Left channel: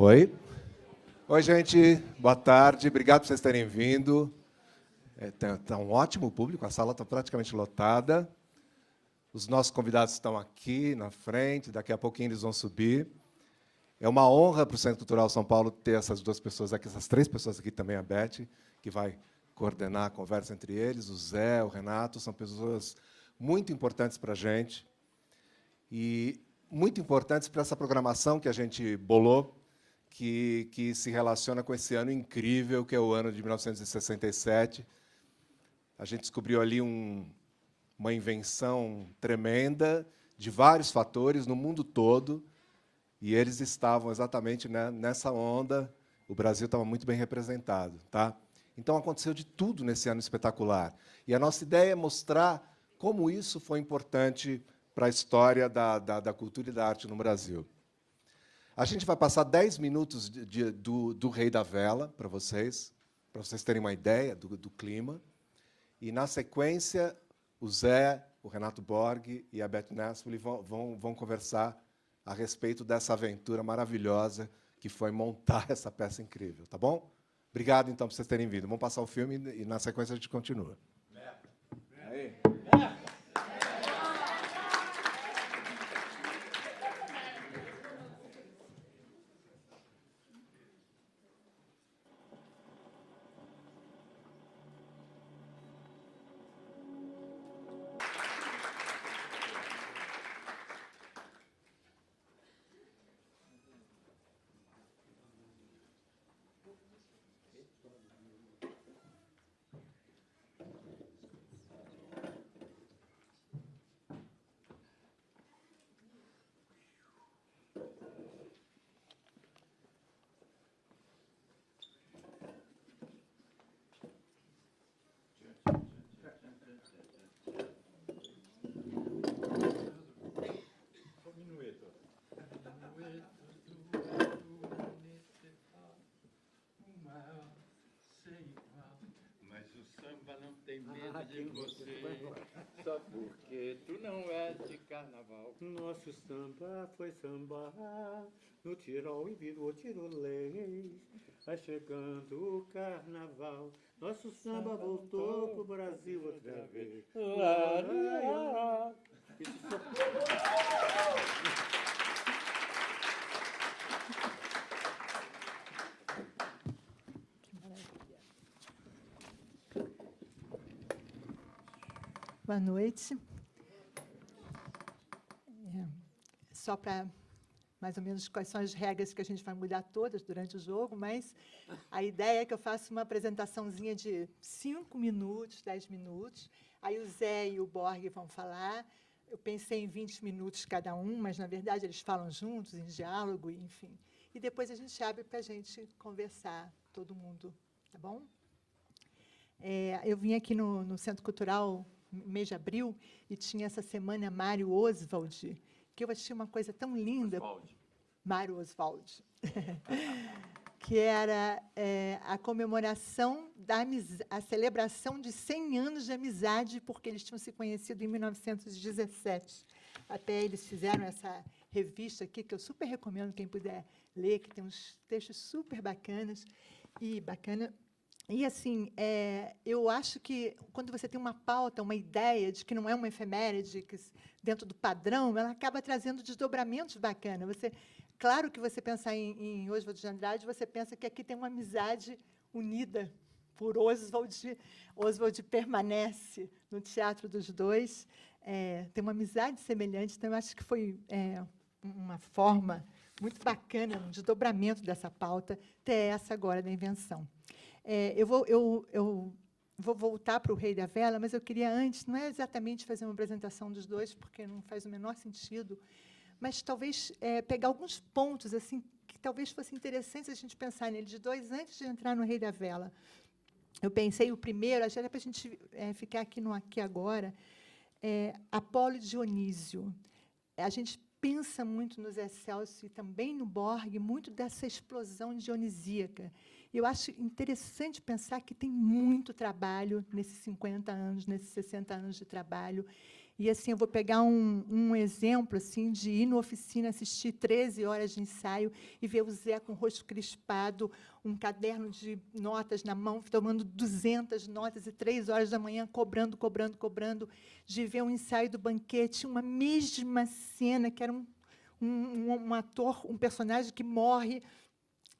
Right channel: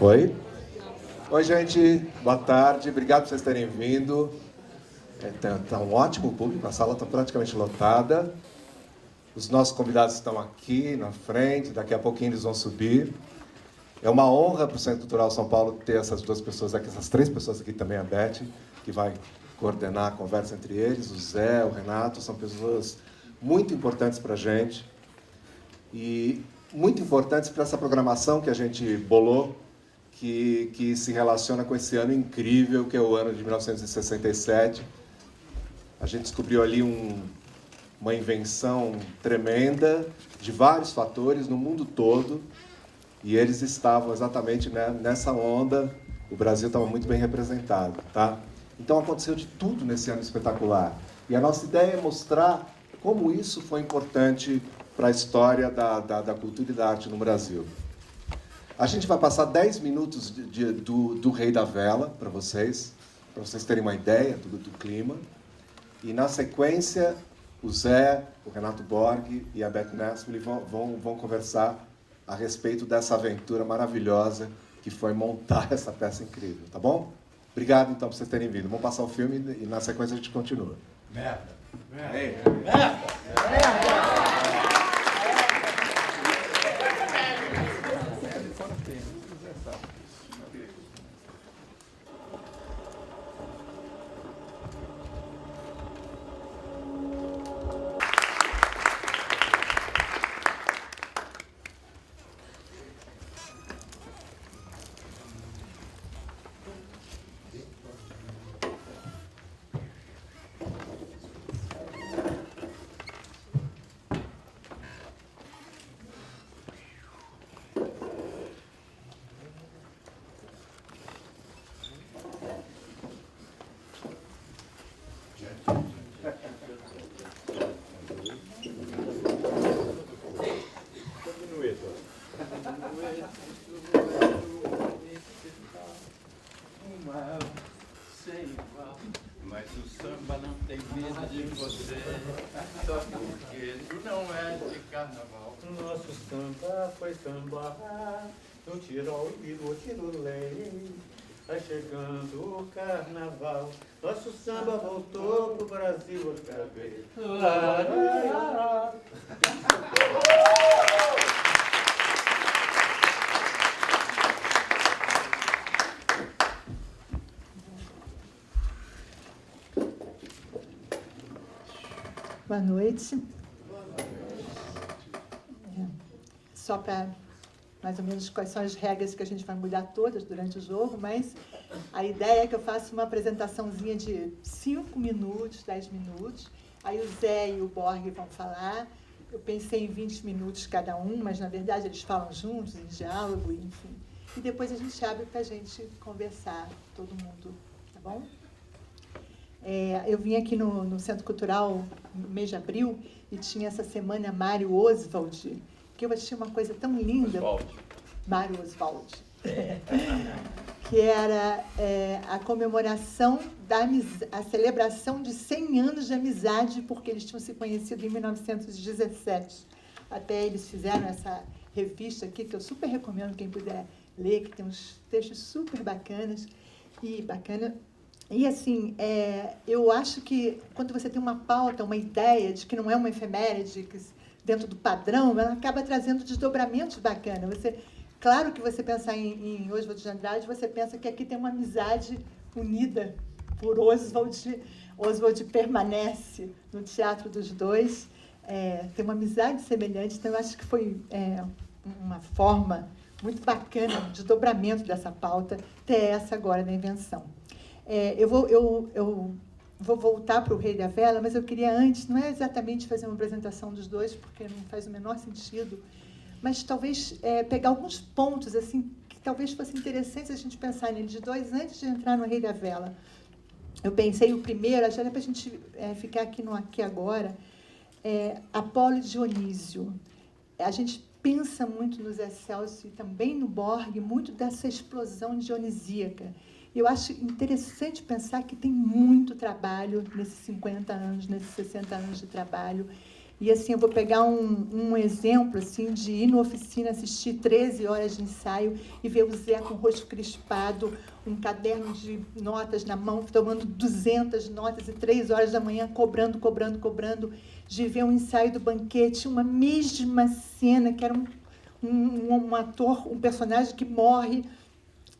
Oi? Oi, gente. Boa tarde. Obrigado por vocês terem vindo. Tá um ótimo público, a sala está praticamente lotada. Os nossos convidados estão aqui na frente, daqui a pouquinho eles vão subir. É uma honra para o Centro Cultural São Paulo ter essas duas pessoas aqui, essas três pessoas aqui também, a Beth, que vai coordenar a conversa entre eles, o Zé, o Renato, são pessoas muito importantes para a gente. E muito importantes para essa programação que a gente bolou, que se relaciona com esse ano incrível, que é o ano de 1967. A gente descobriu ali uma invenção tremenda, de vários fatores, no mundo todo, e eles estavam exatamente, né, nessa onda. O Brasil estava muito bem representado, tá? Então aconteceu de tudo nesse ano espetacular. E a nossa ideia é mostrar como isso foi importante para a história da cultura e da arte no Brasil. A gente vai passar 10 minutos do Rei da Vela para vocês terem uma ideia do clima. E, na sequência, o Zé, o Renato Borg e a Beth Nespoli vão conversar a respeito dessa aventura maravilhosa que foi montar essa peça incrível, tá bom? Obrigado, então, por vocês terem vindo. Vamos passar o filme e, na sequência, a gente continua. Merda! Merda! Merda! Mas o samba não tem medo de você, só porque ele não é de carnaval. O nosso samba foi samba no Tirol e no Tirolé. Vai chegando o carnaval, nosso samba voltou pro Brasil outra vez. Boa noite. Só para mais ou menos quais são as regras que a gente vai mudar todas durante o jogo, mas a ideia é que eu faça uma apresentaçãozinha de 5 minutos, 10 minutos. Aí o Zé e o Borg vão falar. Eu pensei em 20 minutos cada um, mas na verdade eles falam juntos, em diálogo, enfim. E depois a gente abre para a gente conversar, todo mundo, tá bom? Eu vim aqui no Centro Cultural no mês de abril e tinha essa semana Mário Oswald, que eu achei uma coisa tão linda. Mário Oswald. Que era a comemoração a celebração de 100 anos de amizade, porque eles tinham se conhecido em 1917. Até eles fizeram essa revista aqui, que eu super recomendo quem puder ler, que tem uns textos super bacanas. E, assim, eu acho que quando você tem uma pauta, uma ideia de que não é uma efeméride, que dentro do padrão, ela acaba trazendo desdobramentos bacanas. Claro que você pensar em Oswald de Andrade, você pensa que aqui tem uma amizade unida por Oswald. Oswald permanece no teatro dos dois, tem uma amizade semelhante, então eu acho que foi uma forma muito bacana de desdobramento dessa pauta, ter essa agora na invenção. Eu vou voltar para o Rei da Vela, mas eu queria antes, não é exatamente fazer uma apresentação dos dois, porque não faz o menor sentido, mas talvez pegar alguns pontos assim, que talvez fosse interessante a gente pensar neles dois antes de entrar no Rei da Vela. Eu pensei o primeiro, acho que para a gente ficar aqui no aqui agora, Apolo e Dionísio. A gente pensa muito no Zé Celso e também no Borg, muito dessa explosão dionisíaca. E eu acho interessante pensar que tem muito trabalho nesses 50 anos, nesses 60 anos de trabalho, E assim, eu vou pegar um exemplo assim, de ir na oficina, assistir 13 horas de ensaio e ver o Zé com o rosto crispado, um caderno de notas na mão, tomando 200 notas e 3 horas da manhã, cobrando, de ver um ensaio do Banquete, uma mesma cena, que era um ator, um personagem que morre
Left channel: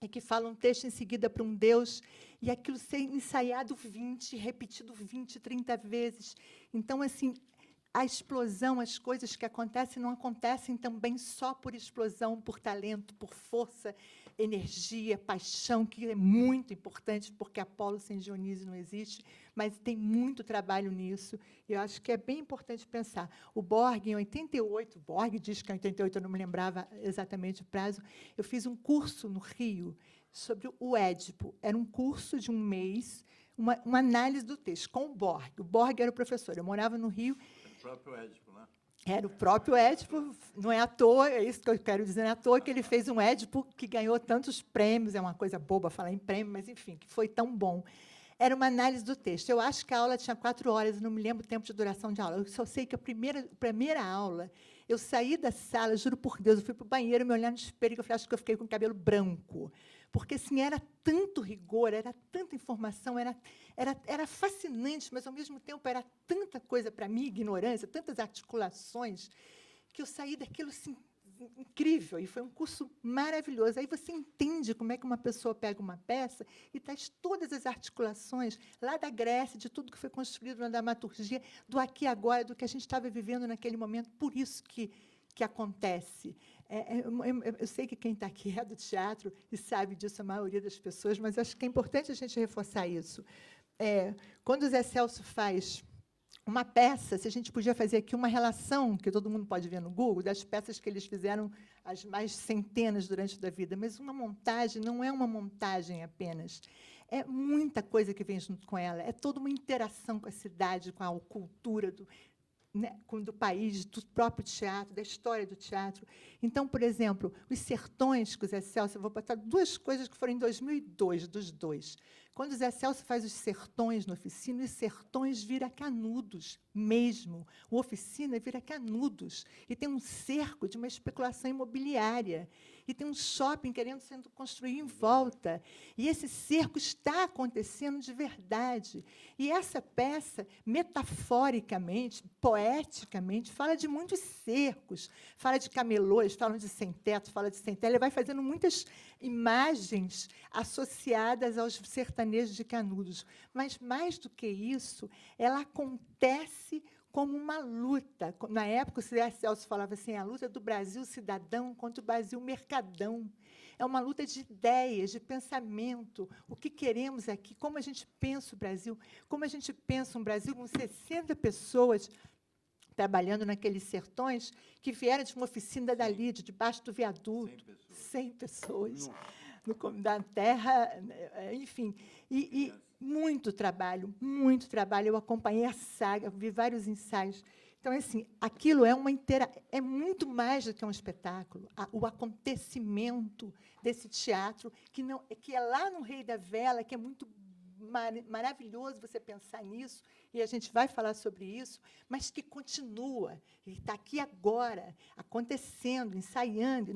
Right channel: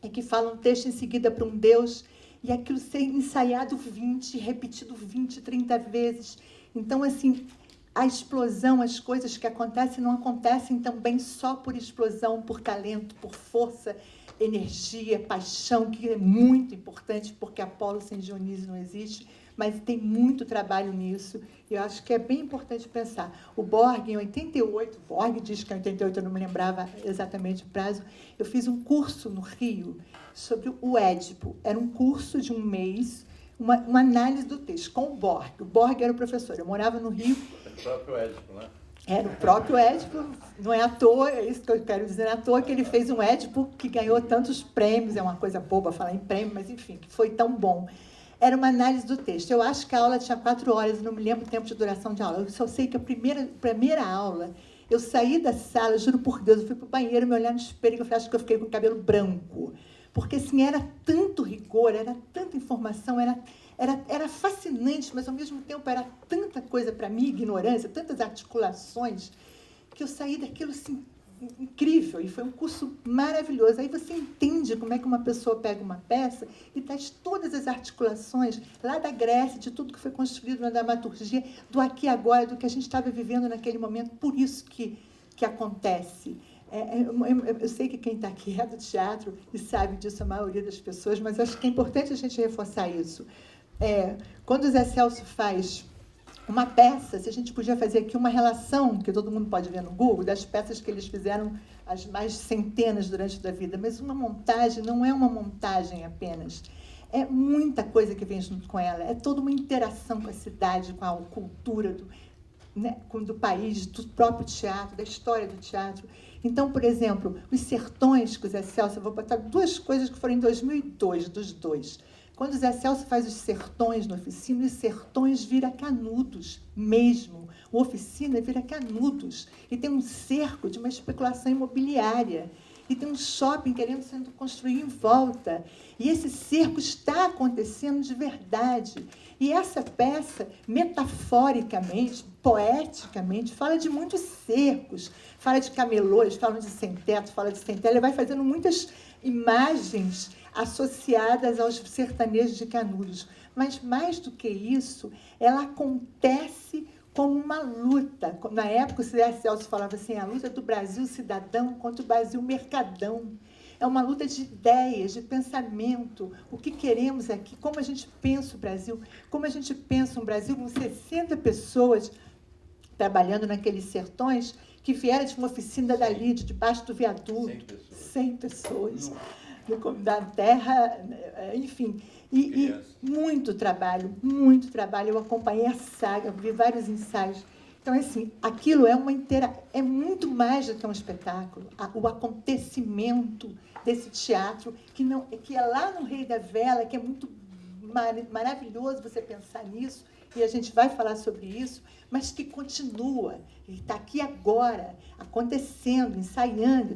e que fala um texto em seguida para um Deus, e aquilo ser ensaiado 20, repetido 20, 30 vezes. Então, assim, a explosão, as coisas que acontecem, não acontecem também só por explosão, por talento, por força, energia, paixão, que é muito importante, porque Apolo sem Dionísio não existe, mas tem muito trabalho nisso, e eu acho que é bem importante pensar. O Borg, em 88, Borg diz que em 88, eu não me lembrava exatamente o prazo, eu fiz um curso no Rio sobre o Édipo. Era um curso de um mês, uma análise do texto, com o Borg. O Borg era o professor, eu morava no Rio. O próprio Édipo, né? Era o próprio Édipo, não é à toa, é isso que eu quero dizer, não é à toa que ele fez um Édipo que ganhou tantos prêmios, é uma coisa boba falar em prêmio, mas enfim, que foi tão bom. Era uma análise do texto. Eu acho que a aula tinha 4 horas, eu não me lembro o tempo de duração de aula. Eu só sei que a primeira aula, eu saí da sala, juro por Deus, eu fui para o banheiro, me olhar no espelho, e eu acho que eu fiquei com o cabelo branco. Porque, assim, era tanto rigor, era tanta informação, era fascinante, mas, ao mesmo tempo, era tanta coisa para mim, ignorância, tantas articulações, que eu saí daquilo, assim, incrível, e foi um curso maravilhoso. Aí você entende como é que uma pessoa pega uma peça e traz todas as articulações lá da Grécia, de tudo que foi construído na dramaturgia, do aqui e agora, do que a gente estava vivendo naquele momento. Por isso que acontece. Eu sei que quem está aqui é do teatro e sabe disso a maioria das pessoas, mas acho que é importante a gente reforçar isso. Quando o Zé Celso faz uma peça, se a gente podia fazer aqui uma relação, que todo mundo pode ver no Google, das peças que eles fizeram, as mais centenas durante a vida, mas uma montagem não é uma montagem apenas. É muita coisa que vem junto com ela, é toda uma interação com a cidade, com a cultura do país, do próprio teatro, da história do teatro. Então, por exemplo, Os Sertões, com o Zé Celso, eu vou botar 2 coisas que foram em 2002, dos 2. Quando o Zé Celso faz Os Sertões na oficina, Os Sertões vira Canudos mesmo. O Oficina vira Canudos. E tem um cerco de uma especulação imobiliária. E tem um shopping querendo sendo construído em volta. E esse cerco está acontecendo de verdade. E essa peça, metaforicamente, poeticamente, fala de muitos cercos. Fala de camelôs, fala de sem-teto, fala de sem-teto. Ele vai fazendo muitas imagens associadas aos sertanejos de Canudos. Mas, mais do que isso, ela acontece como uma luta. Na época, o Zé Celso falava assim, a luta do Brasil cidadão contra o Brasil mercadão. É uma luta de ideias, de pensamento, o que queremos aqui, como a gente pensa o Brasil, como a gente pensa um Brasil com 60 pessoas trabalhando naqueles sertões, que vieram de uma oficina dali, debaixo do viaduto. 100 pessoas. Da terra, enfim, e muito trabalho, eu acompanhei a saga, vi vários ensaios. Então, assim, aquilo é muito mais do que um espetáculo, o acontecimento desse teatro, que é lá no Rei da Vela, que é muito maravilhoso você pensar nisso, e a gente vai falar sobre isso, mas que continua, ele está aqui agora, acontecendo, ensaiando,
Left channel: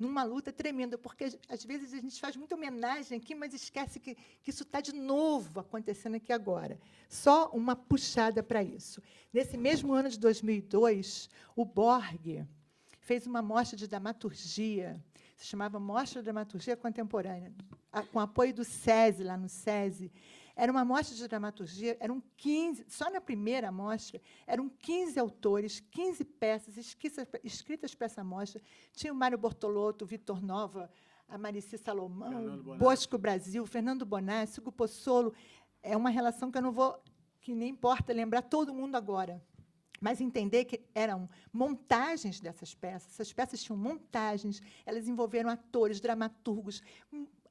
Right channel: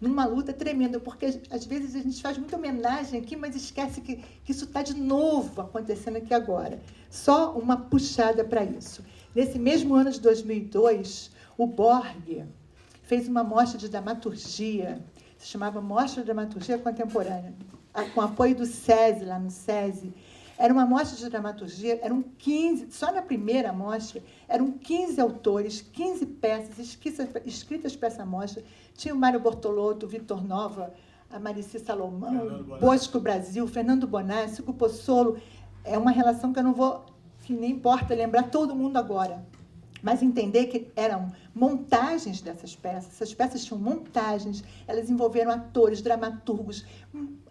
numa luta tremenda, porque às vezes a gente faz muita homenagem aqui, mas esquece que isso está de novo acontecendo aqui agora. Só uma puxada para isso. Nesse mesmo ano de 2002, o Borg fez uma mostra de dramaturgia, se chamava Mostra de Dramaturgia Contemporânea, com apoio do SESI, lá no SESI. Era uma mostra de dramaturgia, eram 15, só na primeira mostra, eram 15 autores, 15 peças escritas para essa mostra. Tinha o Mário Bortolotto, o Vitor Nova, a Marici Salomão, Bosco Brasil, Fernando Bonassi, Hugo Pozzolo. É uma relação que nem importa lembrar todo mundo agora. Mas entender que eram montagens dessas peças. Essas peças tinham montagens, elas envolveram atores, dramaturgos,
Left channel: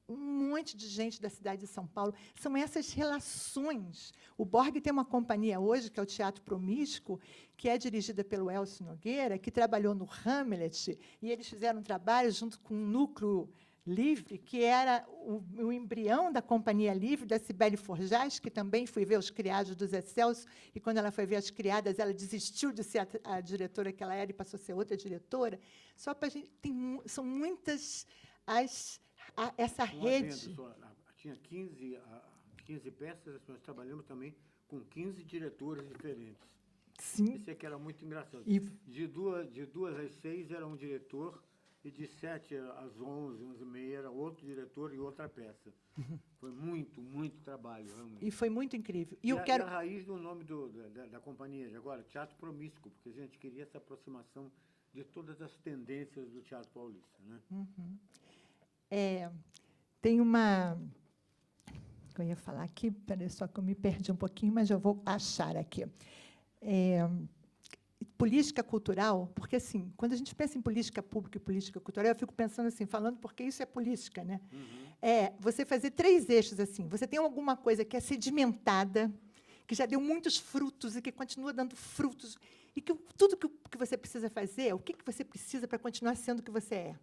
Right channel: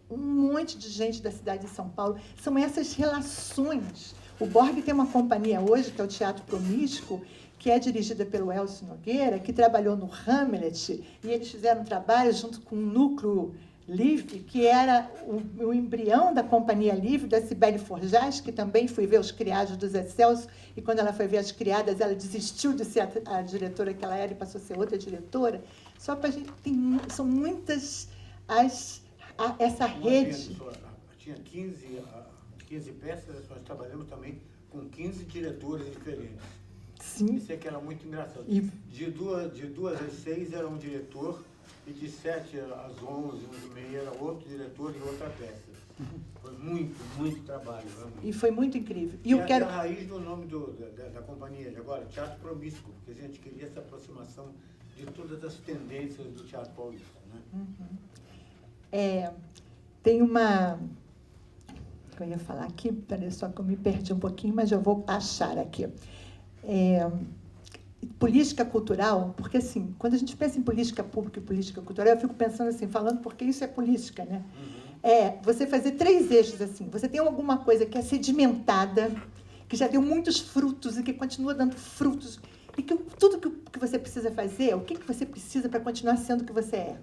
um monte de gente da cidade de São Paulo. São essas relações. O Borg tem uma companhia hoje, que é o Teatro Promíscuo, que é dirigida pelo Elcio Nogueira, que trabalhou no Hamlet, e eles fizeram um trabalho junto com um núcleo Livre, que era o embrião da Companhia Livre, da Cibele Forjás, que também foi ver os criados dos Excelsos, e quando ela foi ver as criadas, ela desistiu de ser a diretora que ela era e passou a ser outra diretora. Só para a gente... são muitas essa rede... Tinha 15 peças, nós trabalhamos também com 15 diretores diferentes. Sim. Isso é que era muito engraçado. E... De 2 às 6 era um diretor, e de 7 às 11, 11h30 era outro diretor e outra peça. Foi muito trabalho, realmente. E foi muito incrível. E eu quero... a raiz do nome da companhia de agora, Teatro Promíscuo, porque a gente queria essa aproximação de todas as tendências do teatro paulista, né? Tem uma... Eu ia falar aqui, peraí, só que eu me perdi um pouquinho, mas eu vou achar aqui. Política cultural, porque assim, quando a gente pensa em política pública e política cultural, eu fico pensando assim, falando porque isso é política, né? Você fazer 3 eixos assim, você tem alguma coisa que é sedimentada, que já deu muitos frutos e que continua dando frutos, e que tudo que você precisa fazer, o que você precisa para continuar sendo o que você é?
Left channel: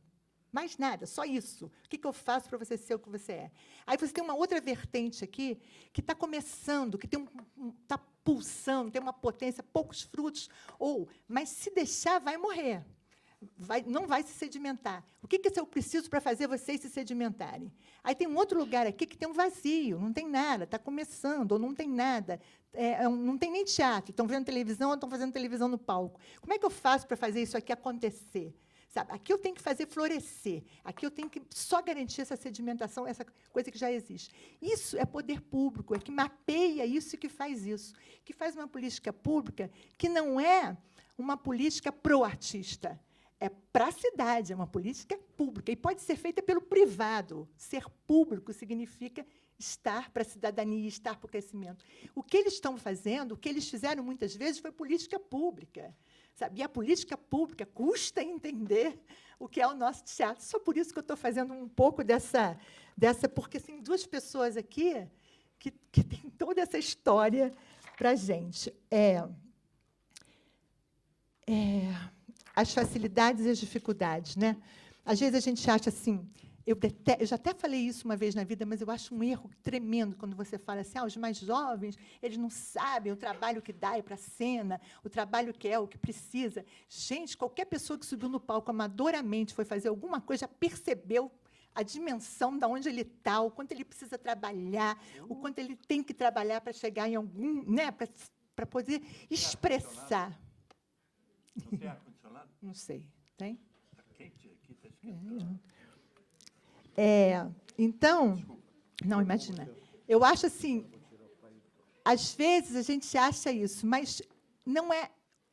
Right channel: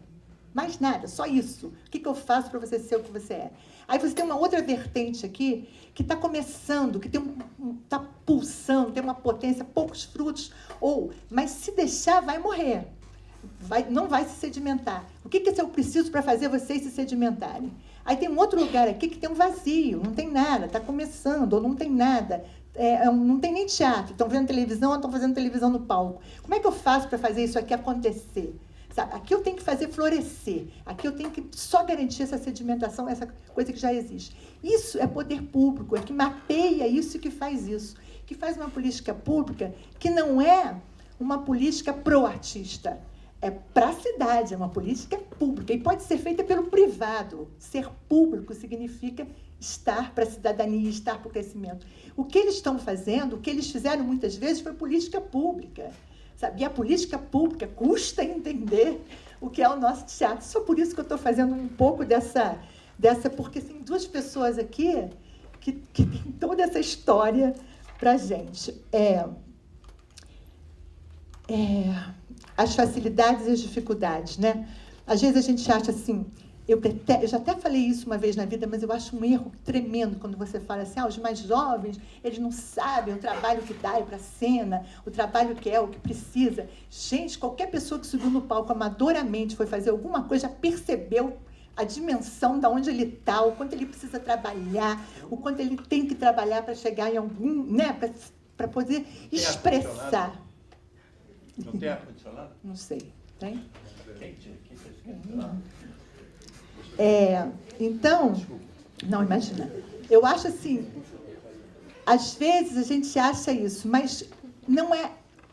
Mais nada, só isso. O que eu faço para você ser o que você é? Aí você tem uma outra vertente aqui, que está começando, que está pulsando, tem uma potência, poucos frutos, mas se deixar, vai morrer. Não vai se sedimentar. O que eu preciso para fazer vocês se sedimentarem? Aí tem um outro lugar aqui que tem um vazio, não tem nada, está começando, ou não tem nada. Não tem nem teatro, estão vendo televisão ou estão fazendo televisão no palco. Como é que eu faço para fazer isso aqui acontecer? Sabe? Aqui eu tenho que fazer florescer, aqui eu tenho que só garantir essa sedimentação, essa coisa que já existe. Isso é poder público, é que mapeia isso e que faz isso. Que faz uma política pública que não é uma política pro-artista, é para a cidade, é uma política pública. E pode ser feita pelo privado. Ser público significa estar para a cidadania, estar para o crescimento. O que eles estão fazendo, o que eles fizeram muitas vezes foi política pública. Sabe? E a política pública custa entender o que é o nosso teatro. Só por isso que eu estou fazendo um pouco dessa porque tem 2 pessoas aqui que tem toda essa história para a gente. As facilidades e as dificuldades, né? Às vezes a gente acha assim, eu já até falei isso uma vez na vida, mas eu acho um erro tremendo quando você fala assim, os mais jovens, eles não sabem o trabalho que dá para a cena, o trabalho que é, o que precisa. Gente, qualquer pessoa que subiu no palco amadoramente foi fazer alguma coisa, já percebeu a dimensão de onde ele está, o quanto ele precisa trabalhar, o quanto ele tem que trabalhar para chegar em algum, né, para poder expressar. Não tem ar-condicionado? Não sei, tem? Quente aqui, então, não, imagina. Eu acho assim, às vezes a gente acha isso, mas não é,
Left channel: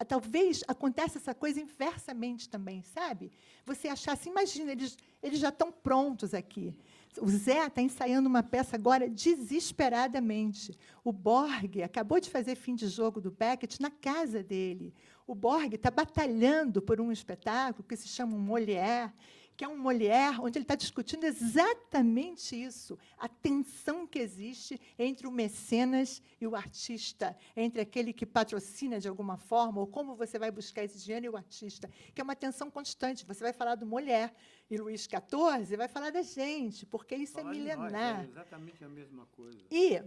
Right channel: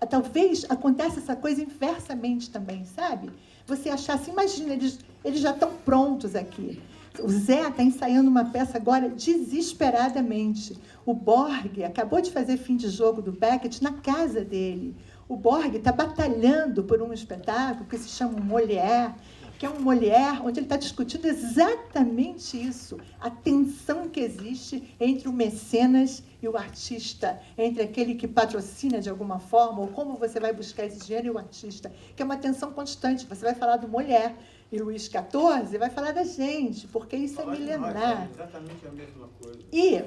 talvez aconteça essa coisa inversamente também, sabe? Você achar assim, imagina, eles já estão prontos aqui. O Zé está ensaiando uma peça agora desesperadamente. O Borg acabou de fazer fim de jogo do Beckett na casa dele. O Borg está batalhando por um espetáculo que se chama Molière, que é um Molière onde ele está discutindo exatamente isso, a tensão que existe entre o mecenas e o artista, entre aquele que patrocina de alguma forma, ou como você vai buscar esse dinheiro e o artista, que é uma tensão constante. Você vai falar do Molière e Luís XIV vai falar da gente, porque isso é milenar. É exatamente a mesma coisa. E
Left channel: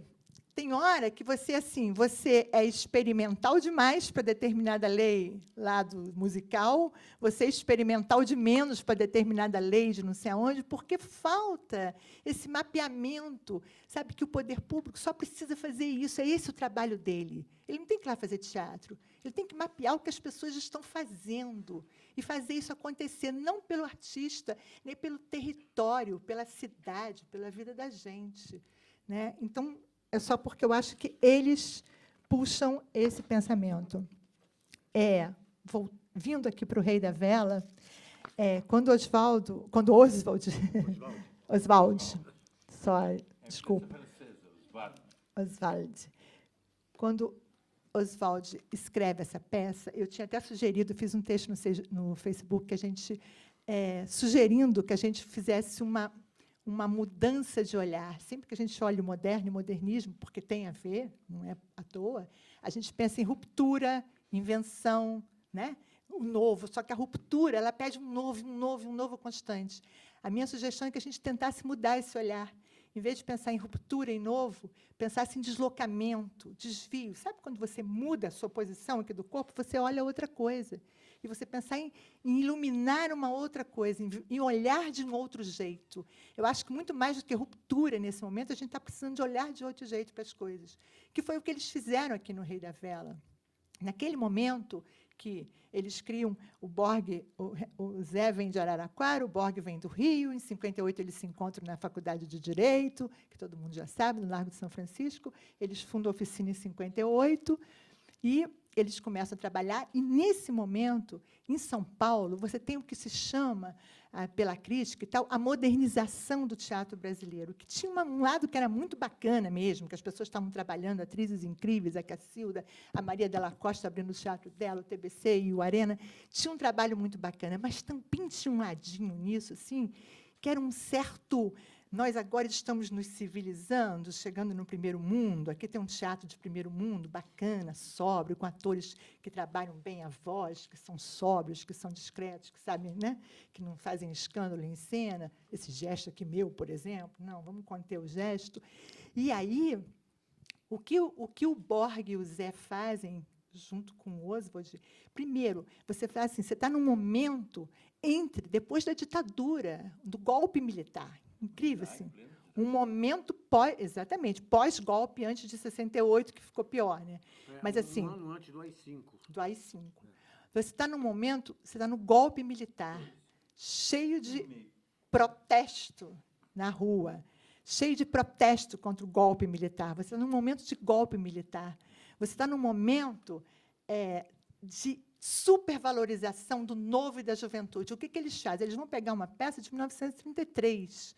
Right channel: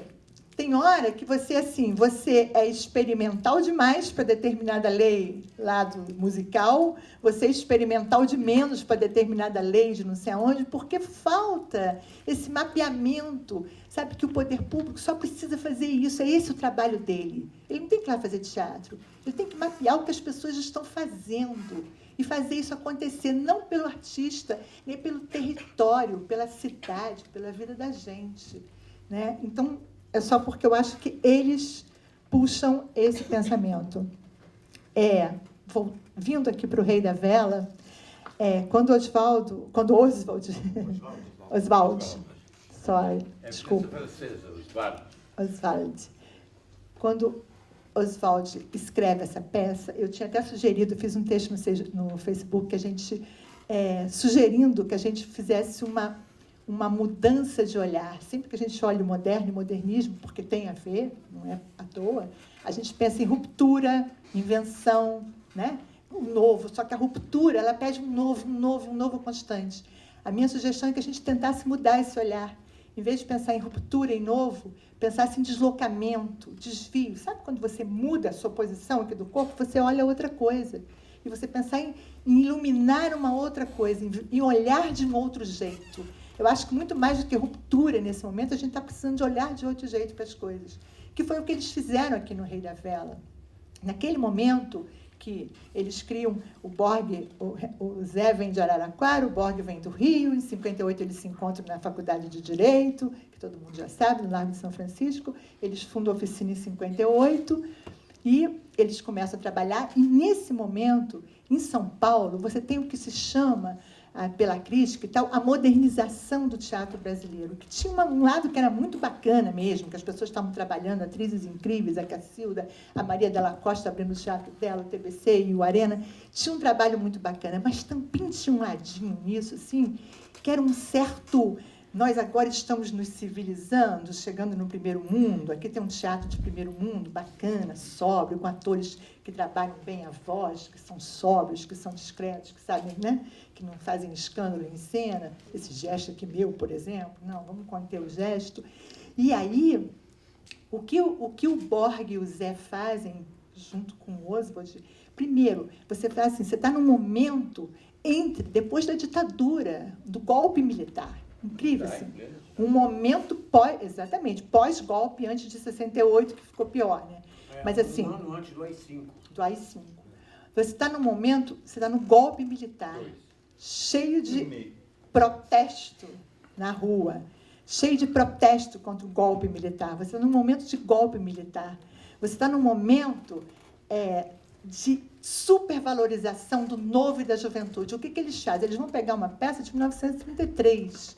tem hora que você, assim, você é experimental demais para determinada lei lá do musical, você é experimental de menos para determinada lei de não sei aonde, porque falta esse mapeamento. Sabe que o poder público só precisa fazer isso, é esse o trabalho dele. Ele não tem que ir lá fazer teatro, ele tem que mapear o que as pessoas estão fazendo e fazer isso acontecer, não pelo artista, nem pelo território, pela cidade, pela vida da gente, né? Então, é só porque eu acho que eles puxam esse pensamento. Vindo aqui para o Rei da Vela, quando Oswald, desculpa. Oswald. Quando Oswald escreve essa peça, eu tinha até sugerido, fiz um texto no Facebook, que a gente, sugerindo que a gente fizesse uma mudança de olhar. Sempre que a gente olha o moderno e o modernismo, porque tem a ver, não é à toa, a gente pensa em ruptura, invenção, né? Um novo, só que a ruptura, ela pede um novo constante. A minha sugestão é que a gente tentasse mudar esse olhar. Em vez de pensar em ruptura, em novo, pensasse em deslocamento, desvio. Sabe quando você muda a sua posição aqui do corpo, você olha outra coisa. E você pensar em iluminar uma outra coisa, em olhar de um outro jeito. Eu acho que muito mais do que ruptura nesse momento, a gente está precisando de olhar de outro jeito para as coisas. Que foi o que eles fizeram aqui no Rei da Vela. Naquele momento que eles criam o Borg, o Zé vem de Araraquara, o Borg vem do Rio, em 58 eles se encontram na Faculdade de Direito, que todo mundo já sabe, no Largo de São Francisco, eles fundam a oficina em 58, e eles começam a trabalhar, e nesse momento, em São Paulo, você tem o que se chama, pela crítica e tal, a modernização do teatro brasileiro, que tinha um lado que era muito bacana mesmo, que as pessoas estavam trabalhando, atrizes incríveis, a Cacilda, a Maria Della Costa abrindo o teatro dela, o TBC e o Arena, tinha um trabalho muito bacana, mas também tinha um ladinho nisso, assim, que era um certo... Nós agora estamos nos civilizando, chegando no primeiro mundo. Aqui tem um teatro de primeiro mundo, bacana, sóbrio, com atores que trabalham bem a voz, que são sóbrios, que são discretos, que sabem, né? Que não fazem escândalo em cena. Esse gesto aqui meu, por exemplo. Não, vamos conter o gesto. E aí, o que o Borg e o Zé fazem, junto com o Oswald, primeiro, você faz assim, você está num momento depois da ditadura, do golpe militar. Incrível, assim. Um momento pós-golpe, antes de 68, que ficou pior, né? Mas assim... Um ano antes do AI-5. Do AI-5. Você está num momento, você está no golpe militar, cheio de protesto na rua, cheio de protesto contra o golpe militar. Você está num momento de golpe militar. Você está num momento de supervalorização do novo e da juventude. O que eles fazem? Eles vão pegar uma peça de 1933,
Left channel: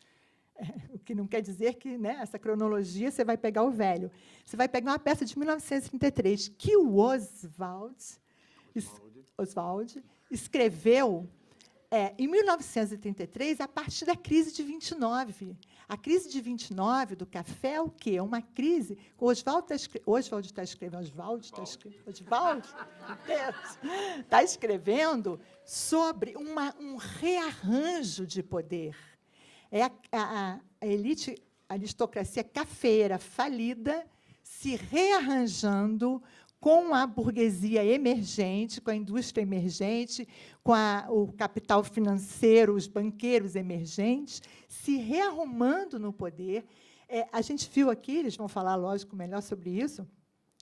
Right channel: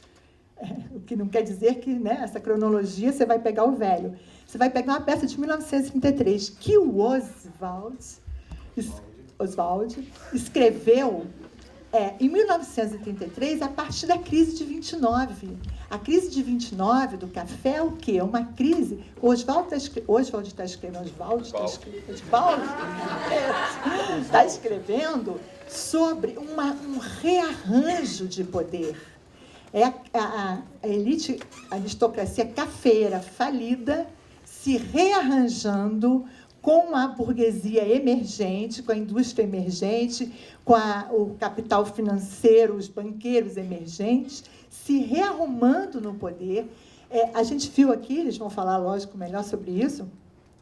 o que não quer dizer que, né, essa cronologia você vai pegar o velho. Você vai pegar uma peça de 1933 que o Oswald escreveu em 1933, a partir da crise de 29. A crise de 29 do café é o quê? É uma crise... Oswald está escrevendo sobre um rearranjo de poder. A elite, a aristocracia cafeira falida, se rearranjando com a burguesia emergente, com a indústria emergente, com o capital financeiro, os banqueiros emergentes, se rearrumando no poder. A gente viu aqui, eles vão falar, lógico, melhor sobre isso,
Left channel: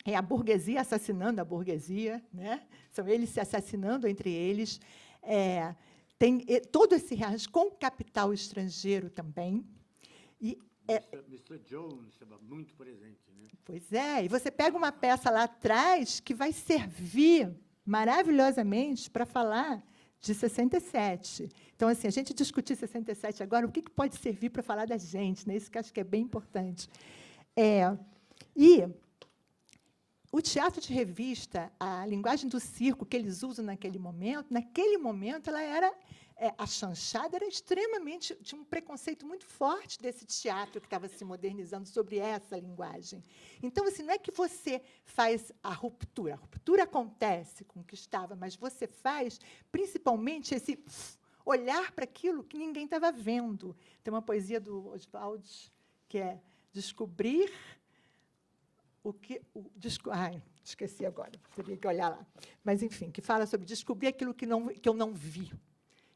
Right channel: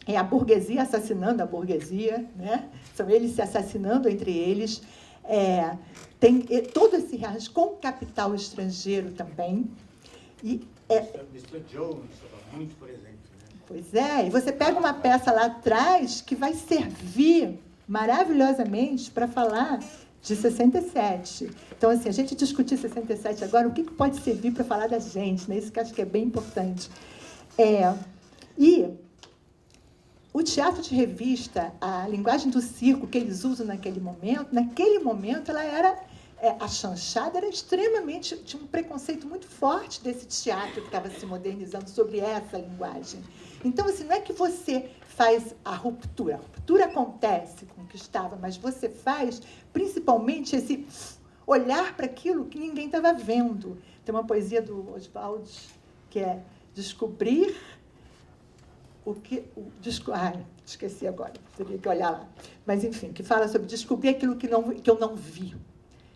a burguesia assassinando a burguesia, né? São eles se assassinando entre eles. Tem todo esse rearranjo com capital estrangeiro também. E, Mr. Jones estava muito presente. Né? Pois é, e você pega uma peça lá atrás que vai servir maravilhosamente para falar de 67. Então, assim, a gente discutir 67 agora, o que pode servir para falar da gente, né? Isso que eu acho que é bem importante. E o teatro de revista, a linguagem do circo que eles usam naquele momento ela era... a chanchada era extremamente... Tinha um preconceito muito forte desse teatro que estava se modernizando sobre essa linguagem. Então, assim, não é que você faz a ruptura. A ruptura acontece com o que estava, mas você faz, principalmente, esse olhar para aquilo que ninguém estava vendo. Tem uma poesia do Oswald que é descobrir o que... esqueci agora, teria que olhar lá. Mas, enfim, que fala sobre descobrir aquilo que eu não vi.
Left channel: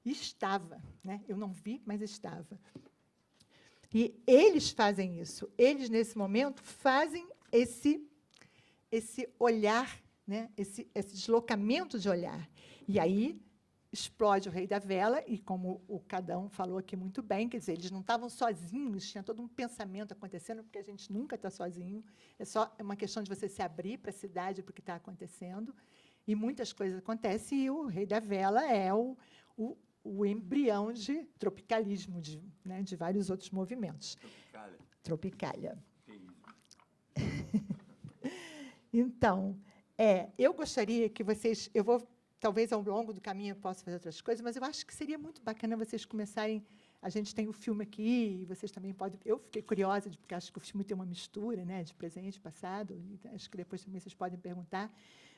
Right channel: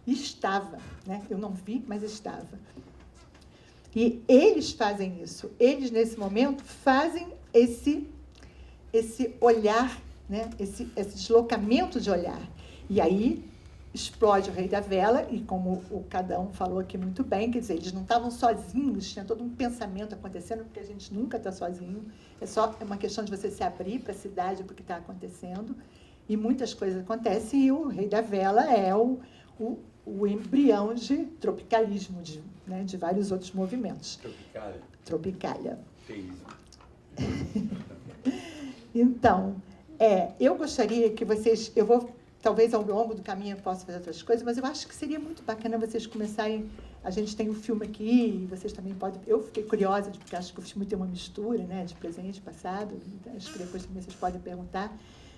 E estava, né? Eu não vi, mas estava. E eles fazem isso. Eles, nesse momento, fazem esse olhar, né? Esse deslocamento de olhar. E aí explode o Rei da Vela, e como o Cadão falou aqui muito bem, quer dizer, eles não estavam sozinhos, tinha todo um pensamento acontecendo, porque a gente nunca está sozinho. É uma questão de você se abrir para a cidade, para o que está acontecendo. E muitas coisas acontecem, e o Rei da Vela é o embrião de tropicalismo, de vários outros movimentos. Tropicália. Então, eu gostaria que vocês... talvez ao longo do caminho eu possa fazer outras coisas, mas eu acho que seria muito bacana vocês começarem... A gente tem um filme aqui, e vocês também podem... Eu fiquei curiosa, porque acho que o filme tem uma mistura, né, de presente, passado. Acho que depois também vocês podem perguntar.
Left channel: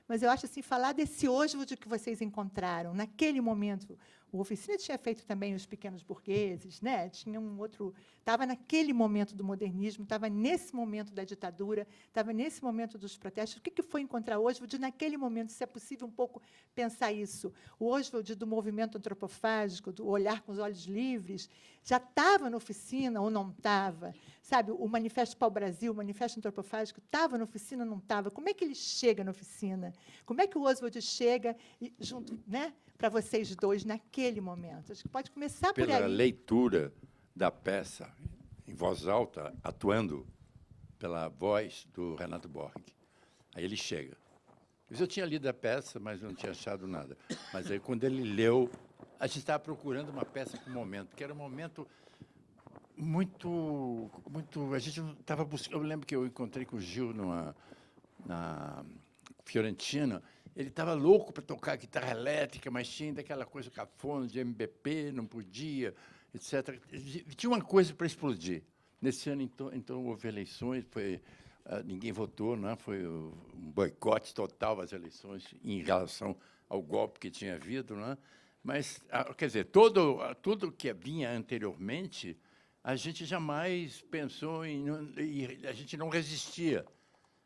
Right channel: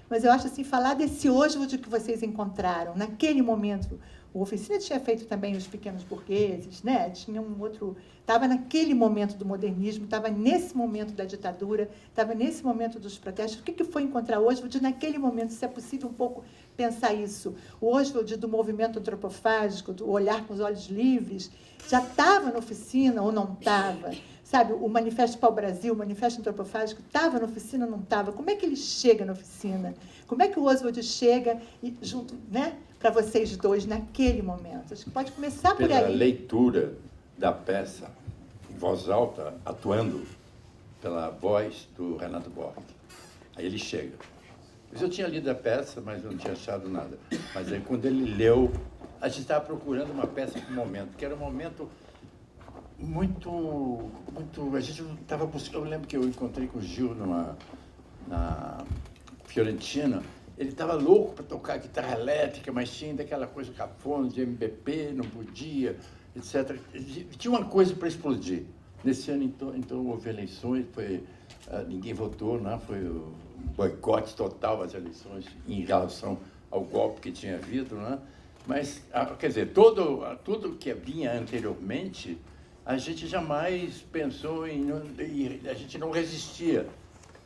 Mas eu acho assim, falar desse Oswald que vocês encontraram, naquele momento, O Oficina tinha feito também Os Pequenos Burgueses, né? Tinha um outro... Estava naquele momento do modernismo, estava nesse momento da ditadura, estava nesse momento dos protestos. O que foi encontrar Oswald naquele momento? Se é possível um pouco pensar isso. O Oswald do movimento antropofágico, o Olhar com os Olhos Livres, já estava na Oficina ou não estava? Sabe, o Manifesto para o Brasil, o Manifesto Antropofágico, estava na Oficina ou não estava? Como é que ele chega na Oficina? Como é que o Oswald chega junto, né, para vocês dois naquele momento? Acho que pode começar por aí. Pela leitura da peça, em voz alta, atuando pela voz do Renato Borg. Aí ele chega. Eu tinha lido a peça, mas não tinha achado nada. Mas aí, quando ele leu, a gente estava procurando uma peça para o momento, que era um momento muito... A gente não estava buscando... Eu lembro que eu encontrei com o Gil na Fiorentina. Ele estava louco para tocar guitarra elétrica, mas tinha ainda aquela coisa cafona de MPB, não podia, etc. Tinha uma coisa para explodir. Nesse ano, então houve eleições, ninguém votou, né? Foi um boicote total às eleições em relação ao golpe que tinha havido. Né? Mas, quer dizer, tudo que vinha anteriormente, a gente jamais pensou a gente não resistia.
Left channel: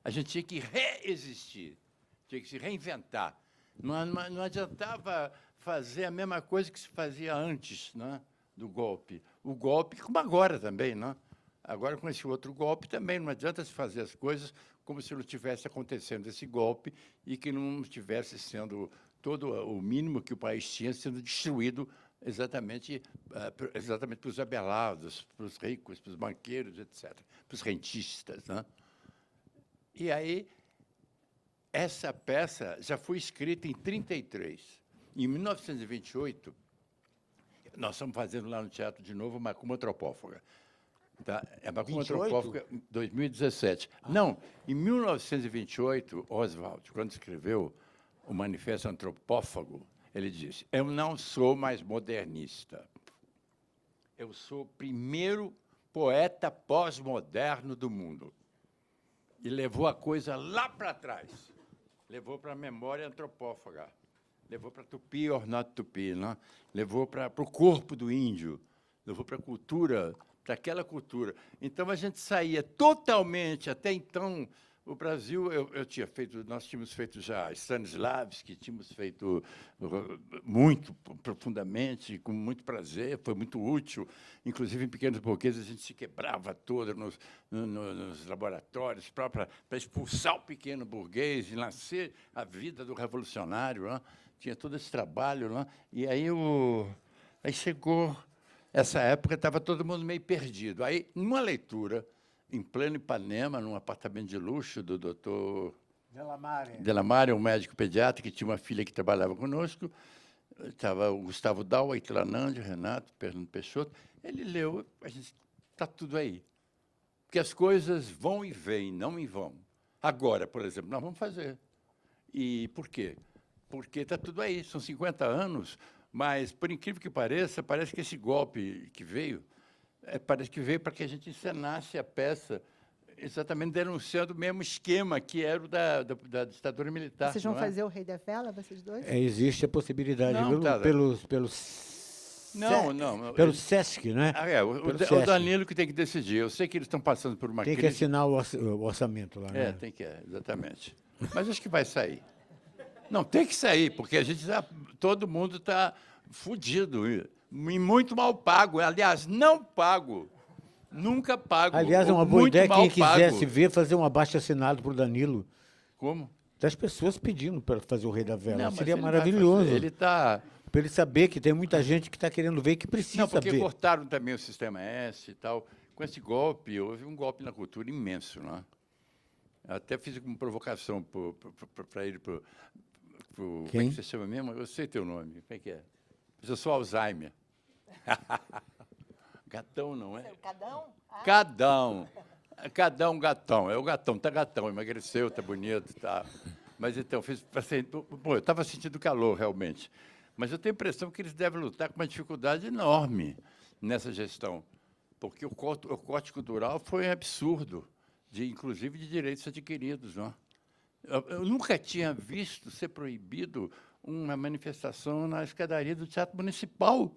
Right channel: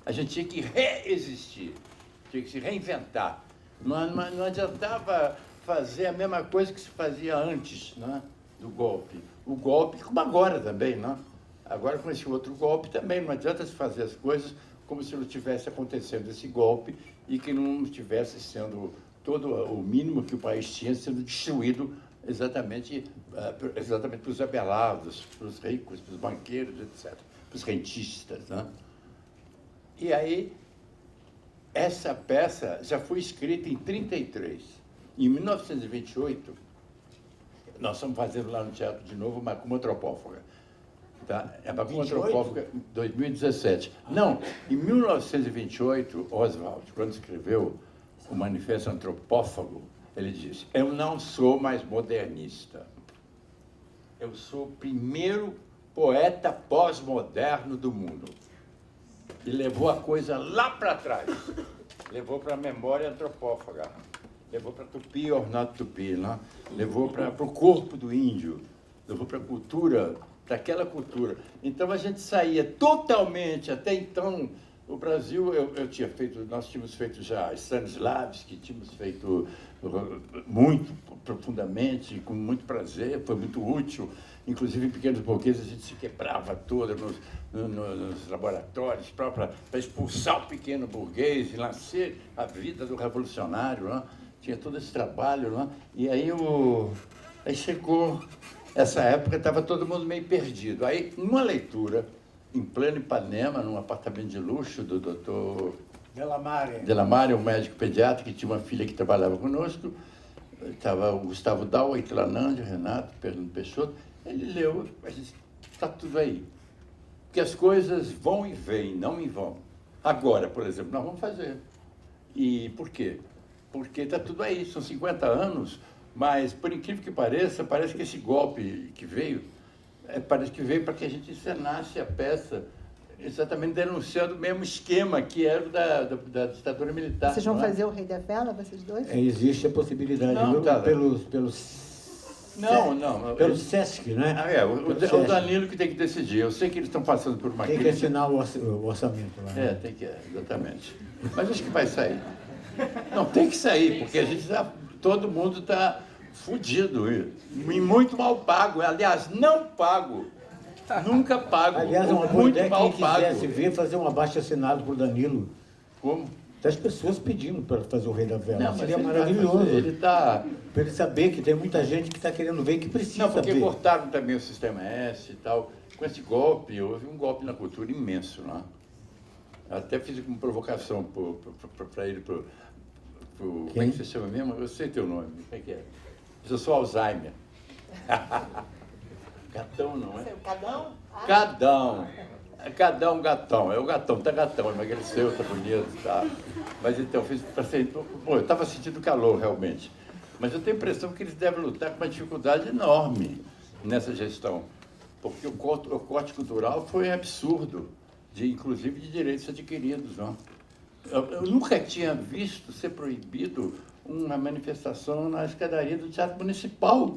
A gente tinha que resistir. Tinha que se reinventar. Não adiantava fazer a mesma coisa que se fazia antes, né, do golpe. O golpe, como agora também, né? Agora com esse outro golpe também, não adianta se fazer as coisas como se não tivesse acontecendo esse golpe e que não estivesse sendo todo o mínimo que o país tinha sendo destruído exatamente para os abelados, para os ricos, para os banqueiros, etc., para os rentistas, né? E aí, essa peça já foi escrita em 1933. Em 1928, nós estamos fazendo lá no teatro de novo Macumba Antropófaga. Tá? É Macumba Antropófaga 2017. Não, em 1928, Oswald, quando escreveu o Manifesto Antropófago, ele disse: eu não sou mais modernista. Eu sou o primeiro poeta pós-moderno do mundo. E levou a coisa lá para trás. Levou para a memória antropófaga. Levou para Tupi or not Tupi, né? Levou para o corpo do índio. Levou para a cultura, para aquela cultura. Então a gente saía totalmente, até então, o Brasil, nós tínhamos feito já Stanislavski, tínhamos feito muito profundamente, com muito prazer, foi muito útil. Inclusive, em Pequenos Burgueses, a gente se quebrava toda nos laboratórios para expulsar o pequeno burguês e nascer a vida do revolucionário. Né? Tinha todo esse trabalho. Né? E aí chegou essa época, estava todo mundo meio perdido. Aí, numa leitura, em pleno Ipanema, num apartamento de luxo do doutor Delamare, um médico pediatra que tinha uma filha que trabalhava conosco, estava o Gustavo Dal, o Itlanândia, o Renato, o Fernando Peixoto. Ele leu, está tudo aí. Porque as coisas vão e vêm, não e vão. Agora, por exemplo, nós vamos fazer. E por quê? Porque está tudo aí, são 50 anos, mas, por incrível que pareça, parece que esse golpe que veio, parece que veio para que a gente encenasse a peça exatamente denunciando o mesmo esquema que era da ditadura militar. Vocês vão fazer o Rei da Vela, vocês dois? Existe a possibilidade, Não, tá, pelo SESC, né? O Danilo que tem que decidir. Eu sei que eles estão passando por uma Tem que crise. assinar o orçamento lá. Né? Tem que, exatamente. Mas acho que vai sair. Não, tem que sair, porque todo mundo está fudido e muito mal pago. Aliás, não pago. Nunca pago. Aliás, é uma boa muito ideia, mal quem quisesse pago. ver, fazer um abaixo-assinado por Danilo. Como? Das pessoas pedindo para fazer o Rei da Vela. Não, Seria mas maravilhoso. Ele está... Para ele saber que tem muita gente que está querendo ver, que precisa Não, porque ver. cortaram também o Sistema S e tal. Com esse golpe, houve um golpe na cultura imenso, né? Até fiz como provocação para ele, como é que você chama mesmo? Eu sei teu nome, o que é? Eu sou Alzheimer. Gatão, não é? Cadão? Cadão. Gatão. É o gatão, tá gatão, emagreceu, tá bonito, tá. Mas então, eu estava sentindo calor, realmente. Mas eu tenho a impressão que eles devem lutar com uma dificuldade enorme nessa gestão. Porque o corte cultural foi absurdo, inclusive de direitos adquiridos. Não? Eu nunca tinha visto ser proibido uma manifestação na escadaria do Teatro Municipal.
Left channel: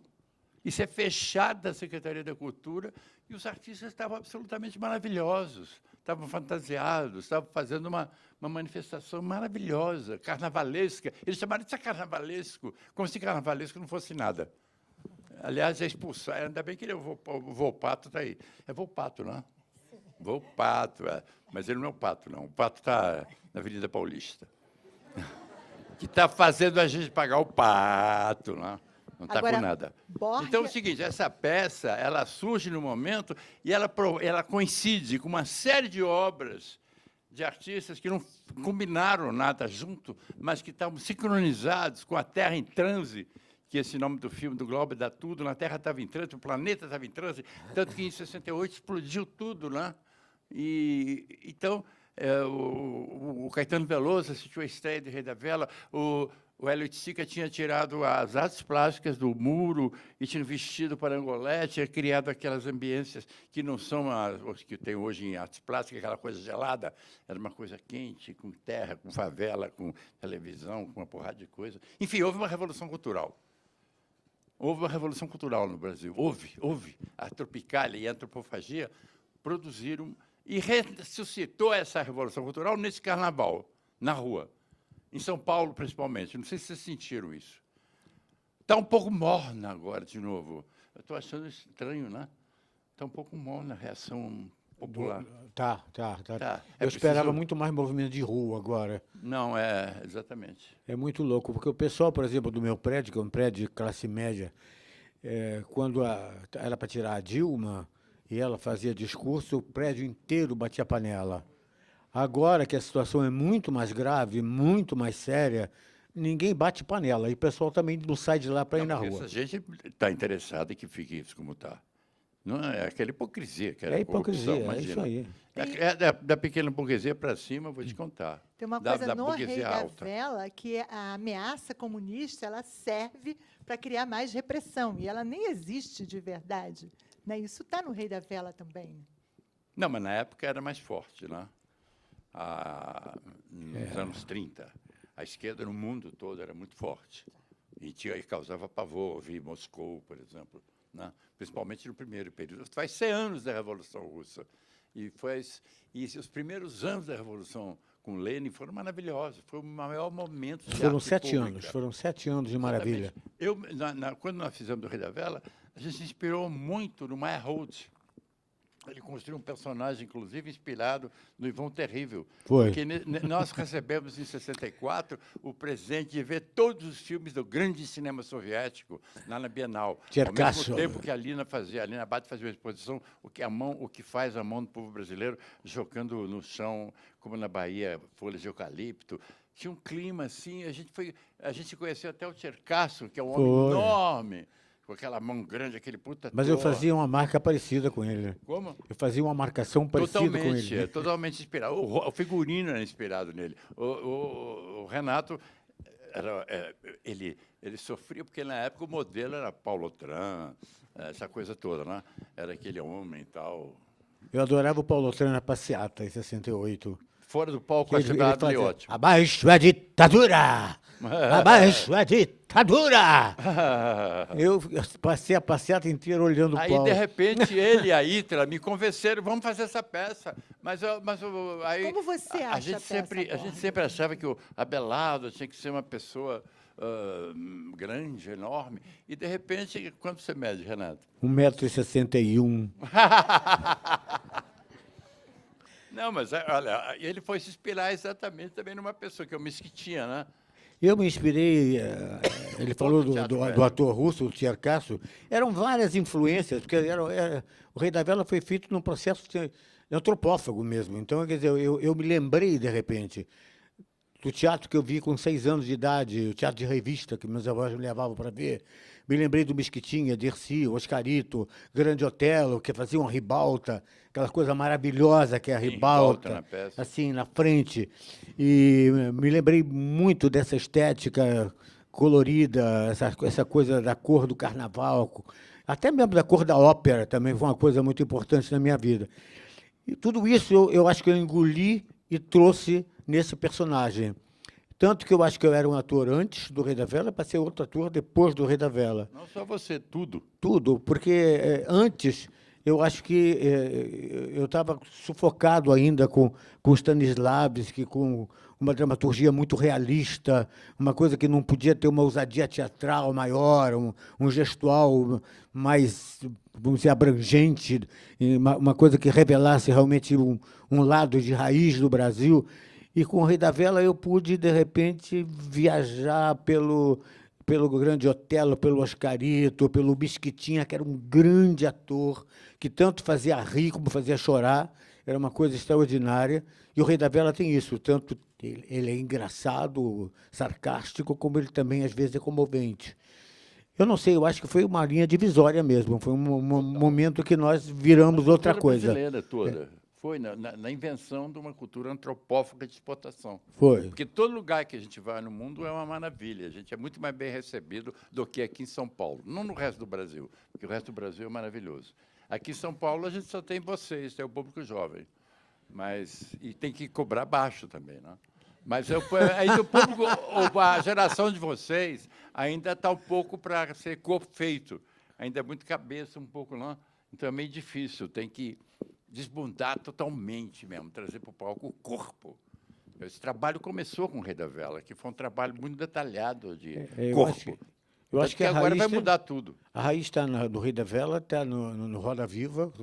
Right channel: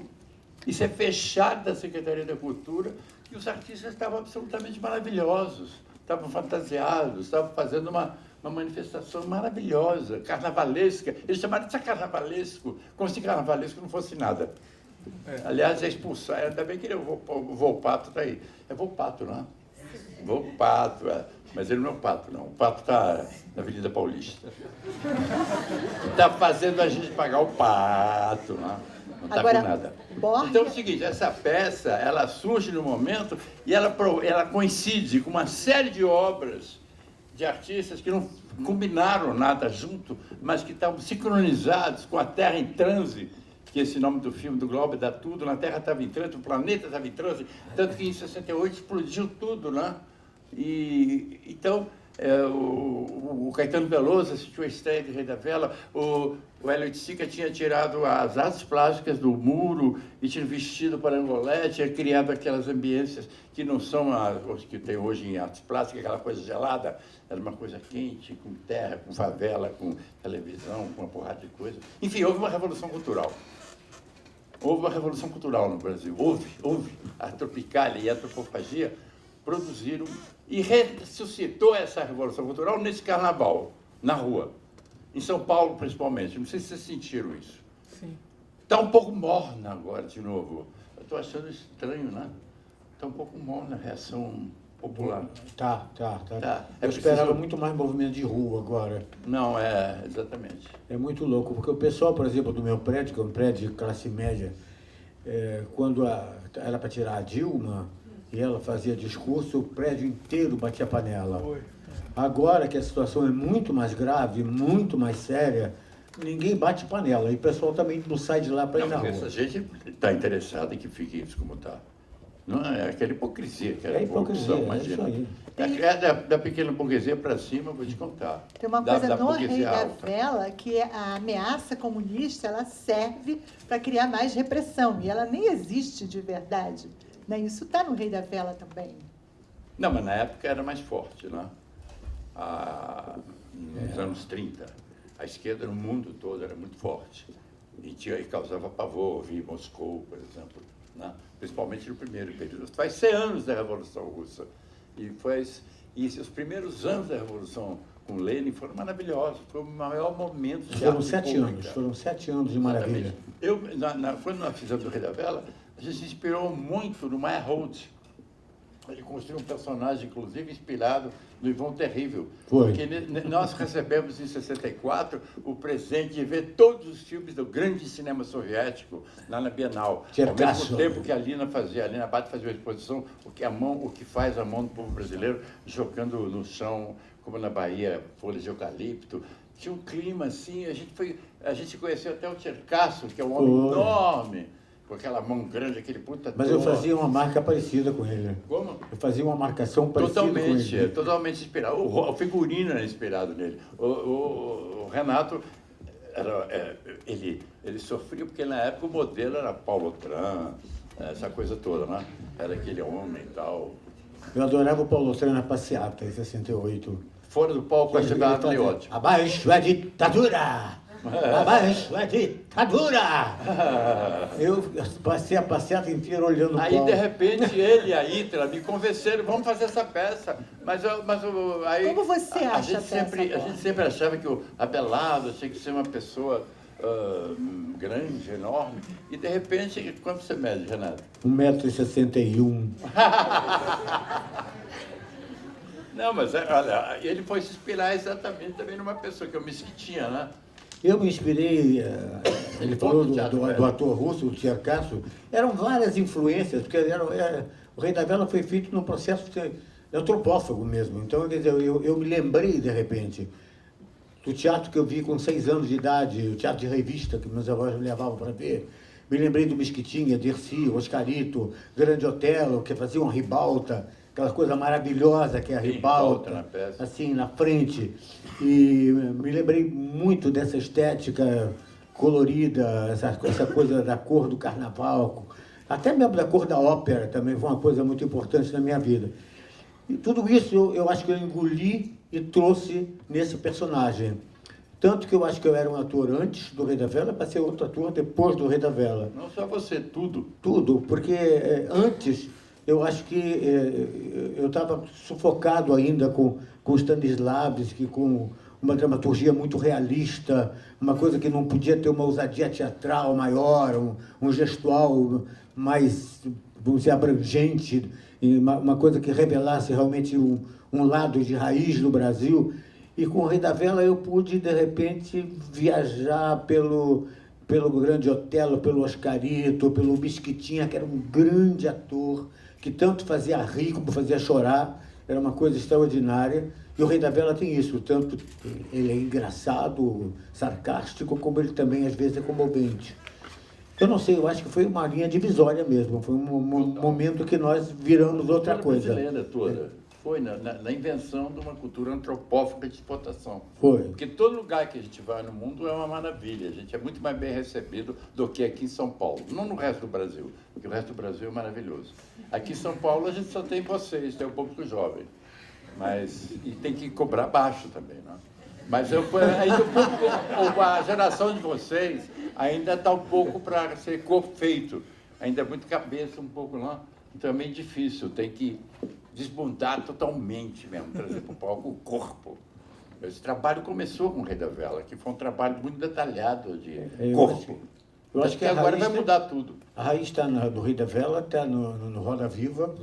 Isso é fechado da Secretaria da Cultura, e os artistas estavam absolutamente maravilhosos, estavam fantasiados, estavam fazendo uma manifestação maravilhosa, carnavalesca. Eles chamaram de carnavalesco, como se carnavalesco não fosse nada. Aliás, é expulsar, ainda bem que ele, o Volpato está aí. É Volpato, não é? Volpato, mas ele não é o Pato, não. O Pato está na Avenida Paulista. Está fazendo a gente pagar o Pato, não é? Não está com nada. Então é o seguinte, essa peça, ela surge no momento e ela coincide com uma série de obras de artistas que não combinaram nada junto, mas que estavam sincronizados com a Terra em Transe, que esse nome do filme do Glauber dá tudo, na Terra estava em transe, o planeta estava em transe, tanto que em 68 explodiu tudo, né? E, então, o Caetano Veloso assistiu a estreia de Rei da Vela, o Hélio Sica tinha tirado as artes plásticas do muro e tinha vestido para Angolé, tinha criado aquelas ambiências que não são as que tem hoje em artes plásticas, aquela coisa gelada, era uma coisa quente, com terra, com favela, com televisão, com uma porrada de coisa. Enfim, houve uma revolução cultural. Houve uma revolução cultural no Brasil. Houve. A Tropicália e a Antropofagia produziram e ressuscitou essa revolução cultural nesse carnaval, na rua. Em São Paulo, principalmente. Não sei se vocês sentiram isso. Sim. Está um pouco morna agora, de novo. Eu estou achando estranho, né? Está um pouco morna a reação popular. Tá. É Eu esperava preciso- muito mais movimento de rua agora. Não, exatamente. É muito louco, porque o pessoal, por exemplo, do meu prédio, que é um prédio de classe média, quando era para tirar a Dilma, e ela fazia discurso, o prédio inteiro batia panela. Agora que a situação é muito mais grave, muito mais séria, ninguém bate panela. E o pessoal também não sai de lá para ir Não, na porque rua. essa gente está interessada em que fique isso como está. Não é aquela hipocrisia, que É hipocrisia, é isso aí. Da pequena burguesia para cima, eu vou te contar. Tem uma Da coisa no Rei burguesia da alta. Vela, que é a ameaça comunista, ela serve para criar mais repressão, e ela nem existe de verdade. Né? Isso está no Rei da Vela também. Não, mas na época era mais forte, né? Nos anos 30, a esquerda no mundo todo era muito forte. E causava pavor, vi Moscou, por exemplo, né? Principalmente no primeiro período. Faz 100 anos da Revolução Russa. E os primeiros anos da Revolução com Lenin foram maravilhosos. Foi o maior momento de Foram arte 7 pública. anos, foram 7 anos de maravilha. Quando nós fizemos o Rei da Vela, a gente se inspirou muito no Meyerhold. Ele construiu um personagem, inclusive, inspirado no Ivon Terrível. Foi. Porque nós recebemos, em 64, o presente de ver todos os filmes do grande cinema soviético lá na Bienal. Tcherkassov. Ao mesmo tempo que a Lina Abad fazia uma exposição, o que faz a mão do povo brasileiro, jogando no chão, como na Bahia, folhas de eucalipto. Tinha um clima assim, a gente conheceu até o Tcherkassov, que é um homem Foi. enorme, com aquela mão grande, aquele puta Mas eu dor. fazia uma marca parecida com ele. Como? Eu fazia uma marcação parecida com ele. Totalmente inspirado. O figurino era inspirado nele. O Renato, ele sofria porque na época o modelo era Paulo Tran, essa coisa toda, né? Era aquele homem e tal. Eu adorava o Paulo Tran na passeata, em 68. Fora do palco, Ele ajudava fazia, patriótico. Abaixo a ditadura! Abaixo a ditadura! Eu passei a passeata inteira olhando o Aí, Paulo. de repente, ele e a Itra me convenceram, vamos fazer essa peça. Aí, Como você a acha gente a sempre, peça, A gente sempre achava que o Abelardo tinha que ser uma pessoa grande, enorme. E, de repente, quanto você mede, Renato? 1,61 m. Não, mas olha, ele foi se inspirar exatamente também numa pessoa que é o Mesquitinha, né? Eu me inspirei, ele falou do ator russo, o Tcherkassov, eram várias influências, porque o Rei da Vela foi feito num processo antropófago mesmo. Então, quer dizer, eu me lembrei, de repente, do teatro que eu vi com 6 anos de idade, o teatro de revista que meus avós me levavam para ver. Me lembrei do Mesquitinha, Dercy, Oscarito, Grande Otelo, que fazia uma ribalta, aquela coisa maravilhosa que é a Ribalta ribalta, na peça. assim, na frente. E me lembrei muito dessa estética colorida, essa coisa da cor do carnaval, até mesmo da cor da ópera também foi uma coisa muito importante na minha vida. E tudo isso eu acho que eu engoli e trouxe nesse personagem. Tanto que eu acho que eu era um ator antes do Rei da Vela, para ser outro ator depois do Rei da Vela. Não só você, tudo. Tudo, porque antes eu acho que eu estava sufocado ainda com Stanislavski, com uma dramaturgia muito realista, uma coisa que não podia ter uma ousadia teatral maior, um gestual mais, vamos dizer, abrangente, e uma coisa que revelasse realmente um lado de raiz do Brasil. E com o Rei da Vela eu pude, de repente, viajar pelo Grande Otelo, pelo Oscarito, pelo Mesquitinha, que era um grande ator, que tanto fazia rir como fazia chorar, era uma coisa extraordinária. E o Rei da Vela tem isso, tanto ele é engraçado, sarcástico, como ele também, às vezes, é comovente. Eu não sei, eu acho que foi uma linha divisória mesmo, foi um momento que nós viramos outra coisa. Brasileira toda. Foi na invenção de uma cultura antropófaga de exportação. Foi. Porque todo lugar que a gente vai no mundo é uma maravilha. A gente é muito mais bem recebido do que aqui em São Paulo. Não no resto do Brasil, porque o resto do Brasil é maravilhoso. Aqui em São Paulo a gente só tem vocês, tem o público jovem. E tem que cobrar baixo também, né? Mas a geração de vocês ainda está um pouco para ser feito. Ainda é muito cabeça, um pouco lá. Então é meio difícil, tem que desbundar totalmente mesmo, trazer para o palco o corpo. Esse trabalho começou com o Rei da Vela, que foi um trabalho muito detalhado de corpo. Eu acho que agora vai mudar tudo. A raiz está do Rei da Vela, está no Roda Viva,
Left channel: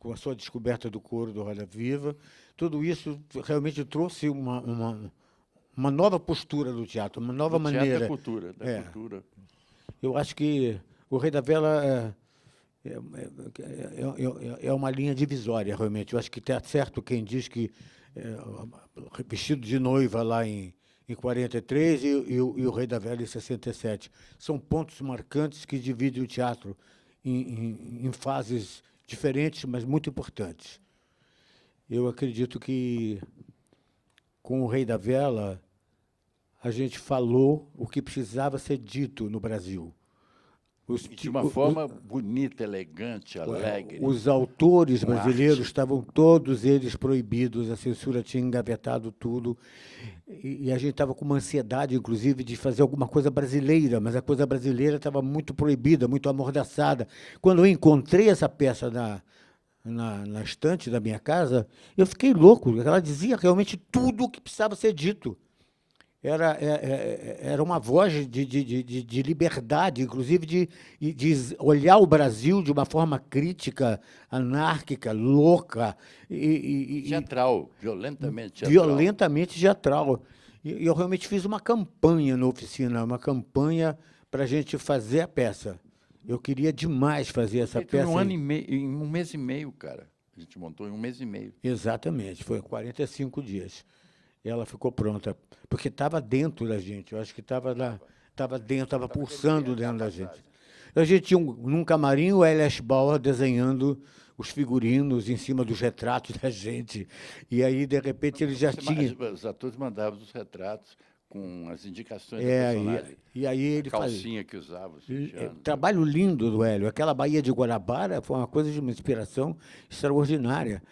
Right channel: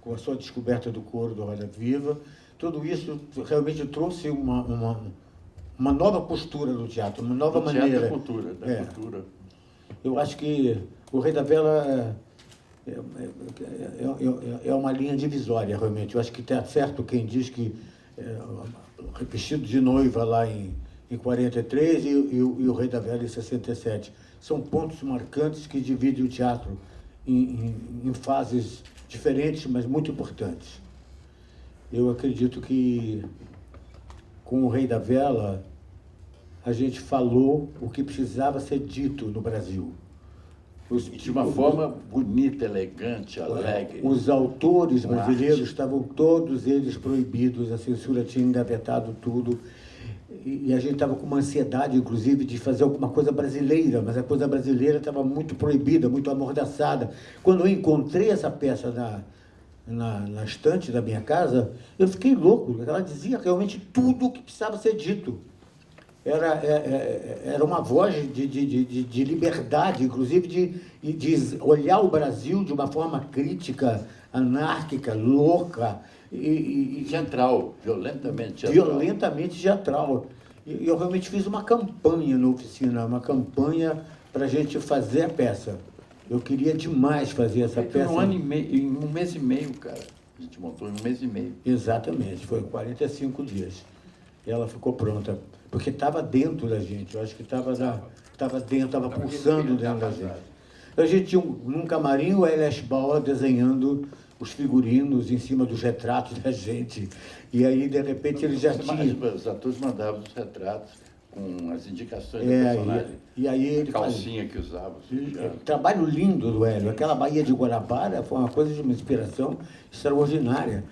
com a sua descoberta do coro do Roda Viva. Tudo isso realmente trouxe uma nova postura do teatro, uma nova maneira. Cultura. Eu acho que o Rei da Vela é uma linha divisória, realmente. Eu acho que está certo quem diz que vestido de noiva lá em 43 e o Rei da Vela em 67. São pontos marcantes que dividem o teatro em fases diferentes, mas muito importantes. Eu acredito que com o Rei da Vela a gente falou o que precisava ser dito no Brasil. De uma forma bonita, elegante, alegre. Os autores brasileiros estavam todos eles proibidos, a censura tinha engavetado tudo. E a gente estava com uma ansiedade, inclusive, de fazer alguma coisa brasileira, mas a coisa brasileira estava muito proibida, muito amordaçada. Quando eu encontrei essa peça na estante da minha casa, eu fiquei louco. Ela dizia realmente tudo o que precisava ser dito. Era uma voz de liberdade, inclusive de olhar o Brasil de uma forma crítica, anárquica, louca. Teatral, violentamente teatral. Violentamente teatral. E eu realmente fiz uma campanha na oficina, uma campanha para a gente fazer a peça. Eu queria demais fazer essa peça. Em um mês e meio, cara. A gente montou em um mês e meio. Exatamente, foi 45 dias. E ela ficou pronta. Porque estava dentro da gente, eu acho que estava dentro, estava pulsando dentro da gente. A gente tinha num camarim o Elias Bauer desenhando os figurinos em cima dos retratos da gente. E aí, de repente, ele já tinha... Os atores mandavam os retratos com as indicações do personagem. E aí ele calcinha que usava. Trabalho lindo do Hélio. Aquela Baía de Guarabara foi uma coisa de uma inspiração extraordinária.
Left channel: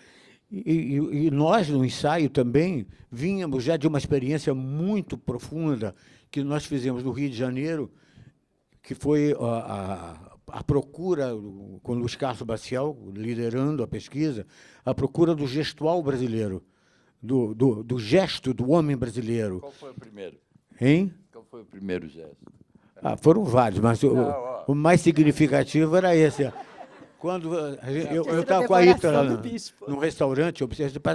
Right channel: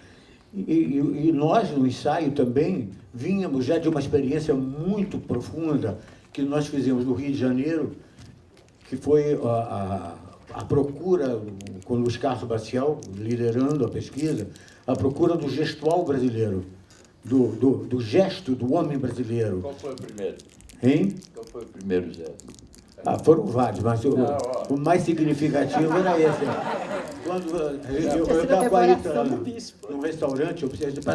E nós, no ensaio também, vínhamos já de uma experiência muito profunda que nós fizemos no Rio de Janeiro, que foi a procura, com o Luiz Carlos Bacial, liderando a pesquisa, a procura do gestual brasileiro, do gesto do homem brasileiro. Qual foi o primeiro? Hein? Qual foi o primeiro gesto? Foram vários, mas o mais significativo era esse. Quando eu estava com a Ita no restaurante, eu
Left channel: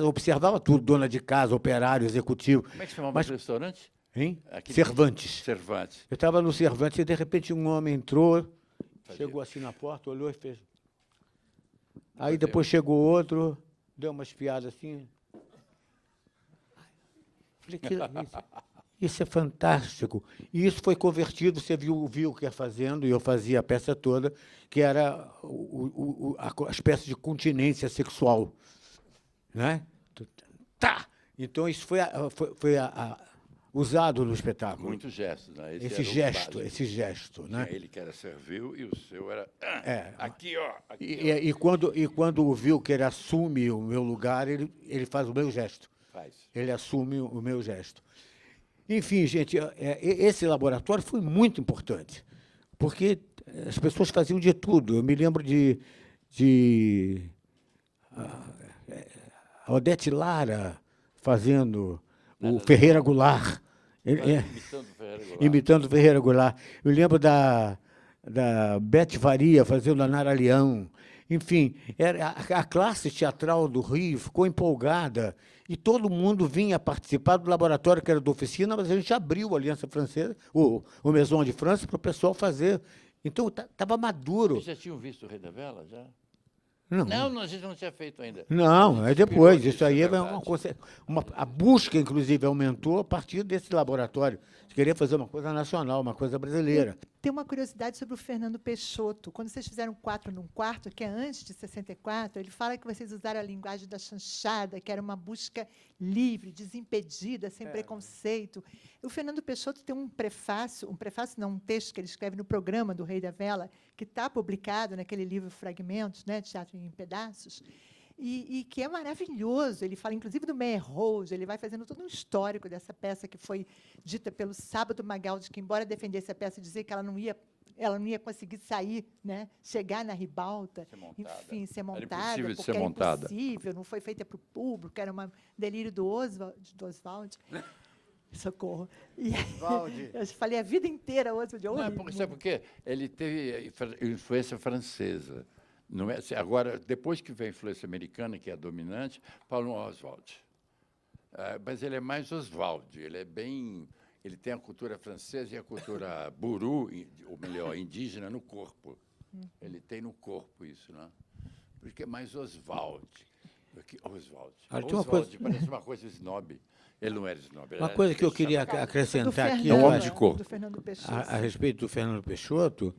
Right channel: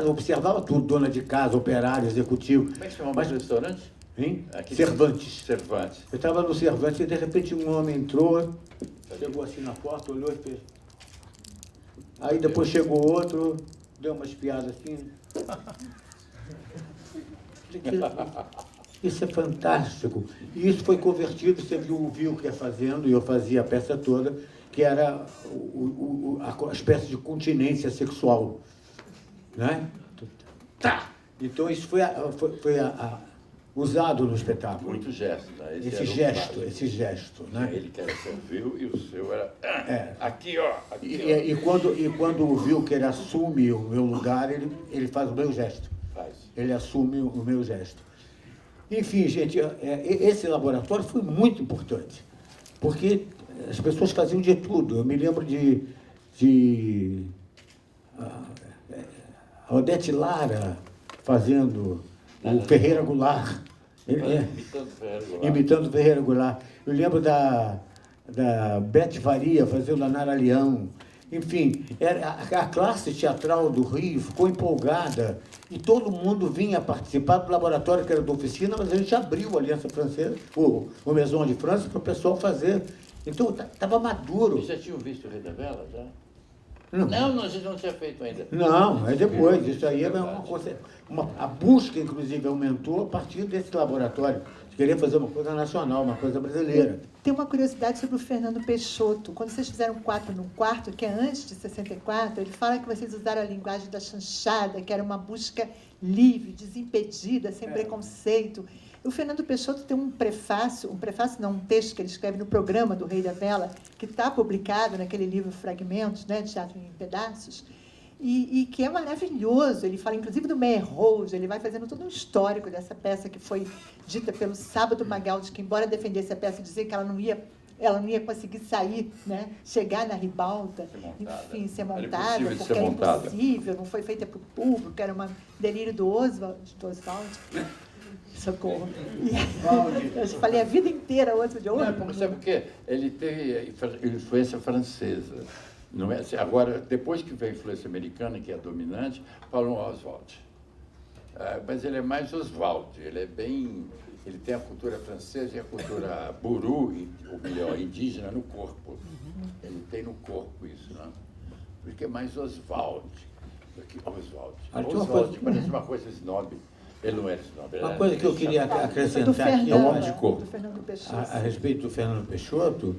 observava tudo, dona de casa, operário, executivo. Como é que chamava o restaurante? Hein? Aqui Cervantes. Cervantes. Eu estava no Cervantes e de repente um homem entrou, chegou assim na porta, olhou e fez. Aí depois chegou outro, deu umas piadas assim. Isso é fantástico. E isso foi convertido, você viu o que ia fazendo, e eu fazia a peça toda, que era a espécie de continência sexual. Né? Tá! Então isso foi usado no espetáculo. Muito gesto. Né? Esse gesto. Né? Ele que era serviu e o seu era aqui, ó. Aqui, e quando o Wilker assume o meu lugar, ele faz o meu gesto. Ele assume o meu gesto. Enfim, gente, esse laboratório foi muito importante, porque as pessoas faziam de tudo. Eu me lembro de a Odete Lara fazendo o Ferreira Goulart. Imitando Ferreira Goulart. Eu lembro da Bete Faria fazendo a Nara Leão. Enfim, a classe teatral do Rio ficou empolgada e todo mundo vinha participar do laboratório que era da oficina, mas a gente abriu a Aliança Francesa, o Maison de França, para o pessoal fazer. Então, estava maduro. Vocês já tinham visto o Rei da Vela, já? Não, a gente não tinha feito ainda. não, é depois. Isso aí é uma coisa. A busca, inclusive, aumentou a partir desse laboratório. De querer fazer uma coisa nacional, uma coisa brasileira. Tem uma curiosidade sobre o Fernando Peixoto. Quando vocês fizeram 4 no Quarto, que é antes de 64, ele fala que vocês usaram a linguagem da chanchada, que era uma busca livre, desimpedida, sem preconceito. O Fernando Peixoto tem um texto que ele escreve no programa do Rei da Vela, que está publicado naquele livro Fragmentos, né, Teatro em Pedaços, e que é maravilhoso. Ele fala, inclusive, do Meyer Rose, ele vai fazendo todo um histórico dessa peça que foi dita pelo Sábado Magaldi, que, embora defendesse a peça e dizer que ela não ia conseguir sair, né, chegar na ribalta, enfim, ser montada, porque era impossível, não foi feita para o público, era um delírio do Oswald. Socorro. Eu falei a vida inteira Oswald. Não, sabe por quê? Ele teve influência francesa. Não é? Agora, depois que veio a influência americana, que é a dominante, falam Oswald. Mas ele é mais Oswald, ele tem a cultura francesa e a cultura buru, ou melhor, indígena, no corpo. Ele tem no corpo isso, não? Porque é mais Oswald. Oswald parece uma coisa snob. Ele não é snob. Uma coisa que eu queria acrescentar aqui, eu acho, a respeito do Fernando Peixoto,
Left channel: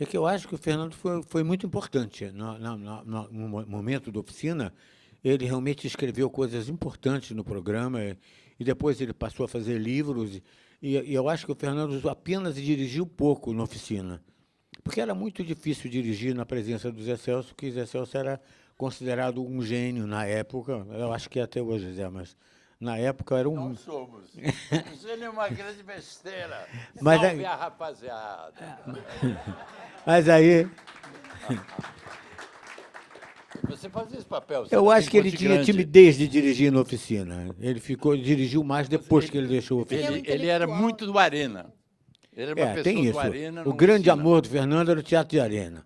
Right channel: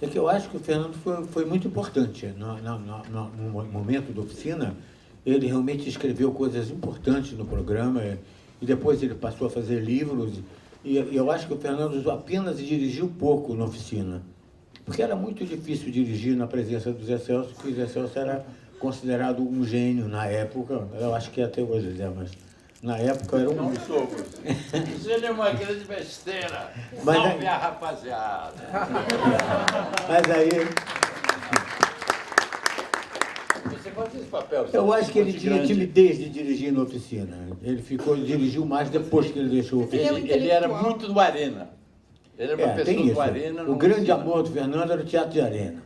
é que eu acho que o Fernando foi muito importante. No momento da oficina, ele realmente escreveu coisas importantes no programa, e depois ele passou a fazer livros, e eu acho que o Fernando apenas dirigiu pouco na oficina, porque era muito difícil dirigir na presença do Zé Celso, porque o Zé Celso era considerado um gênio na época, eu acho que até hoje, Zé, mas na época era um... Não somos. Isso é uma grande besteira. Mas Salve a rapaziada. Mas aí... Você faz esse papel. Eu acho que ele tinha timidez de dirigir na oficina. Ele dirigiu mais depois que ele deixou a oficina. Ele era muito do Arena. Ele era uma pessoa tem isso. do Arena. O grande amor do Fernando era o Teatro de Arena.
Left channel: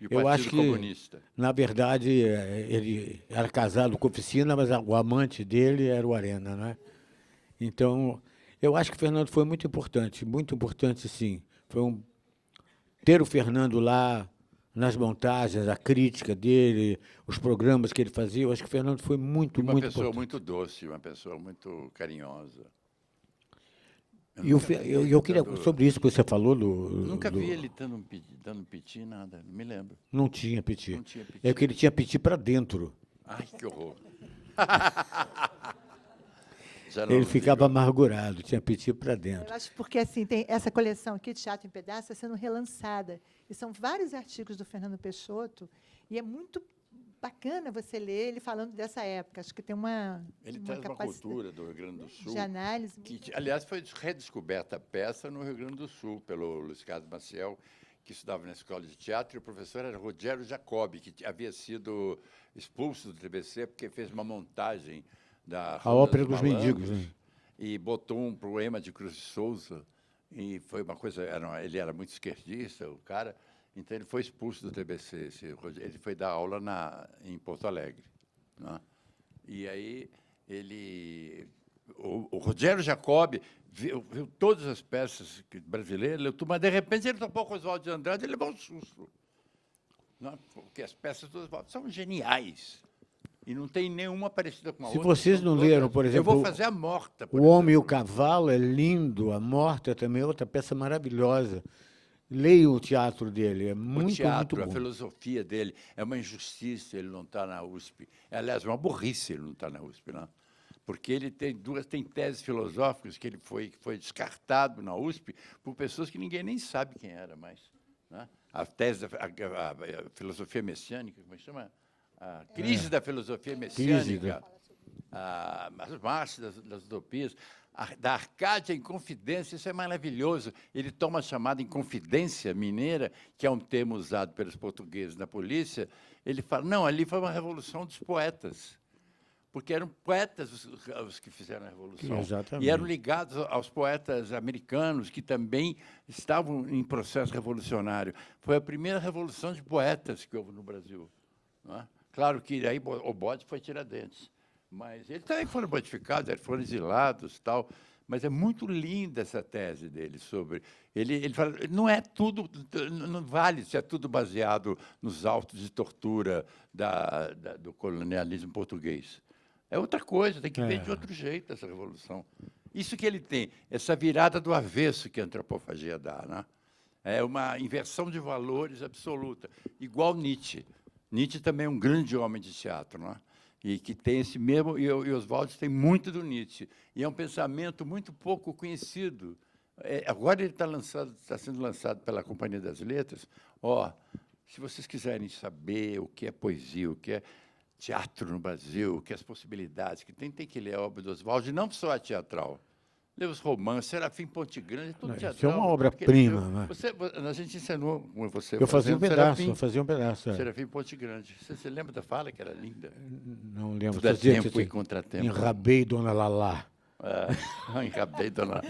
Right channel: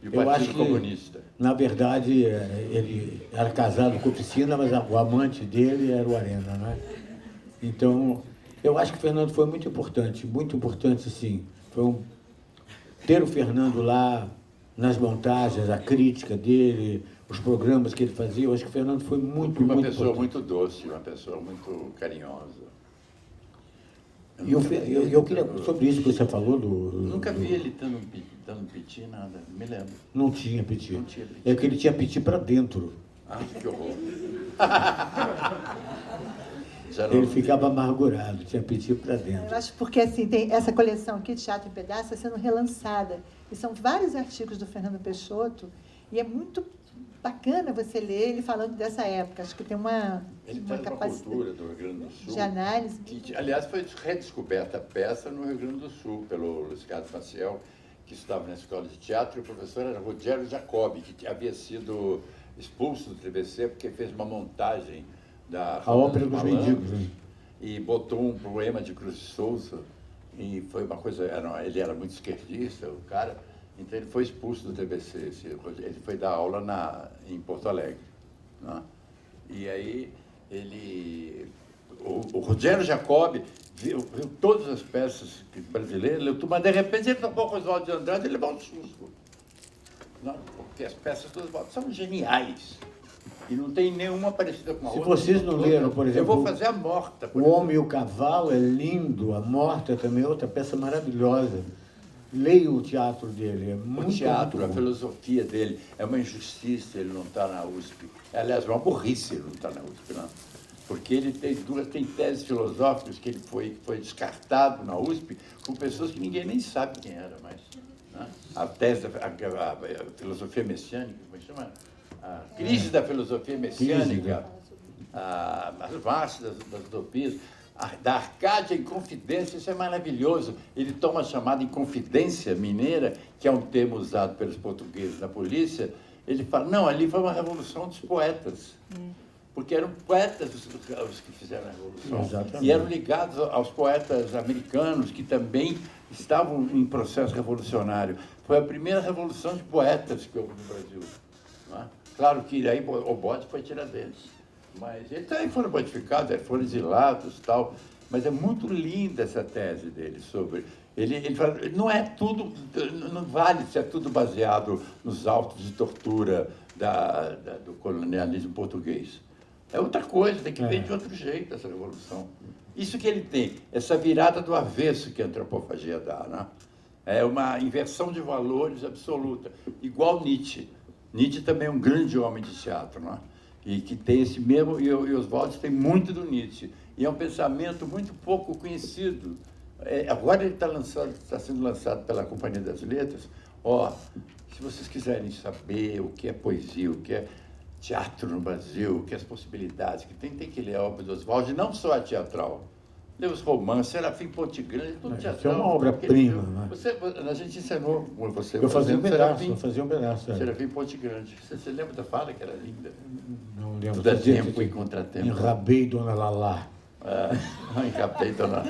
E o Eu acho Partido que, Comunista. na verdade, ele era casado com a oficina, mas o amante dele era o Arena, né? Então, eu acho que o Fernando foi muito importante, sim. Ter o Fernando lá nas montagens, a crítica dele, os programas que ele fazia, eu acho que o Fernando foi muito Uma pessoa importante. muito doce, uma pessoa muito carinhosa. E eu queria, sobre isso que você falou Nunca vi ele dando piti, nada, não me lembro. Não tinha piti. Não tinha piti. É que ele tinha piti para dentro. Ai, que horror. Ele ficava amargurado, tinha piti para dentro. Eu acho porque assim, tem essa coleção aqui, Teatro em Pedaços, está sendo relançada. E são vários artigos do Fernando Peixoto, e é muito bacana você ler ele falando dessa época. Acho que tem Ele traz uma cultura do Rio Grande do Sul. de análise. Que, aliás, foi redescoberta a peça no Rio Grande do Sul, pelo Luiz Carlos Maciel, que estudava na escola de teatro, e o professor era Rogério Jacobi, que havia sido expulso do TBC porque fez uma montagem da A ópera dos mendigos. e botou um poema de Cruz de Souza, e foi uma coisa, ele era muito esquerdista, o cara, então ele foi expulso do TBC, ele foi dar aula em Porto Alegre, né? E aí o Rogério Jacobi viu todas as peças brasileiras, mas de repente ele topou com os Oswald de Andrade, ele levou um susto, não? Porque as peças todas são geniais. E não tem nenhuma parecida com a outra. Se vocês não leram, por exemplo... Eu vou fazer a Morta. O Homem e o Cavalo é lindo, a Morta também é outra peça maravilhosa. Leia o teatro dele, é muito, o teatro, muito a bom. filosofia dele, é uma injustiça ele não estar na USP. Aliás, é uma burrice ele não estar na USP, não. Porque ele tem teses filosóficas que ele foi descartado na USP com pessoas que ninguém nem sabe quem era mais. Né? A tese, a filosofia messiânica, como chama? A crise da filosofia messiânica, as marchas das utopias, da Arcádia em Confidência, isso é maravilhoso. Ele toma a chamada Inconfidência Mineira, que é um termo usado pelos portugueses na polícia. Ele fala, não, ali foi uma revolução dos poetas. Porque eram poetas os que fizeram a revolução. Exatamente. E eram ligados aos poetas americanos, que também estavam em processo revolucionário. Foi a primeira revolução de poetas que houve no Brasil. Não é? Claro que aí o bode foi Tiradentes. Mas eles também foram modificados, foram exilados e tal. Mas é muito linda essa tese dele sobre... Ele fala, não é tudo, não vale se é tudo baseado nos autos de tortura do colonialismo português. É outra coisa, tem que ver de outro jeito essa revolução. Isso que ele tem, essa virada do avesso que a antropofagia dá, né? É uma inversão de valores absoluta, igual Nietzsche. Nietzsche também é um grande homem de teatro, não é? E que tem esse mesmo, e os Waldes têm muito do Nietzsche. E é um pensamento muito pouco conhecido. Agora ele está sendo lançado pela Companhia das Letras. Se vocês quiserem saber o que é poesia, o que é teatro no Brasil, o que é as possibilidades, que tem que ler a obra do Oswald, não só a teatral. Ler os romances, Serafim Ponte Grande, tudo teatral. Isso é uma obra-prima, né? A gente ensinou você. Eu fazia um Serafim, pedaço. Serafim Ponte Grande. Você lembra da fala que era linda? Não lembro. Da tempo e contratempo. Enrabei Dona Lalá. Não encapei, Dona.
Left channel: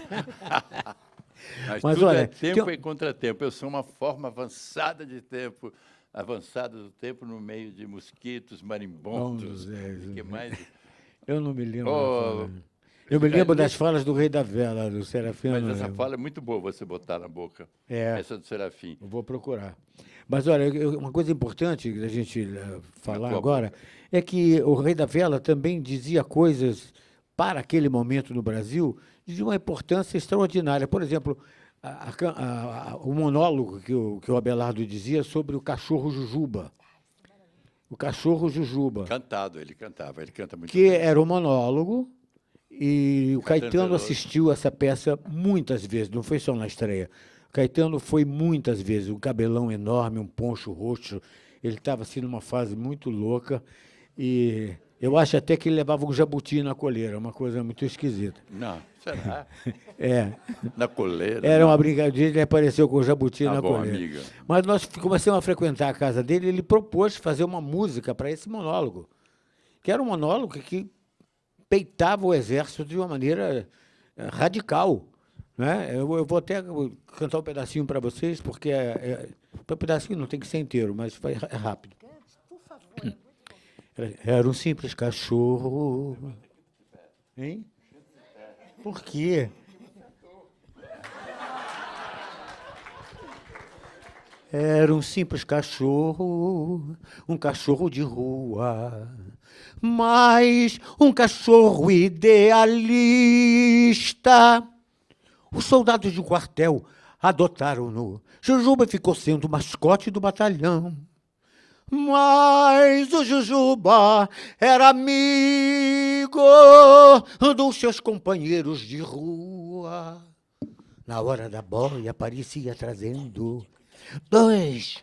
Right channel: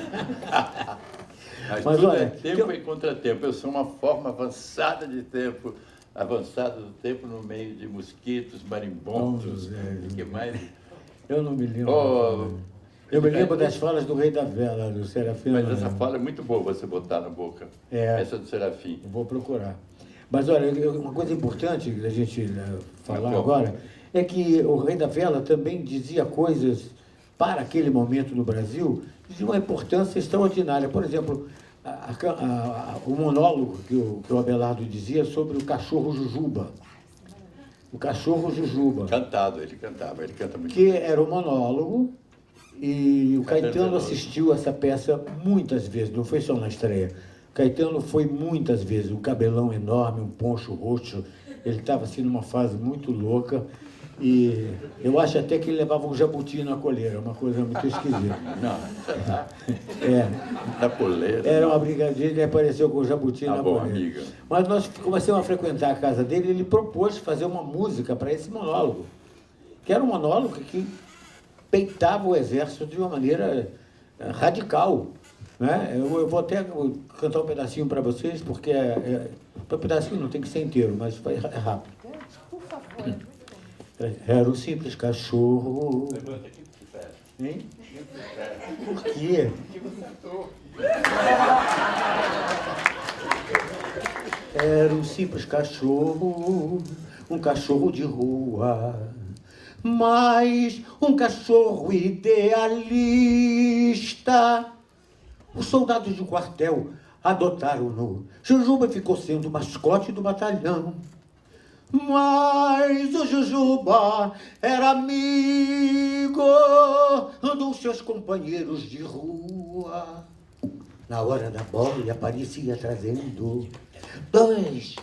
Mas tudo olha, é tempo e contratempo. Eu sou uma forma avançada de tempo, avançada do tempo no meio de mosquitos, marimbondos, o que mais? Eu não me lembro. Eu me lembro das falas do Rei da Vela, do Serafim. Mas essa fala é muito boa você botar na boca. Essa do Serafim. Eu vou procurar. Mas olha, uma coisa importante da gente falar agora é que o Rei da Vela também dizia coisas para aquele momento no Brasil de uma importância extraordinária. Por exemplo, o monólogo que o Abelardo dizia sobre o cachorro Jujuba. O cachorro Jujuba. Cantado, ele canta muito. Que era um monólogo, e o Caetano assistiu essa peça muitas vezes, não foi só na estreia. O Caetano foi muitas vezes, um cabelão enorme, um poncho roxo, ele estava assim numa fase muito louca, e eu acho até que ele levava um jabuti na coleira, uma coisa muito esquisita. Não, na coleira. Era uma brincadeira, ele apareceu com o jabuti na bom, coleira. amiga. Mas nós começamos a frequentar a casa dele, e ele propôs fazer uma música para esse monólogo, que era um monólogo que peitava o exército de uma maneira radical. Né? Eu vou até cantar um pedacinho para vocês, porque um pedacinho não tem que ser inteiro, mas é rápido. Por favor. Era um simples cachorro. Hein? Por quê? Era um simples cachorro, um cachorro de rua, mas um cachorro idealista. Os soldados de quartel adotaram-no. Jujuba ficou sendo o mascote do batalhão. Mas o Jujuba era amigo dos seus companheiros de rua. Na hora da bola, ele aparecia trazendo 2,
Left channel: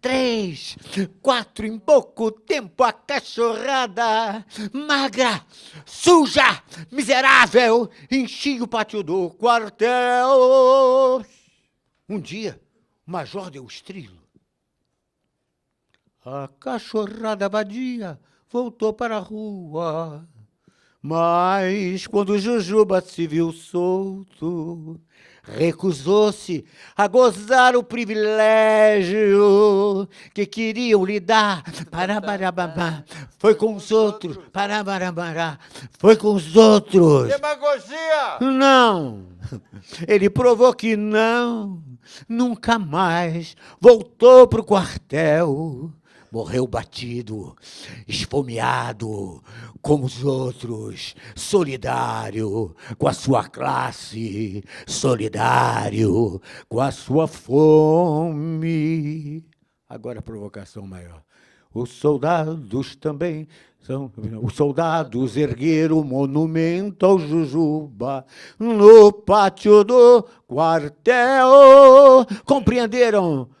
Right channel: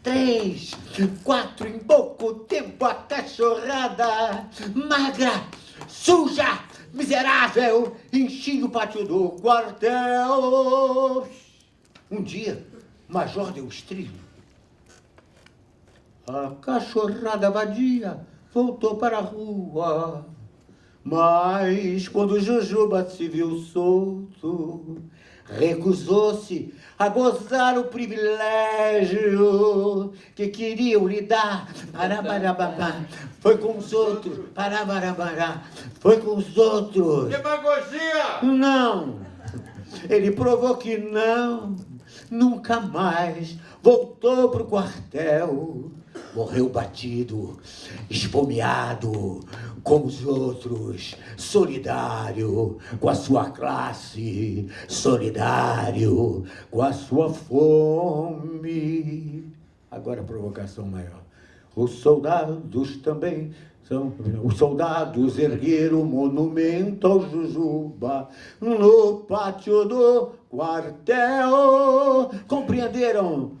3, 4, em pouco tempo a cachorrada magra, suja, miserável, enchia o pátio do quartel. Um dia, o major deu estrilho. A cachorrada vadia voltou para a rua, mas quando o Jujuba se viu solto, recusou-se a gozar o privilégio que queriam lhe dar. Parabarabá, foi com os outros. Parabarabá, foi com os outros. Demagogia! Não! Ele provou que não, nunca mais voltou para o quartel. Morreu batido, esfomeado, com os outros, solidário com a sua classe, solidário com a sua fome. Agora a provocação maior. Os soldados também são... Os soldados ergueram o monumento ao Jujuba no pátio do quartel. Compreenderam?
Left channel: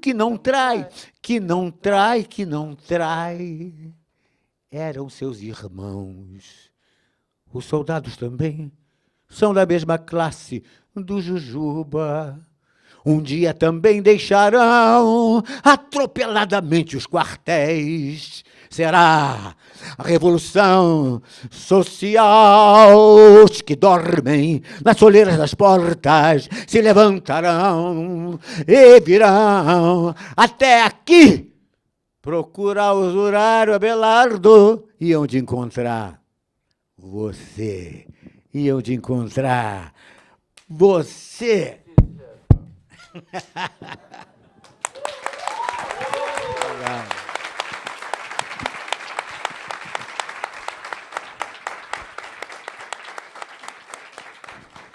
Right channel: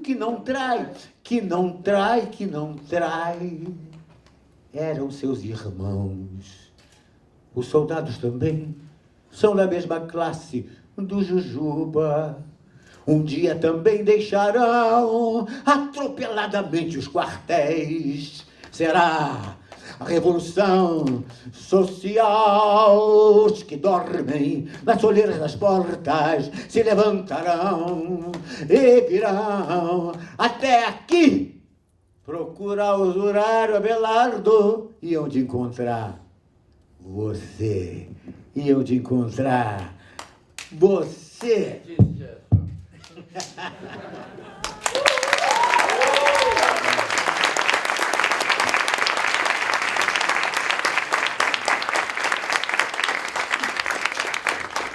Que não trai, que não trai, que não trai. Eram seus irmãos. os soldados também são da mesma classe do Jujuba. Um dia também deixarão atropeladamente os quartéis. Será a revolução social. Os que dormem nas soleiras das portas se levantarão e virão até aqui procurar usurar o Abelardo. E onde encontrar você? E onde encontrar você?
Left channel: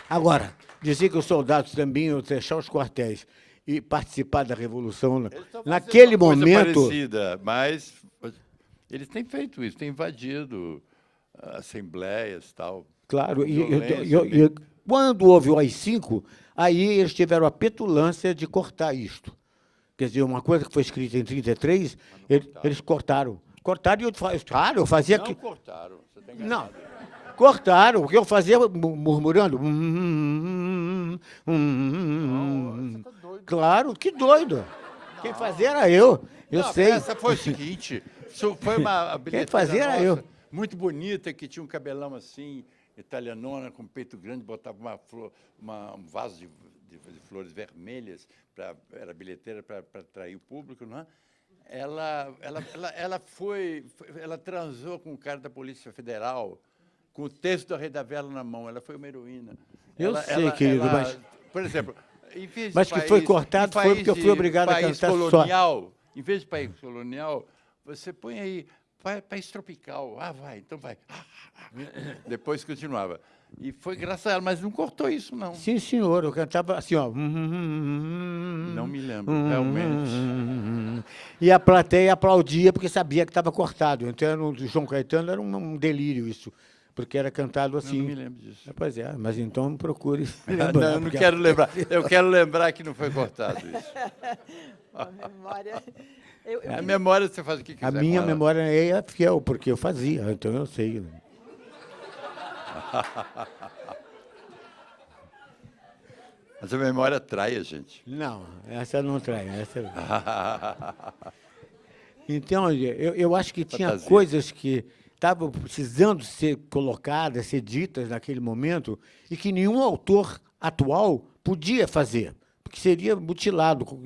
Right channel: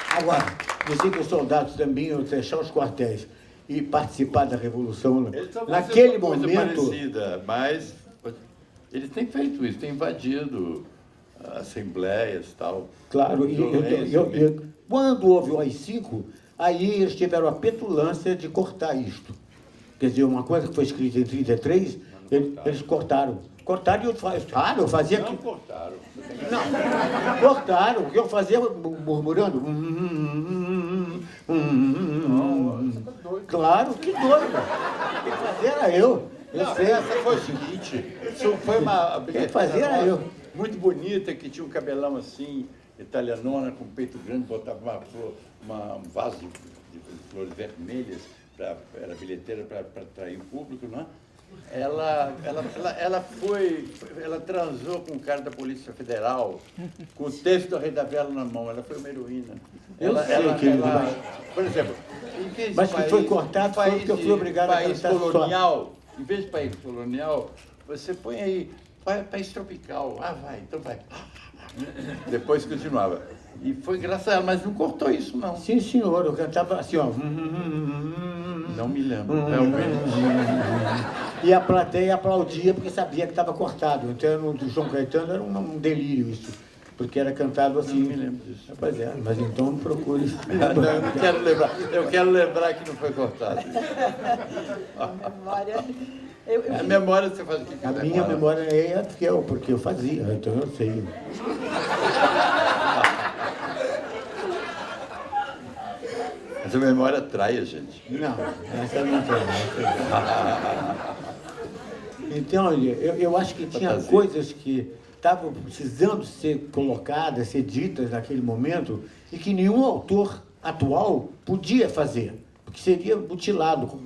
Agora, dizer que os soldados também iam fechar os quartéis e participar da Revolução, naquele momento... Parecida, mas eles têm feito isso, têm invadido assembleias e tal. Claro, e quando houve o AI-5, aí eles tiveram a petulância de cortar isto. Quer dizer, uma coisa que foi escrita em 1933, eles cortaram. Cortaram e eu fazia... Não cortaram. Não, cortaram, porque eu fazia murmurando. Claro, que doido. Quem fazia era eu Não, sei. essa foi o seguinte, isso foi uma Quem fazia era eu. muito bonita, que tinha um cabelão assim, italianona, com peito grande, botava um vaso de flores vermelhas, era bilheteira para atrair o público, né? Ela transou com um cara da Polícia Federal, com o texto da Rei da Vela na mão, ela foi uma heroína. Eu sei, querido, mas... Por exemplo, em vez de Mas que foi cortado foi porque eu fui obrigado a país cantar colonial, em vez de país colonial, você põe aí, país tropical, vai, então vai. Depois continuava. E foi graças a ela, mas não cortou isso, não. Sim, senhor, eu cantava assim, ó. Não me lembro, realmente. E a plateia aplaudia porque sabia que estava cortado. Então, o João Caetano era um delírio isso, porque era cantado assim. Não me lembro disso. Pois é, mas então procure. Não, eu não quero lembrar. Eu quero lembrar que não foi cortado. Memória. A memória você faz o que quiser. A minha memória é fiel, porque eu fazia, então eu sei. Mas a memória trai a gente. Não, essa não tem. Então, eu acho que tinha Fantasia. coisas que estavam precisando ser colocadas, ser ditas naquele momento, e que nenhum autor atual podia fazer, porque seria mutilado.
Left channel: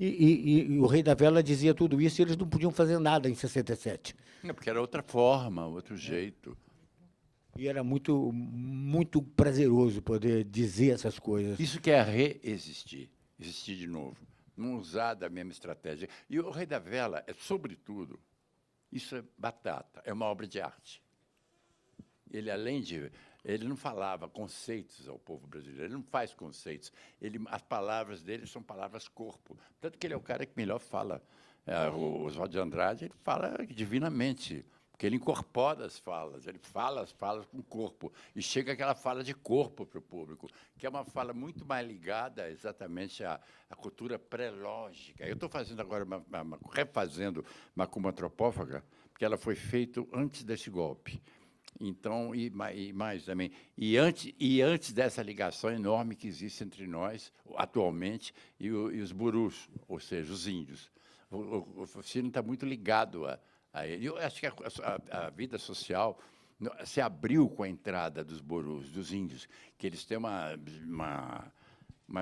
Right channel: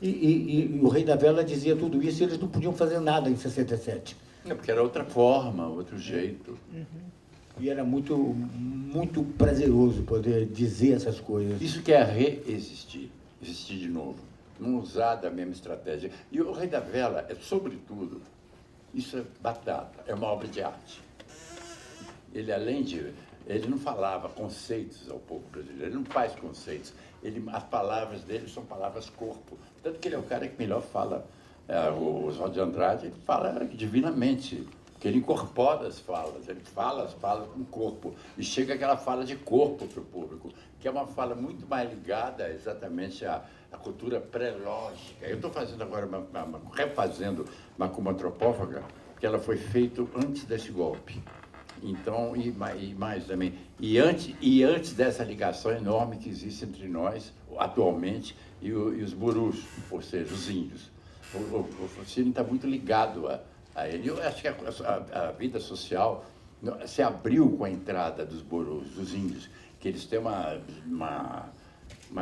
E o Rei da Vela dizia tudo isso, e eles não podiam fazer nada em 67. É porque era outra forma, outro jeito. E era muito, muito prazeroso poder dizer essas coisas. Isso que é reexistir, existir de novo, não usar da mesma estratégia. E o Rei da Vela é, sobretudo, isso é batata, é uma obra de arte. Ele, além de... Ele não falava conceitos ao povo brasileiro, ele não faz conceitos. As palavras dele são palavras corpo. Tanto que ele é o cara que melhor fala. O Oswaldo de Andrade, ele fala divinamente, porque ele incorpora as falas, ele fala as falas com o corpo, e chega aquela fala de corpo para o público, que é uma fala muito mais ligada exatamente à cultura pré-lógica. Eu estou fazendo agora, refazendo Macumba Antropófaga, que ela foi feita antes desse golpe. Então, e mais também. E antes dessa ligação enorme que existe entre nós, atualmente, e os burus, ou seja, os índios. O Focine está muito ligado a ele. Eu acho que a vida social se abriu com a entrada dos burus, dos índios, que eles têm uma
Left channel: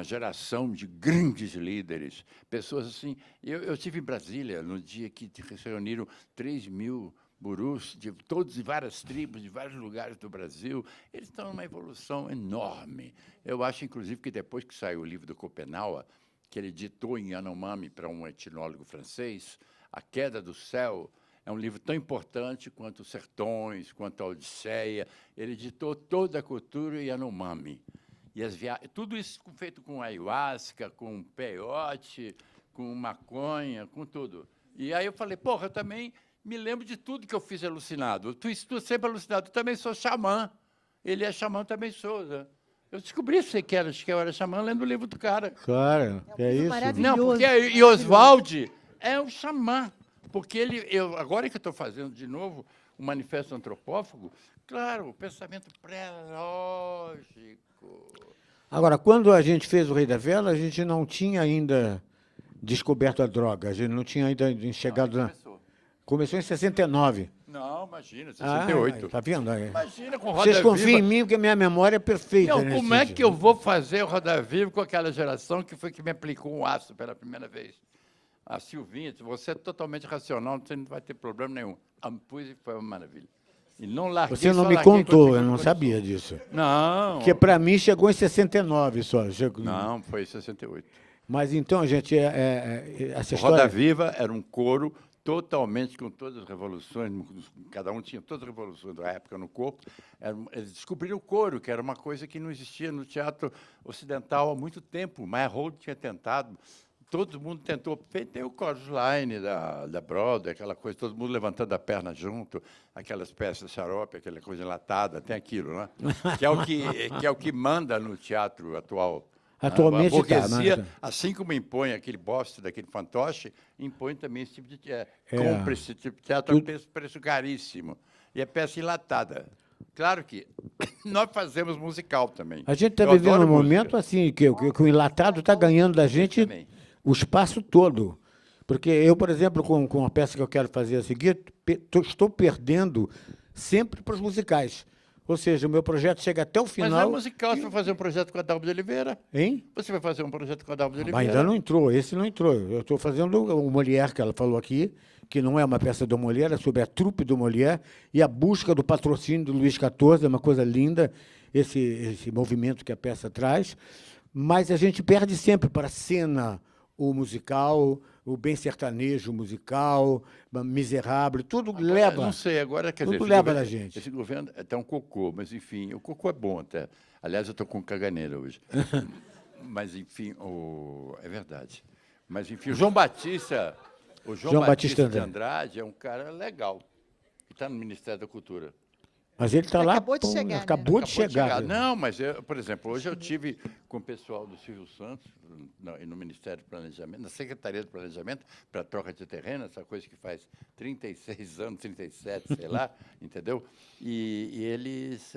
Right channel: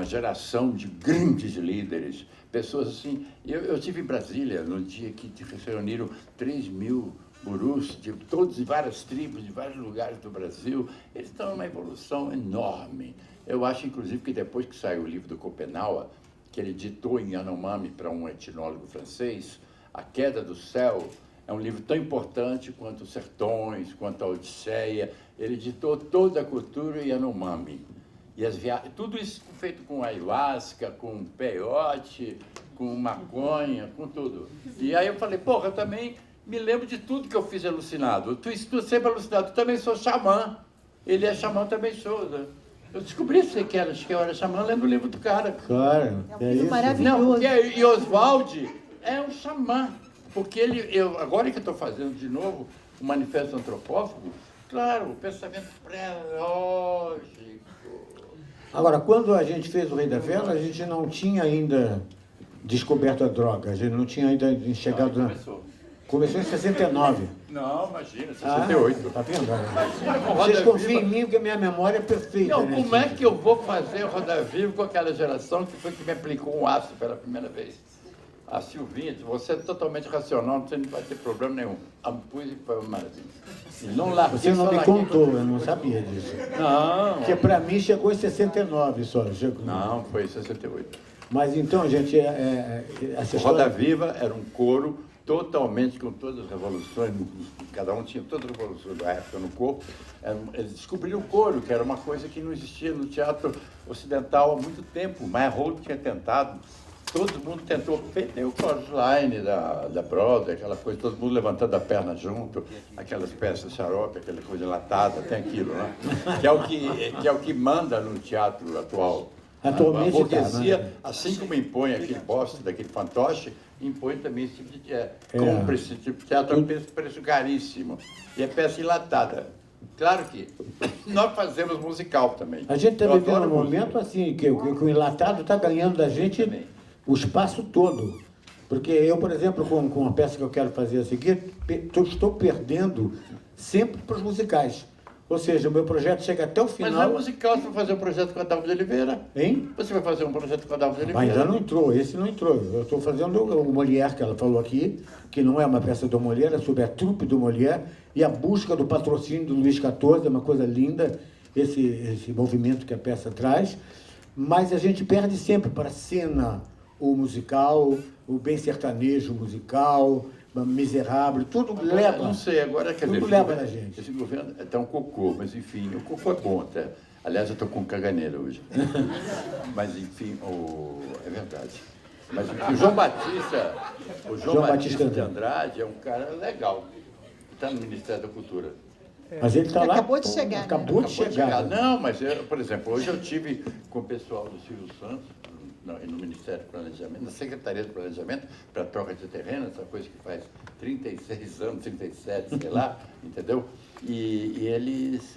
geração de grandes líderes, pessoas assim. Eu estive em Brasília no dia que se reuniram 3.000 burus de todos e várias tribos, de vários lugares do Brasil. Eles estão numa evolução enorme. Eu acho, inclusive, que depois que saiu o livro do Schopenhauer, que ele ditou em Yanomami para um etnólogo francês, A Queda do Céu, é um livro tão importante quanto Os Sertões, quanto a Odisseia. Ele ditou toda a cultura Yanomami. E tudo isso feito com ayahuasca, com peiote, com maconha, com tudo. E aí eu falei, porra, eu também me lembro de tudo que eu fiz alucinado. Tu sempre alucinado, tu também sou xamã. Ele é xamã, eu também sou. Né? Eu descobri que eu era xamã lendo o livro do cara. Claro, é isso. Maravilhoso. Não, porque e Oswald é um xamã. Porque agora que eu estou fazendo de novo o Manifesto Antropófago, Claro, o pensamento pré-lógico. Agora, quando a gente fez o Rei da Vela, a gente não tinha ainda descoberto a droga, a gente não tinha ainda chegado na... Começou em 69. Não, imagina, 68. Tá vendo? Imagina, Vocês confiam em mim, porque minha memória é perfeita. Não, nesse como é sentido. que eu vou fazer o Roda Viva com aquela geração que foi que me aplicou um aço pela primeira vez? A Silvinha disse, você é totalmente racional, você não vai ter problema nenhum. A música foi uma maravilha. E não larguei, Você não só me larguei contou, quando eu não chegou. sabia disso. Não. Porque para mim chegou em 69 só. Não, foi em 68. Mas então, gente, essa O Roda história... Viva era um coro totalmente com todas as revoluções, cada um tinha todas as revoluções da época no corpo. Eles descobriram o coro, que era uma coisa que não existia no teatro ocidental há muito tempo. Maya Holt tinha tentado, todo mundo tentou, tem o chorus line da Broadway, aquela coisa, todo mundo levantando a perna junto, aquelas peças xarope, aquela coisa latada, tem aquilo, né? Que é o que manda no teatro atual. Atualmente A burguesia, tá, né? assim como impõe aquele boste daquele fantoche, impõe também esse tipo de teatro. Compra esse tipo de teatro a um preço caríssimo. E é peça enlatada. Claro que nós fazemos musical também. A gente está Eu vivendo adoro um música. momento assim, que o enlatado está ganhando da gente Também. o espaço todo. Porque eu, por exemplo, com uma peça que eu quero fazer a seguir, estou perdendo sempre para os musicais. Ou seja, o meu projeto chega até o Mas final... não é musical, você vai fazer um projeto com a Adalvo de Oliveira. Hein? Você vai fazer um projeto com a Adalvo de Oliveira. Ainda não entrou, esse não entrou. Eu estou fazendo o Molière, que ela falou aqui, que não é uma peça do Molière, é sobre a trupe do Molière e a busca do patrocínio do Luís XIV, é uma coisa linda, esse movimento que a peça traz. Mas a gente perde sempre para a cena o musical, o bem sertanejo musical, miserável, tudo Agora, leva. não sei, agora quer Tudo dizer, leva na gente. Esse governo é até um cocô, mas enfim, o cocô é bom até. Aliás, eu estou com caganeira hoje. Mas enfim, é verdade. Mas enfim, o João Batista de Andrade é um cara legal. Está no Ministério da Cultura. Mas ele está lá. Acabou de chegar, né? Acabou de chegar. Não, mas, por exemplo, hoje eu tive com o pessoal do Silvio Santos, no Ministério do Planejamento, na Secretaria do Planejamento, para troca de terreno, essa coisa que faz 36 anos, 37, sei lá, entendeu? E eles...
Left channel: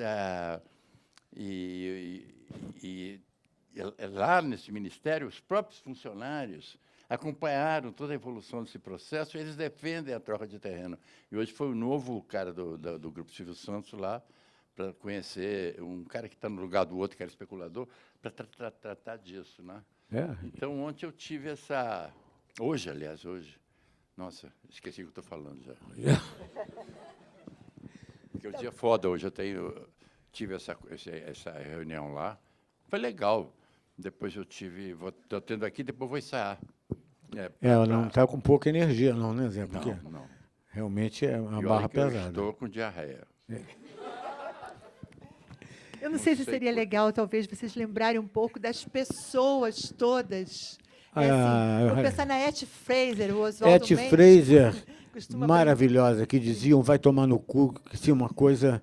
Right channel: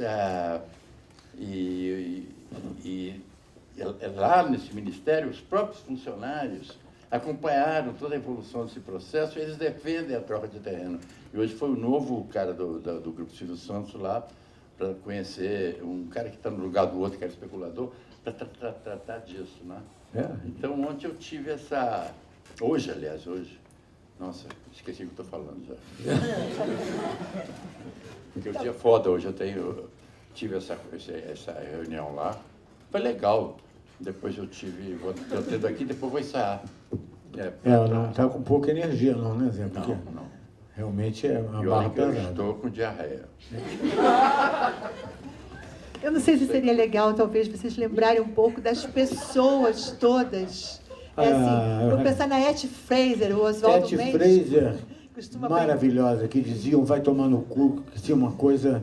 lá nesse ministério, os próprios funcionários acompanharam toda a evolução desse processo e eles defendem a troca de terreno. E hoje foi o novo cara do Grupo Silvio Santos lá, para conhecer um cara que está no lugar do outro, que é especulador, para tratar disso, né? Então, ontem eu tive essa... Hoje, aliás, Nossa, esqueci o que estou falando já. Porque o dia é foda hoje, tive essa reunião lá. Foi legal. Depois eu tive... Estou tendo aqui, depois vou ensaiar. Não está com pouca energia, não, né, Zé? Porque Não. realmente é uma Eu barra acho que eu pesada. estou com diarreia. Eu não sei se seria legal, talvez, vocês lembrarem um pouco das pessoas todas. Vou pensar na Etty Fraser, o Oswaldo Etty Mendes. Fraser, costuma maravilhosa, que diziam vai tomar no cu, que tinha uma coisa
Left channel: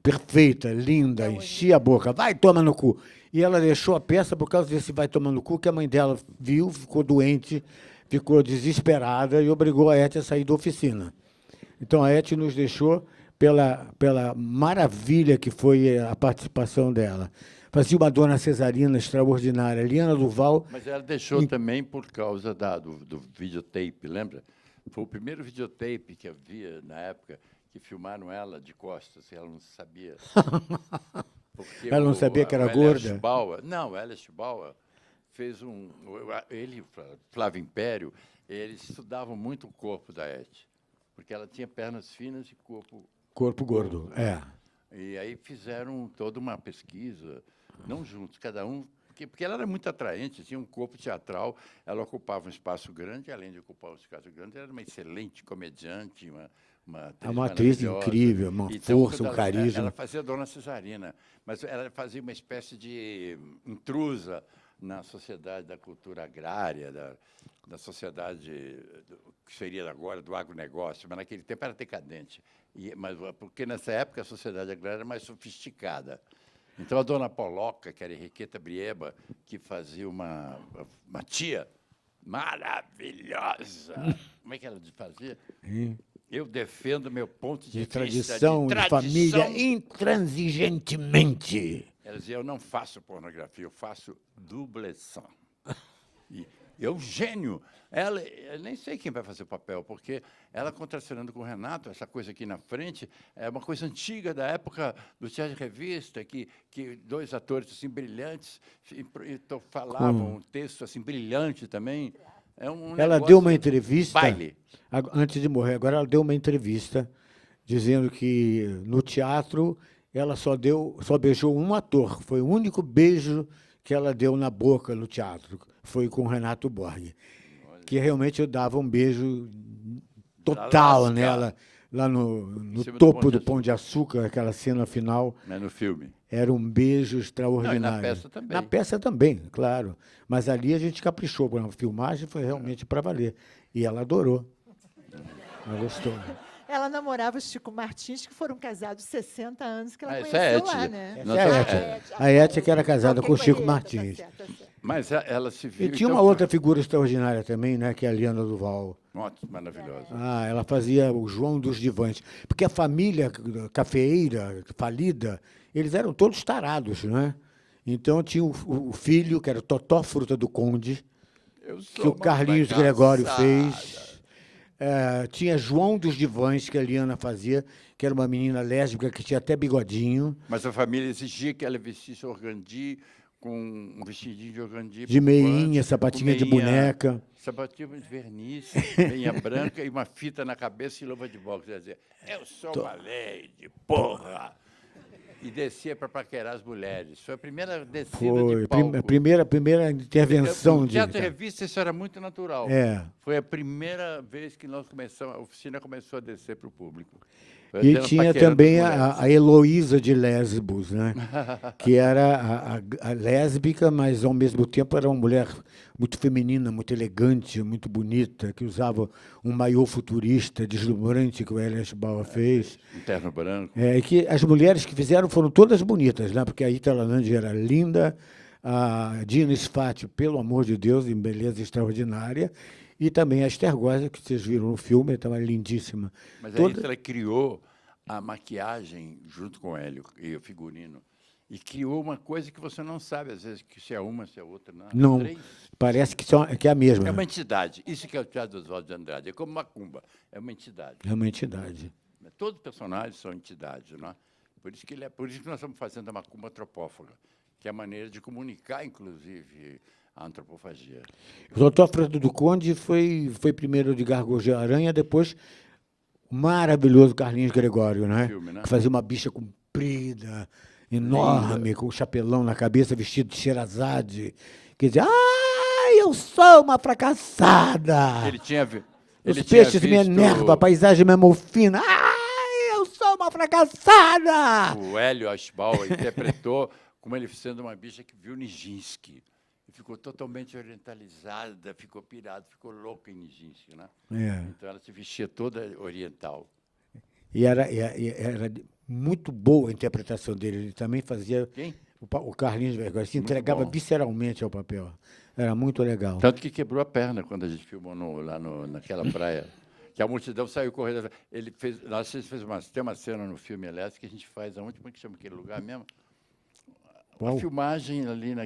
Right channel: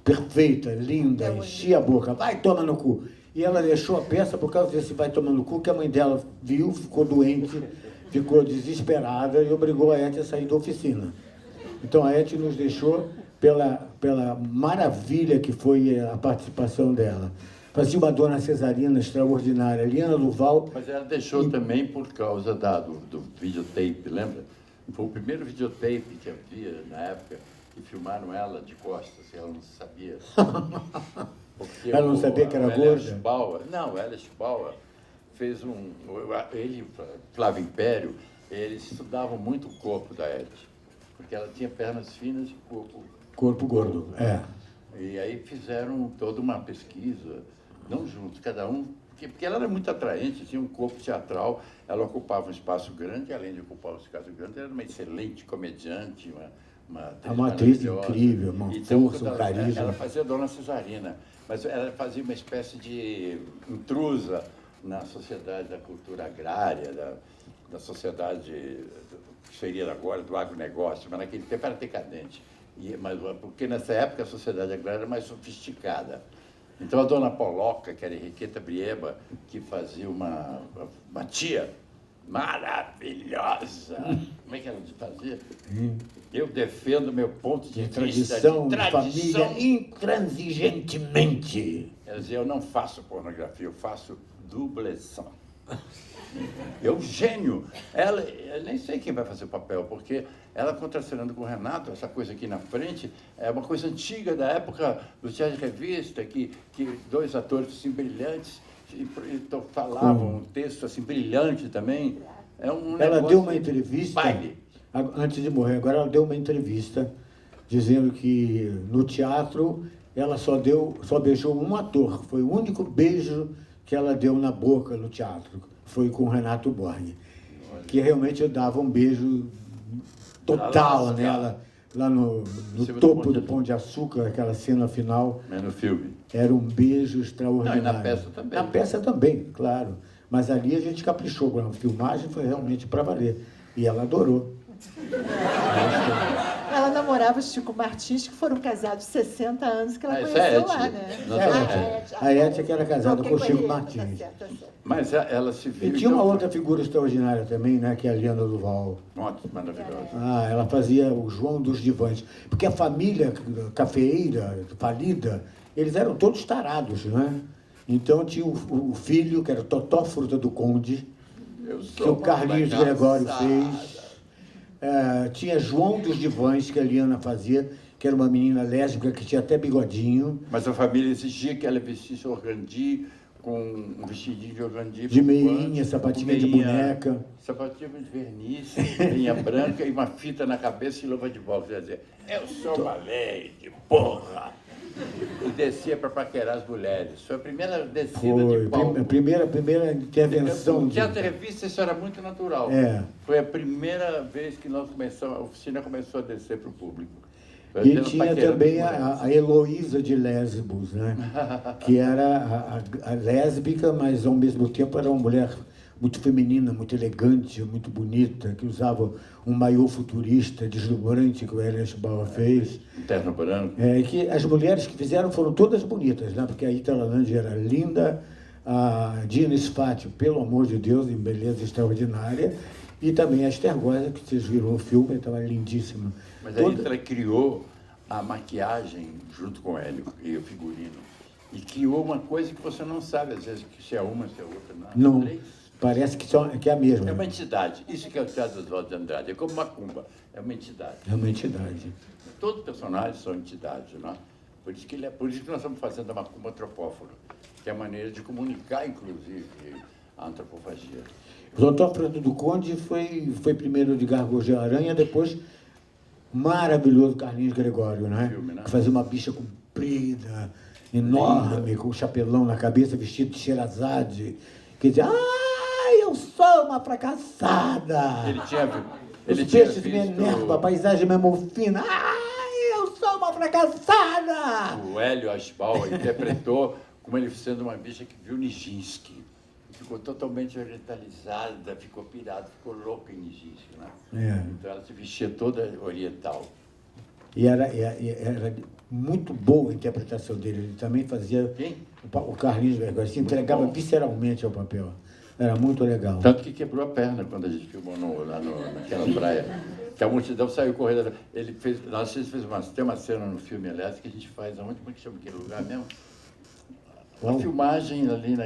perfeita, linda, enchia a boca, vai tomar no cu. E ela deixou a peça por causa desse vai tomar no cu, que a mãe dela viu, ficou doente, ficou desesperada e obrigou a Etty a sair da oficina. Então a Etty nos deixou pela maravilha que foi a participação dela. Fazia uma Dona Cesarina extraordinária, Liana Duval. Mas ela deixou também por causa do videotape, lembra? Foi o primeiro videotape que havia na época, que filmaram ela de costas, ela não sabia. Porque Ela não sabia que era o gorda? Não, o Elias Bauer fez ele e Flávio Império, eles estudavam muito o corpo da Etty, porque ela tinha pernas finas e Corpo gordo, E aí fizeram toda uma pesquisa, não juntos, cada um, porque ela era muito atraente, tinha um corpo teatral, ela ocupava um espaço grande, além de ocupar um espaço grande, ela era uma excelente comediante, uma atriz maravilhosa. incrível, uma força, um carisma. Ela fazia Dona Cesarina, mas ela fazia uma espécie de intrusa na sociedade da cultura agrária, da sociedade que seria agora do agronegócio, mas naquele tempo era decadente. Porque nessa época a sociedade agrária era mais sofisticada. Então a dona Poloca, que era Henriqueta Brieba, que fazia uma tia maravilhosa, uma é que ela fazia? Eu defendo meu ponto de vista Tradição de de família intransigentemente. Quer dizer, eu não faço pornografia, eu faço dubleção. Eugênio, eu nem sei quem vai fazer o papel, porque ela contracenando com o Renato, essa coisa aqui na frente, é uma coisa antiga da época do teatro de revista, que dois atores assim brilhantes falavam um texto assim brilhante também. Ela deu uma entrevista, baile. Antes de morrer, agora ela deu uma entrevista dizendo que no teatro ela só beijou um ator, foi o único beijo que ela deu na boca no teatro, foi com o Renato Borg, que realmente dava um beijo total nela, lá no topo do Pão de Açúcar, aquela cena final. No filme. Era um beijo extraordinário. Na peça também. Na peça também, claro. Mas ali a gente caprichou, a filmagem foi realmente para valer. E ela adorou. Ela namorava o Chico Martins, que foram casados 60 anos, que ela Mas conheceu é, lá, né? A Eti que era casada Alguém com o Chico conhece, Martins. tá certo. Mas ela se viu. E tinha uma outra figura extraordinária também, né, que é a Liana Duval. Maravilhosa. Ela fazia o João dos Divãs. Porque a família cafeeira, falida, eles eram todos tarados, né? Então tinha o filho, que era Totó Fruta do Conde, que o Carlinhos Gregório fez. Tinha João dos Divãs, que a Liana fazia, que era uma menina lésbica que tinha até bigodinho. Mas a família exigia que ela vestisse organdi, com um vestidinho de organdi. De meinha, sapatinha de boneca. Sapatinho de verniz, meinha branca e uma fita na cabeça e luva de boxe. Quer dizer, eu sou uma lady, porra! E descia para paquerar as mulheres. Foi a primeira descida de palco. Primeira intervenção. No teatro de revista isso era muito natural. Foi a primeira vez que a oficina começou a descer para o público. E tinha também a Heloísa de Lesbos, né? Que era a lésbica, mas ao mesmo tempo era uma mulher muito feminina, muito elegante, muito bonita, que usava um maiô futurista, deslumbrante, que o Elias Bauer fez. Terno branco. E que as mulheres que fizeram foram todas bonitas, né? Porque a Ita Lalande era linda, a Dina Sfati, pelo amor de Deus, em beleza extraordinária, e também a Esther Goza, que vocês viram o filme, estava lindíssima. Mas a Ita criou a maquiagem junto com ele e o figurino. E criou uma coisa que você não sabe, às vezes, que se é uma, se é outra. Não, parece que é a mesma. É uma entidade. Isso que é o Teatro Oswaldo de Andrade. É como Macumba. É uma entidade. É uma entidade. Todos os personagens são entidades, não é? Por isso que nós estamos fazendo a Macumba antropófaga, que é a maneira de comunicar, inclusive, a antropofagia. O Doutor Fruta do Conde foi primeiro de Gargojé Aranha, depois o maravilhoso Carlinhos Gregório, né? Filme, né? Que fazia uma bicha comprida, enorme, com um chapelão na cabeça, vestido de Sherazade, que dizia, eu sou uma fracassada. Os peixes me enervam, a paisagem me amofina. Eu sou uma fracassada. O Hélio Aschbauer interpretou como ele sendo uma bicha que viu Nijinsky. Ficou totalmente orientalizada, ficou pirada, ficou louca em Nijinsky, né? Então ela se vestia toda oriental. E era muito boa a interpretação dele. Ele também fazia... Quem? O Carlinhos Gregório se entregava visceralmente ao papel. Era muito legal. Tanto que quebrou a perna quando a gente filmou lá naquela praia. Que a multidão saiu correndo. Tem uma cena no filme, aliás, que a gente faz, como é que chama aquele lugar mesmo? Uma filmagem ali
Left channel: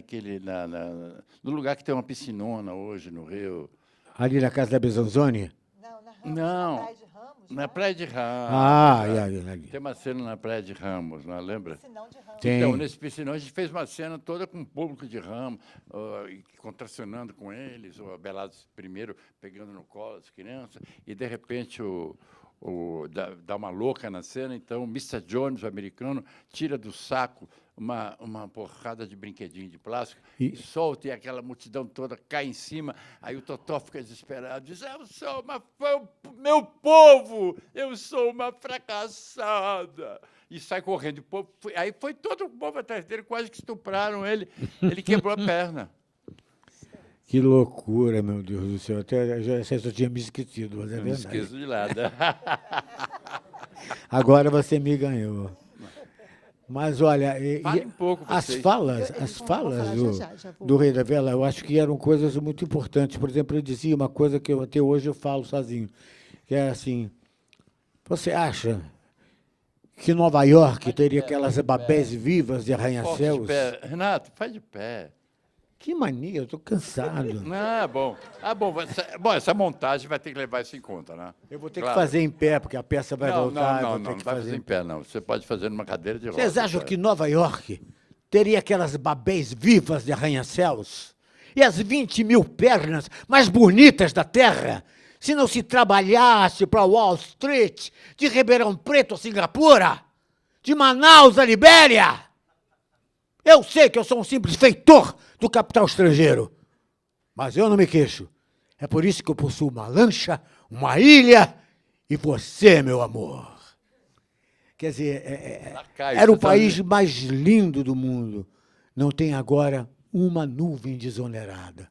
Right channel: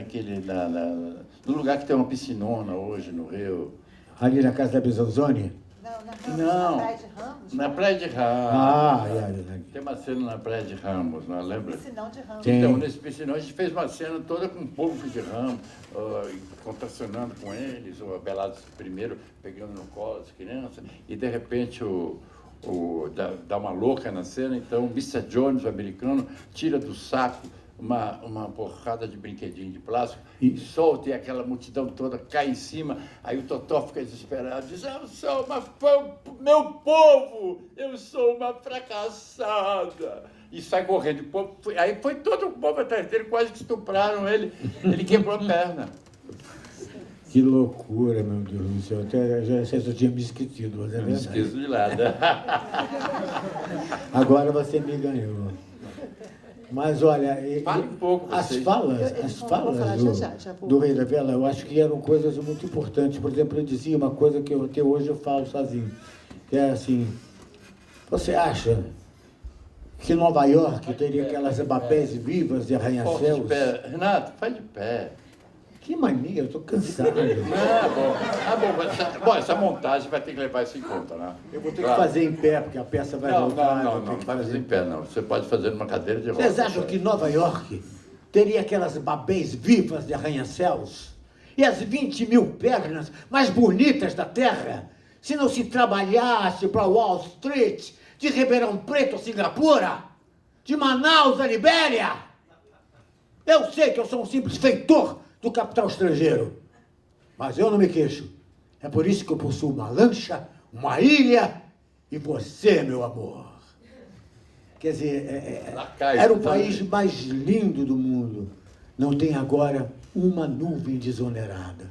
no lugar que tem uma piscinona hoje, no Rio. Ali na casa da Besanzoni? Não, na Praia de Ramos. Tem uma cena na Praia de Ramos, não lembra? Piscinão de Ramos. Então, nesse piscinão, a gente fez uma cena toda com o povo de Ramos, contracionando com eles, o Abelardo primeiro pegando no colo as crianças, e de repente dá uma louca na cena, então o Mr. Jones, o americano, tira do saco uma porrada de brinquedinho de plástico e solta, e aquela multidão toda cai em cima. Aí o Totó fica desesperado, diz, meu povo, eu sou uma fracassada. E sai correndo. Aí foi todo o povo atrás dele, quase que estupraram ele. Ele quebrou a perna. Que loucura, meu Deus do céu. Até já tinha me esquecido. Mas não me esqueço de nada. Agora você me ganhou. Mas, olha, Fale um pouco, as vocês. falas Vou falar, já vou. do Rei da Vela, eu acho que eram coisas muito importantes. Por exemplo, ele dizia uma coisa que até hoje eu falo sozinho, que era assim, você acha que Nova York teria aquelas babés vivas de Pô, de arranha-céus? pé. Renato, faz de pé. Que mania, eu tô cansado. Bom, essa montagem vai ter que levar isso em conta, né? Eu vou ter que Claro. fazer em pé, porque a peça vai voltar. eu vou ter Não que vai fazer em pé, não. Você pode fazer numa cadeira de rodas. Vocês acham que Nova York teria aquelas babês vivas de arranha-céus? E as 20 mil pernas mais bonitas da Terra? Se não se trabalhasse para Wall Street, de Ribeirão Preto a Singapura, de Manaus a Libéria? Eu sei que eu sou um simples feitor do capital estrangeiro, mas eu não me queixo. É por isso que eu possuo uma lancha, uma ilha e você, meu amor. Quer dizer, era o país mais lindo do mundo. Não tem agora uma nuvem desonerada.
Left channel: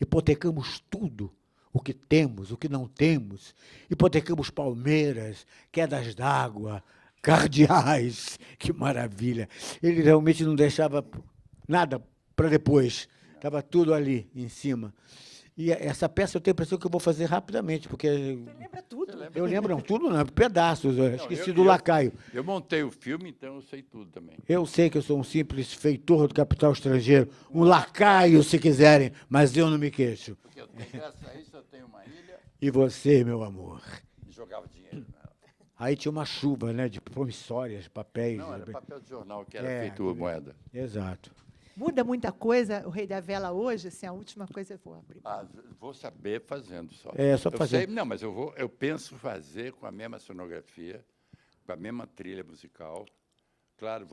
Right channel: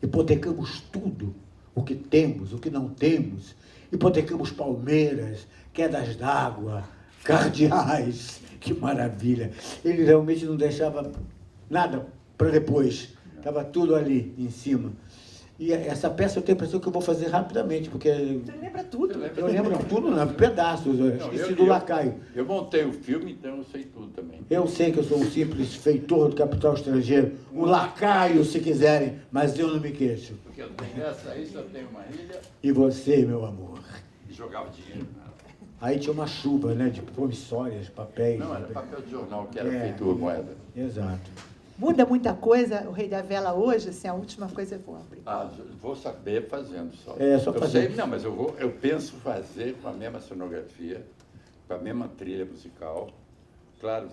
Hipotecamos tudo, o que temos, o que não temos. Hipotecamos palmeiras, quedas d'água, cardeais. Que maravilha. Ele realmente não deixava nada para depois. Estava tudo ali em cima. E essa peça eu tenho a impressão que eu vou fazer rapidamente, porque Você lembra tudo. eu lembro tudo, não, pedaços. Eu esqueci do lacaio. Eu montei o filme, então eu sei tudo também. Eu sei que eu sou um simples feitor do capital estrangeiro, um lacaio, se quiserem, mas eu não me queixo. Porque nessa aí só tem uma ilha E você, meu amor? e jogava dinheiro nela. Aí tinha uma chuva, né, de promissórias, papéis. Não, era papel de jornal que era É. feito moeda. Exato. Muda muita coisa, o Rei da Vela hoje, assim, a última coisa eu vou abrir. Vou saber fazendo só. É, só eu fazer. Sei, não, mas eu penso fazer com a mesma cenografia, com a mesma trilha musical. Claro,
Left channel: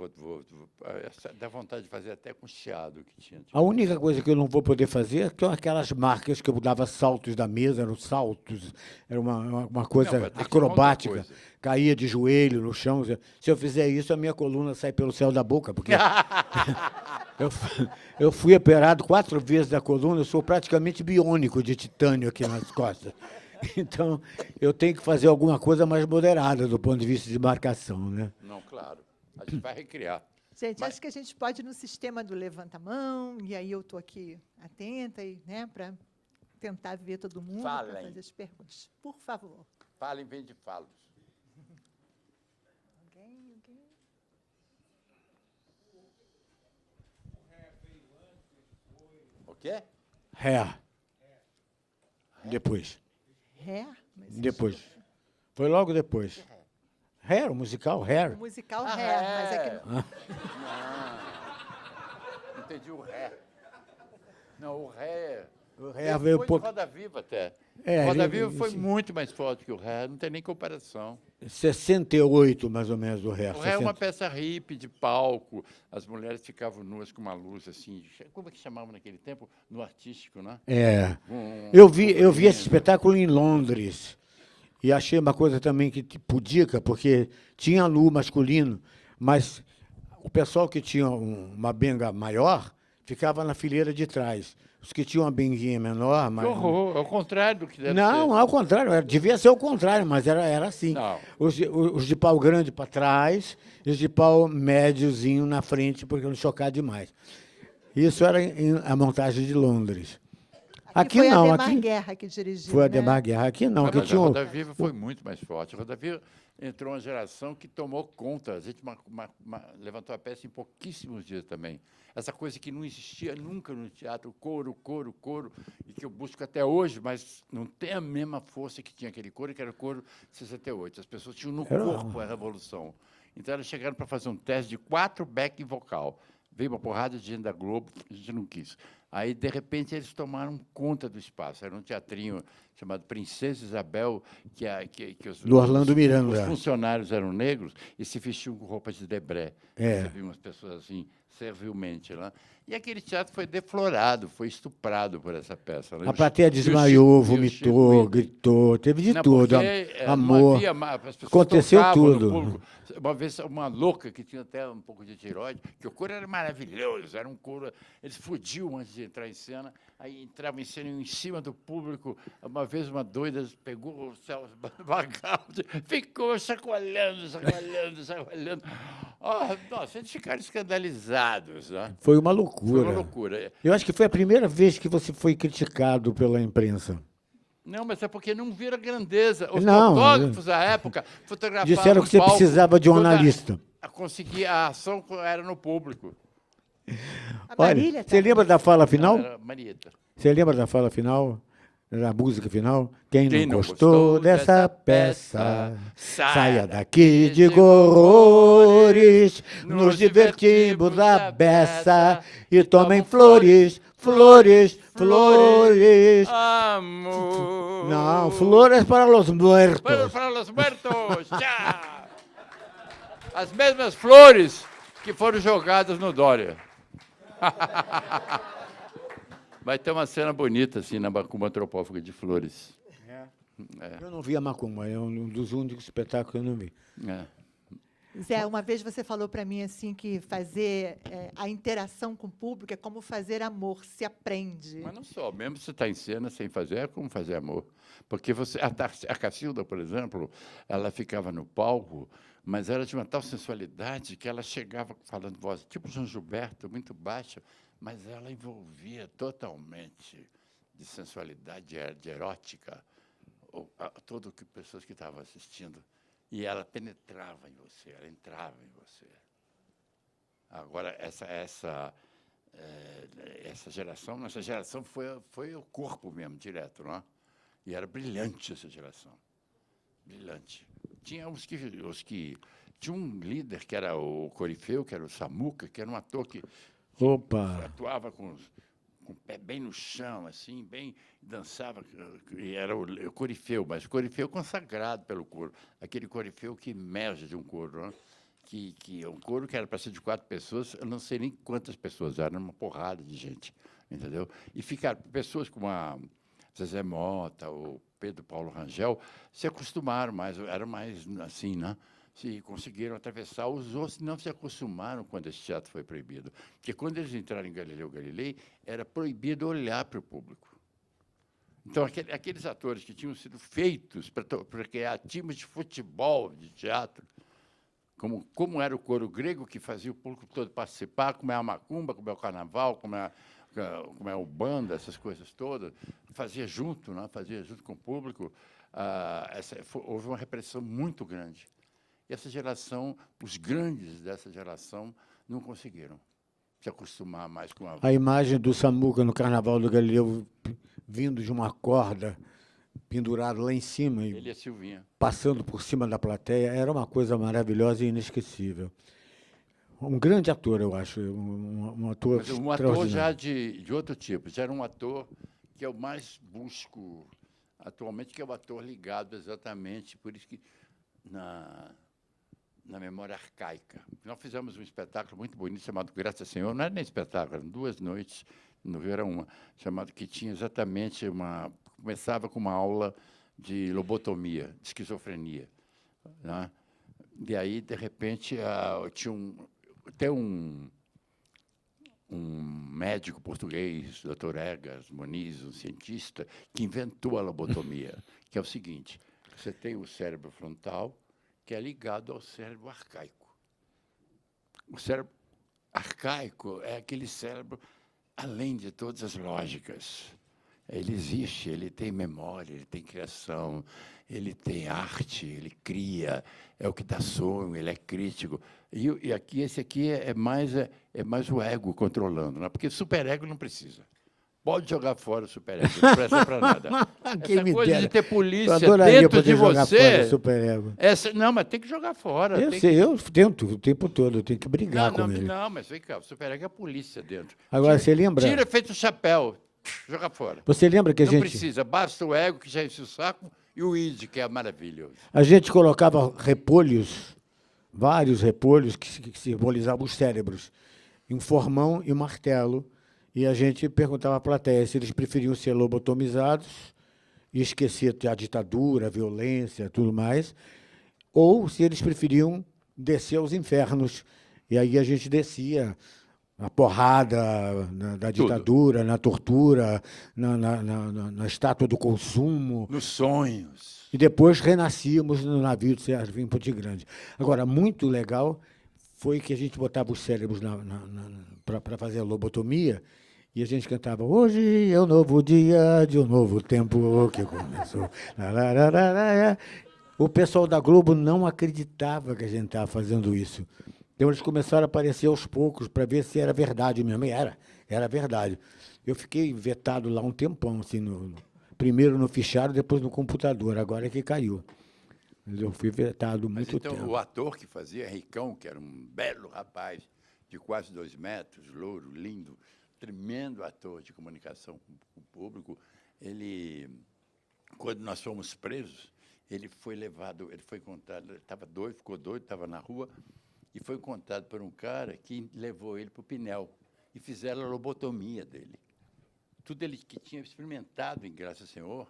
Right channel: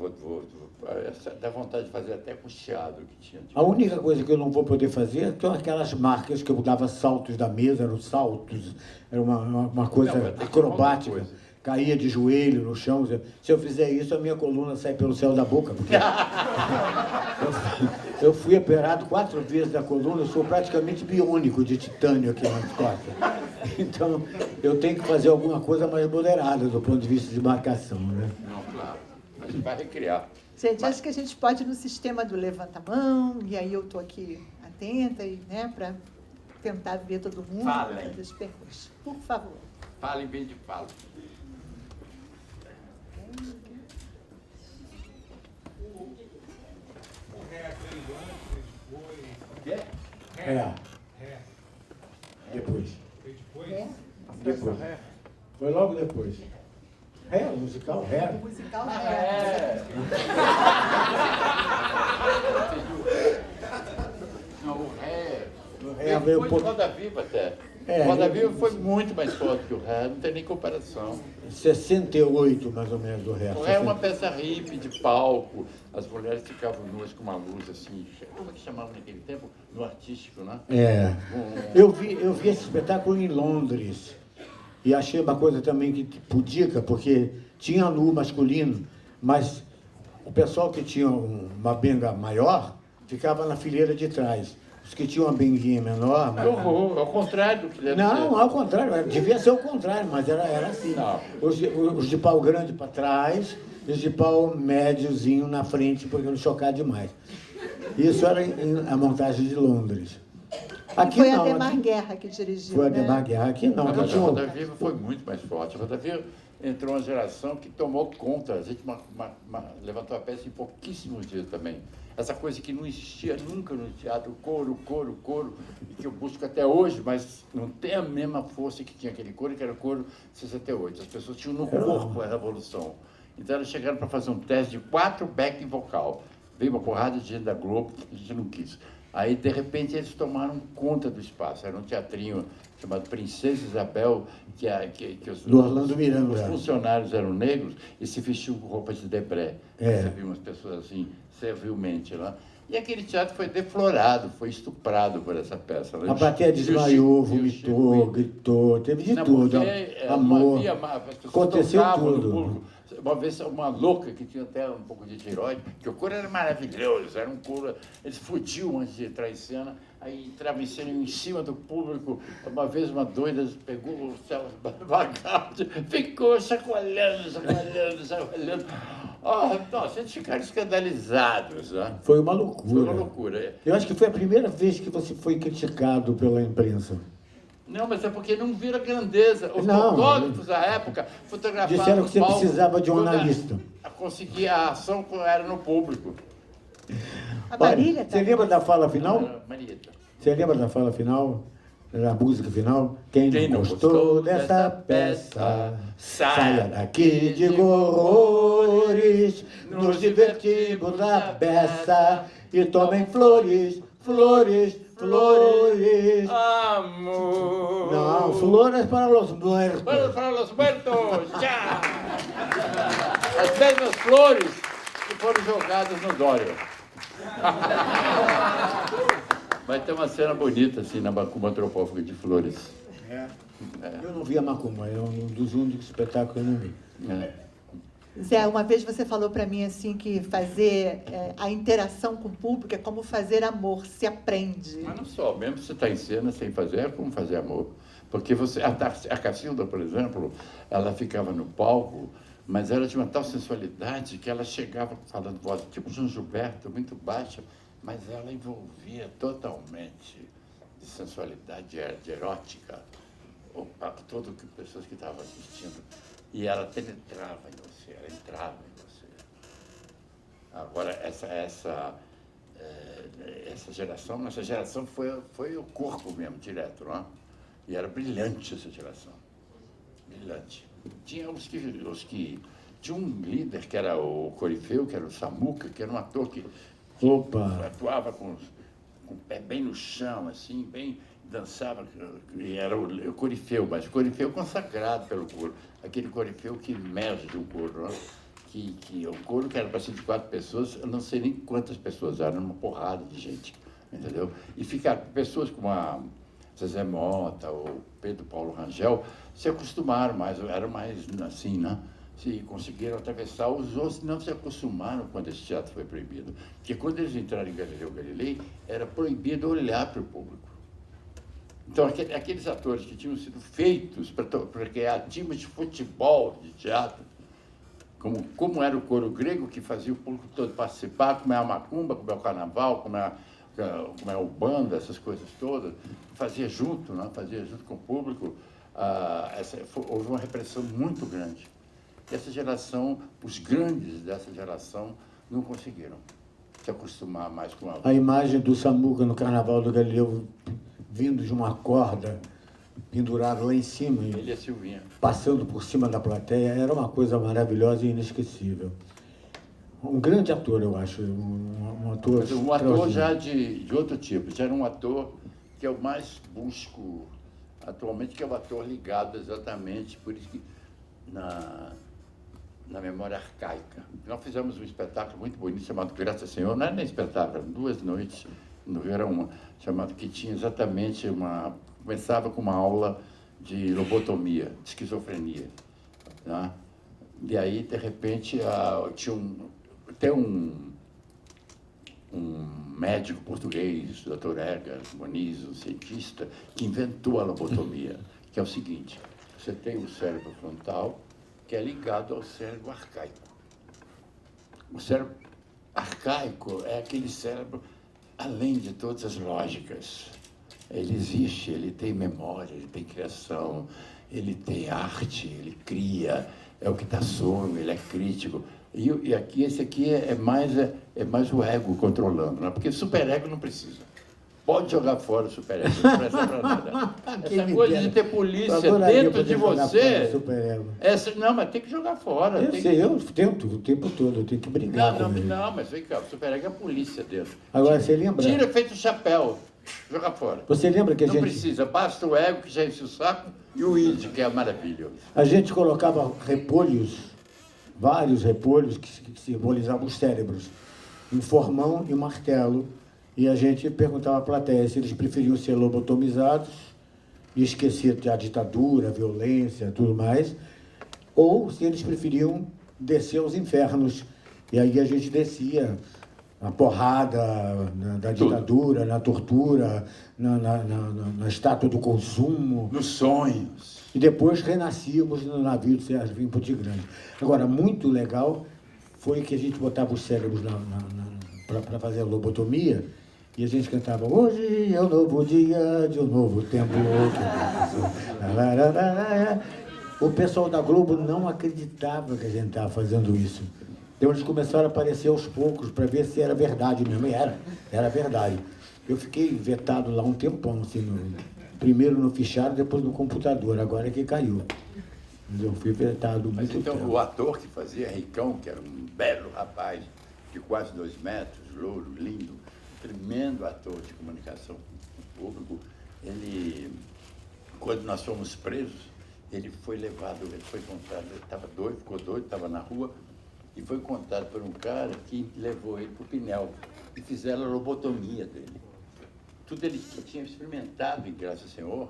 dá vontade de fazer até com o chiado que tinha. A única coisa que eu não vou poder fazer são aquelas marcas que eu dava saltos da mesa, eram saltos, era uma coisa Não, vai ter que acrobática. ter outra coisa. Caía de joelho no chão. Se eu fizer isso, a minha coluna sai pelo céu da boca. Porque eu fui operado 4 vezes da coluna, eu sou praticamente biônico de titânio aqui nas costas. Então, eu tenho que fazer alguma coisa mais moderada do ponto de vista de marcação, né? Não, claro. A gente vai recriar. Gente, acho que a gente pode ir no sistema do levanta-mão, e aí eu estou aqui atenta, e, né, para tentar ver todo mundo, Fala, para hein? fazer os percursos. Por favor. Fala em vez de fala. O quê? Ré. Depois. É? Depois. Foi logo depois. Ré, o musical, Ré. O musical é. Não, o ré. Ré veio Foi por Roda Viva até. É, Roda ele- Viva foi muito mais forte que o ré, não tem nem comparação. 68, mais ou menos, o Ré. O ré é uma peça hippie de palco, as mulheres ficavam nuas com uma luz assim, como é que chamavam naquele tempo? No artístico, né? É. Eu vi esse espetáculo em Londres e achei uma coisa também que pudica, porque tinha nu masculino, mas o pessoal que tinha uma benga maior ficava na fileira de trás. Os que tinham uma benguinha menor... Que horror, ao contrário do que deve Não, ser. ao contrário, devia ser o contrário, mas era assim. Não. Os de pau grande para trás, e os de pau médiozinho na frente, porque não chocar demais. Isso era a montagem de Londres. Aqui Foi não, a Demar aqui Guerra que dirigiu. foi a né? Demar Guerra. Aqui não, aqui Mas tinha a um... Roda Viva foi muito mais forte. A Roda Viva entrou uma geração que tomou conta. A gente levantou a peça em pouquíssimos dias também. Essa coisa que não existia nunca no teatro, coro, e que eu busco até hoje, mas não tem a mesma força que tinha aquele coro, que era o coro de 68. As pessoas tinham no corpo a revolução. Então elas chegaram para fazer um teste de 4 back vocal. Veio uma porrada de gente da Globo, a gente não quis. Aí, de repente, eles tomaram conta do espaço. Era um teatrinho chamado Princesa Isabel, que Do Orlando Miranda. os funcionários eram negros e se vestiam com roupas de debré. É. Você viu umas pessoas assim, servilmente lá. E aquele teatro foi deflorado, foi estuprado por essa peça. Né? A plateia desmaiou, vomitou, gritou, teve de Não, tudo. porque, não Amor. havia as pessoas Aconteceu tocavam no tudo. público. Uma vez uma louca que tinha até um pouco de tireoide, que o coro era maravilhoso, era um coro, eles fugiam antes de entrar em cena, aí entrava em cena em cima do público. Uma vez uma doida pegou o céu vagal, ficou chacoalhando. Vocês ficaram escandalizados, né? Foi uma Foi loucura. uma loucura. Eu acho que foi a primeira vez que você foi criticado pela imprensa. Não, mas é porque não vira grandeza. Os Não, fotógrafos da época fotografavam disseram que você no palco precisava de quando jornalista. conseguia a ação quando era no público. A Marília, Olha, você lembra da fala final? Era Marieta. Você lembra da fala final? Da música final? Quem Quem não não gostou gostou dessa dessa peça, peça, saia daqui de horrores, nos divertimos a beça e tomem flores, flores, flores. Amor. Não, flores para os muertos. Bueno, para los muertos, já! As mesmas flores que foram jogadas no Dória. Vai ter uma cena bonita assim na Macumba Antropófaga de flores. Eu não vi a Macumba, é um dos únicos espetáculos que eu não vi. É. Zé, uma vez você falou para mim assim que fazer a interação com o público é como fazer amor, se aprende. Mas não só, mesmo se você está em cena sem fazer, é como fazer amor. Porque você, a Cacilda, por exemplo, ela ficava no palco, mas ela tinha uma tal sensualidade que ela chegava falando voz, tipo João Gilberto, muito baixa, mas ela envolvia totalmente de sensualidade, de erótica, todo que pessoas que estavam assistindo. E ela penetrava em você, ela entrava em você. Agora, essa geração, nossa geração foi o corpo mesmo, direto, não é? E era brilhante essa geração. Brilhante. Tinha os que tinha um líder que era o Corifeu, que era o Samuca, que era um ator que atuava com o pé bem no chão, assim, bem dançava, e era o Corifeu, mas o Corifeu consagrado pelo coro. Aquele Corifeu que emerge do coro, não é? Que o coro que era para ser de 4 pessoas, eu não sei nem quantas pessoas eram, uma porrada de gente, entendeu? E ficaram pessoas como a Zezé Mota ou Pedro Paulo Rangel se acostumaram mais, eram mais assim, né? Se conseguiram atravessar, os outros não se acostumaram quando esse teatro foi proibido. Porque quando eles entraram em Galileu Galilei, era proibido olhar para o público. Então, aqueles atores que tinham sido feitos para criar times de futebol, de teatro, como era o coro grego, que fazia o público todo participar, como é a macumba, como é o carnaval, como é o banda, essas coisas todas, fazia junto, né? Fazia junto com o público. Houve uma repressão muito grande. Essa geração, os grandes dessa geração, não conseguiram se acostumar mais com A imagem do Samuca no Carnaval do Galileu, vindo de uma corda, pendurado lá em cima, ele e a Silvinha. passando por cima da plateia, era uma coisa maravilhosa e inesquecível. Um grande ator, eu acho. Um ator Um ator já de outro tipo, já era um ator que eu mais busco atualmente, que é o ator ligado exatamente, por isso que na memória arcaica. Nós fizemos um espetáculo muito bonito chamado Graças ao Senhor, não era nem espetáculo, eram 2 noites no Rio, era uma, chamado que tinha exatamente começava com uma aula de lobotomia, de esquizofrenia, né? E aí, de repente, tinha até um médico português, o Dr. Egas Moniz, um cientista, que inventou a lobotomia, que é o seguinte: você tem o cérebro frontal, que é ligado ao cérebro arcaico. O cérebro arcaico é aquele cérebro além de todas as lógicas. Ele existe, ele tem memória, ele tem criação, ele tem arte, ele cria, é o que dá sonho, ele é crítico. E esse aqui é mais o ego controlando, né? Porque superego não precisa. Pode jogar fora o superego, não presta para nada. Essa coisa de ter polícia dentro de você... Não, mas tem que jogar fora. Eu tento o tempo todo, eu tenho que brigar com ele. Não, mas vem cá, o superego é a polícia dentro. Agora, você lembra? Tira feito o chapéu, joga fora. Você lembra que Não precisa, basta o ego, que já enche o saco, e o id, que é a maravilha. A gente colocava repolhos, vários repolhos que simbolizavam os cérebros, um formão e um martelo. E a gente perguntava à plateia se eles preferiam ser lobotomizados e esquecer a ditadura, a violência, tudo mais, ou se eles preferiam descer aos infernos. E aí a gente descia a porrada da ditadura, na tortura, na estátua do consumo. Nos sonhos. E depois renascíamos no navio de Serginho Putiggrande. Agora, muito legal foi que a gente botava os cérebros para fazer a lobotomia, e a gente cantava, hoje é um novo dia de um novo tempo. O pessoal da Globo não acreditava que a gente estava fazendo isso. Então eles começaram a aparecer aos poucos para ver se era verdade mesmo. E era verdade. Eu fiquei vetado lá um tempão, assim, primeiro no fichário, depois no computador, agora é que caiu. Mas eu fui vetado Mas muito então, tempo. o ator que fazia Ricão, que era um belo rapaz, de quase 2 metros, louro, lindo, tremendo ator de comunicação com o público, ele, quando nós fomos presos, ele foi levado, ele foi encontrado, ele estava doido, ficou doido, estava na rua, e foi encontrado por um cara que levou ele para o Pinel, e fizeram a lobotomia dele. Tudo ele tinha experimentado, em graças ao Senhor,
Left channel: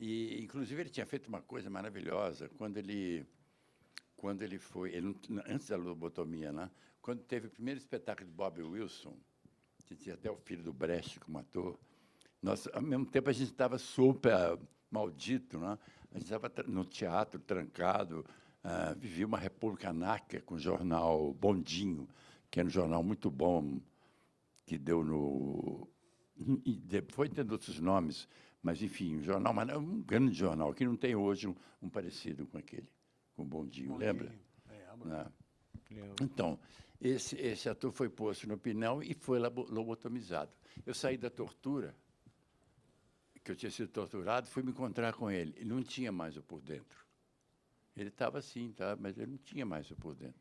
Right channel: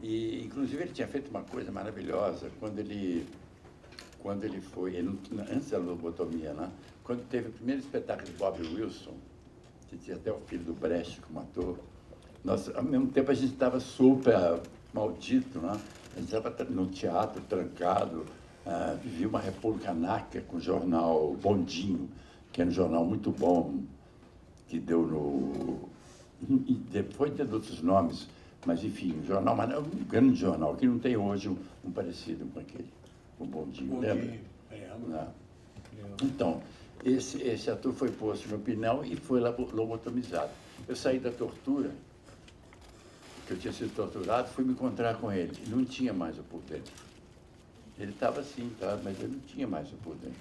e inclusive ele tinha feito uma coisa maravilhosa, quando ele foi, antes da lobotomia, né? Quando teve o primeiro espetáculo de Bob Wilson, que tinha até o filho do Brecht como ator, nós, ao mesmo tempo a gente estava super maldito, né? A gente estava no teatro, trancado, vivia uma república anárquica com o jornal Bondinho, que era um jornal muito bom, que deu no... E depois de outros nomes, mas enfim, um jornal, mas é um grande jornal, que não tem hoje um parecido com aquele, o Bondinho, lembra? Não. Então, esse ator foi posto no Pinel e foi lobotomizado. Eu saí da tortura, que eu tinha sido torturado, fui me encontrar com ele. E não tinha mais o por dentro. Ele estava assim, tá? Mas ele não tinha mais o por dentro.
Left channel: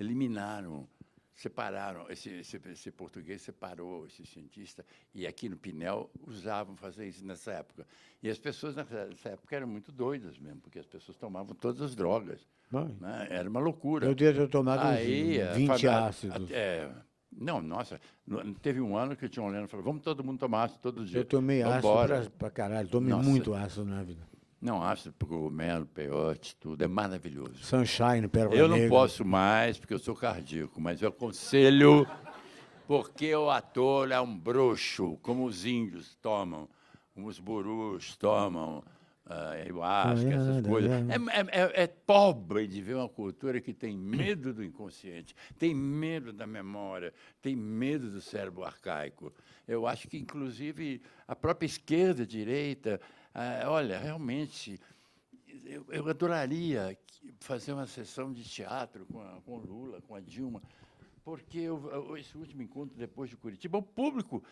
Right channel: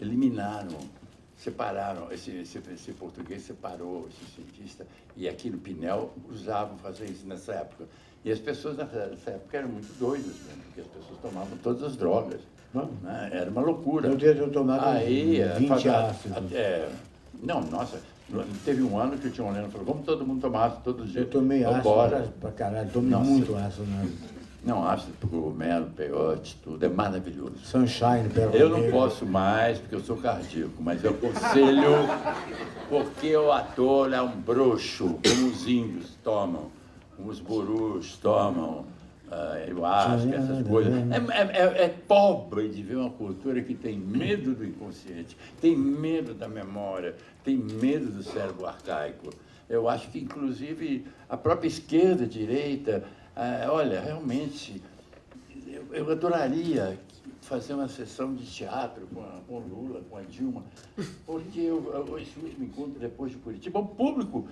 Eliminaram, separaram, esse português separou esse cientista, e aqui no Pinel usavam fazer isso nessa época. E as pessoas nessa época eram muito doidas mesmo, porque as pessoas tomavam todas as drogas. Né? Era uma loucura. Eu devia ter tomado aí, 20 ácidos. Não, nossa, teve um ano que o John Lennon falou, vamos todo mundo tomar ácido todo dia. Eu tomei ácido pra caralho, tomei Nossa. muito ácido, né? Não, ácido cogumelo, peiote, tudo, é maravilhoso. Sunshine, Perro Eu não Negro. posso mais, porque eu sou cardíaco, mas eu aconselho, porque o ator é um bruxo, como os índios tomam, como os gurus tomam, eu acho que essas coisas. É pobre de ver uma cultura que tem medo do inconsciente, tem medo da memória, tem medo do cérebro arcaico. Eu acho que, inclusive, a própria esquerda, direita, olha, realmente, eu adoraria fazer uma sessão de teatro com o Lula, com a Dilma, porque esse último encontro depois de Curitiba, o público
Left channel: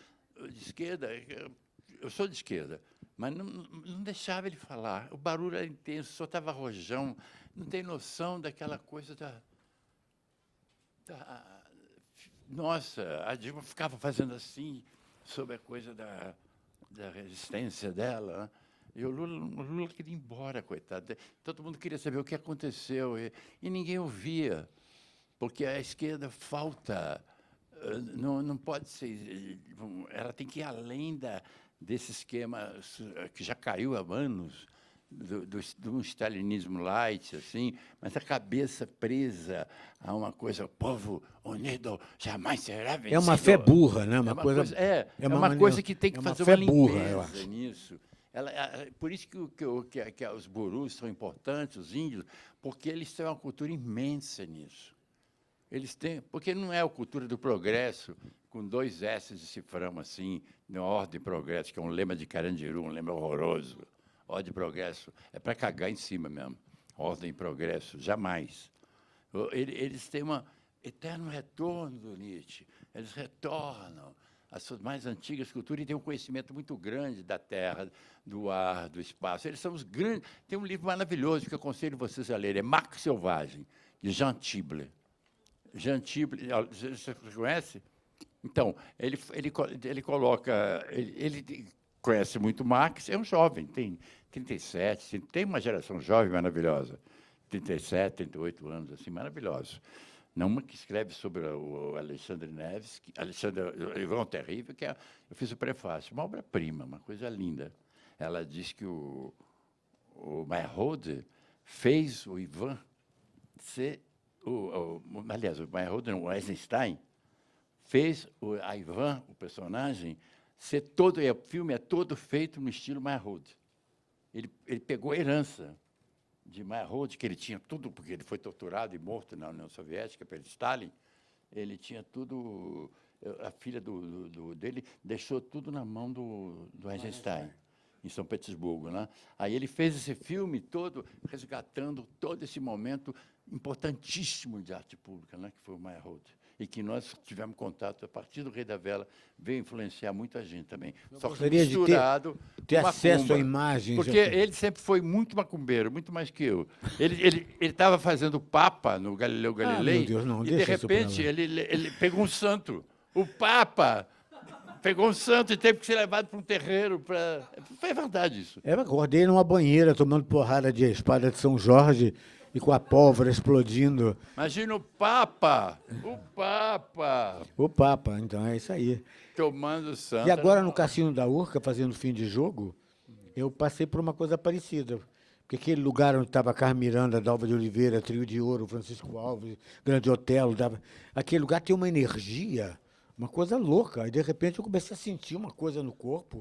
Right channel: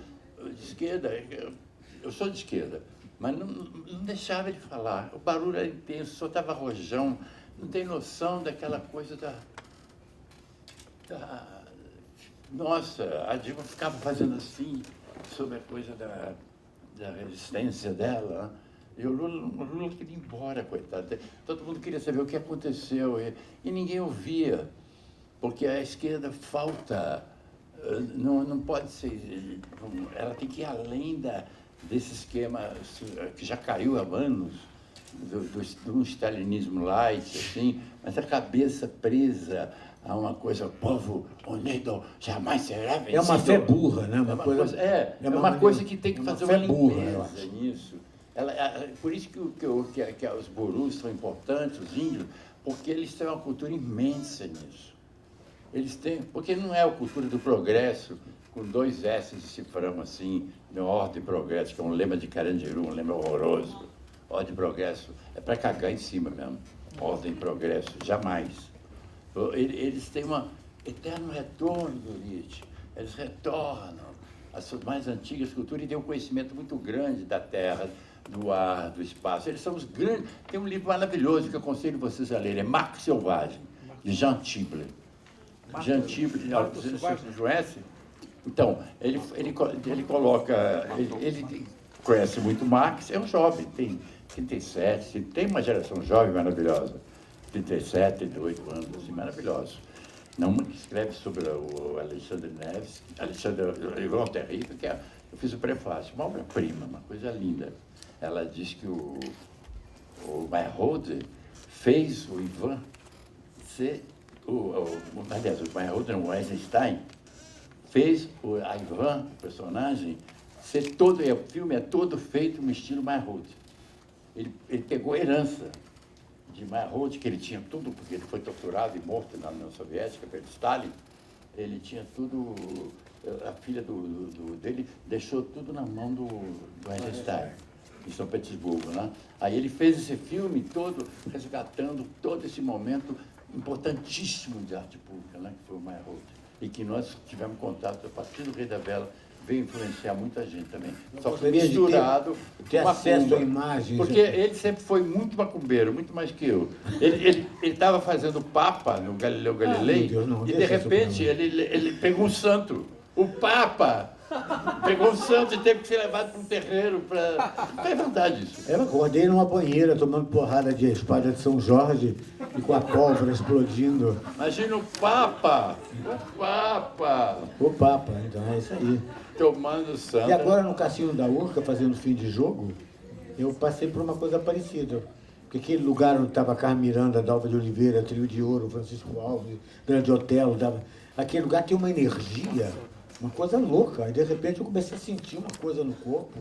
de esquerda, eu sou de esquerda, mas não deixava ele falar. O barulho era intenso, soltava rojão, não tem noção daquela coisa Nossa, a Dilma ficava fazendo assim, sobre a coisa da resistência dela. E o Lula queria ir embora, coitado. Todo mundo queria saber o que aconteceu. E ninguém ouvia, porque a esquerda falta. Não pode ser. Ela tem que ir além desse esquema que já caiu há anos, do stalinismo light, assim, mas a cabeça presa a uma coisa, o povo unido jamais será vencido. É uma fé burra, né? É uma coisa que tem que fazer uma limpeza burra, nisso. Por isso que os gurus são importantes, os índios, porque eles têm uma cultura imensa nisso. Eles têm, porque não é a cultura do progresso, com 2 S de cifrão assim, de ordem e progresso, que é um lema de Carandiru, um lema horroroso. Ordem e progresso é para cagar em cima mesmo. Ordem e progresso, jamais. Eles têm um eterno retorno do Nietzsche. Eles retornam às suas mais antigas culturas e têm um conhecimento muito grande da terra, do ar, do espaço. Eles são os grandes... Tem um livro maravilhoso que eu aconselho vocês a lerem, é Marco Selvagem, de Jean Tible. Jean Tible, você conhece? Então, ele coloca... Ele conhece muito Marx, é um jovem, tem 37, tem uma geração jovem maravilhosa. 37, 38 anos, assim, maravilhosos. Não que escreve sobre o Alexandre Neves, Alexandre Ivan Terrível, que eu fiz o prefácio, uma obra-prima, uma coisa linda. Ela diz que o Meyerhold fez o Ivan ser, aliás, o Meyerhold não, o Eisenstein, fez a Ivan, o personagem, ser todo, o filme é todo feito no estilo Meyerhold. Ele pegou a herança de Meyerhold, que ele tinha tudo, porque ele foi torturado e morto na União Soviética pelo Stalin, ele tinha tudo, a filha dele deixou tudo na mão do Eisenstein, em São Petersburgo, né? Aí ele fez esse filme todo, resgatando todo esse momento importantíssimo de arte pública, né? Que foi o Meyerhold. E que nós tivemos contato a partir do Rei da Vela, veio influenciar muita gente também. Só que misturado, ter acesso a imagens. porque ele sempre foi muito macumbeiro, muito mais que eu. Ele estava fazendo Papa no Galileu Galilei, meu Deus, não, e de deixa isso repente pra mim. ele pegou um santo. O Papa pegou um santo e teve que ser levado para um terreiro para. É verdade isso. Eu acordei numa banheira tomando porrada de espada de São Jorge e com a pólvora explodindo. Imagina o Papa! O Papa, então é isso aí. Tomando santo. E agora no Cassino da Urca, fazendo fim de jogo, eu passei por uma coisa parecida. Porque aquele lugar onde estava Carmen Miranda, Dalva de Oliveira, Trio de Ouro, Francisco Alves, Grande Otelo, aquele lugar tem uma energia, uma coisa louca. Aí de repente eu comecei a sentir uma coisa no corpo.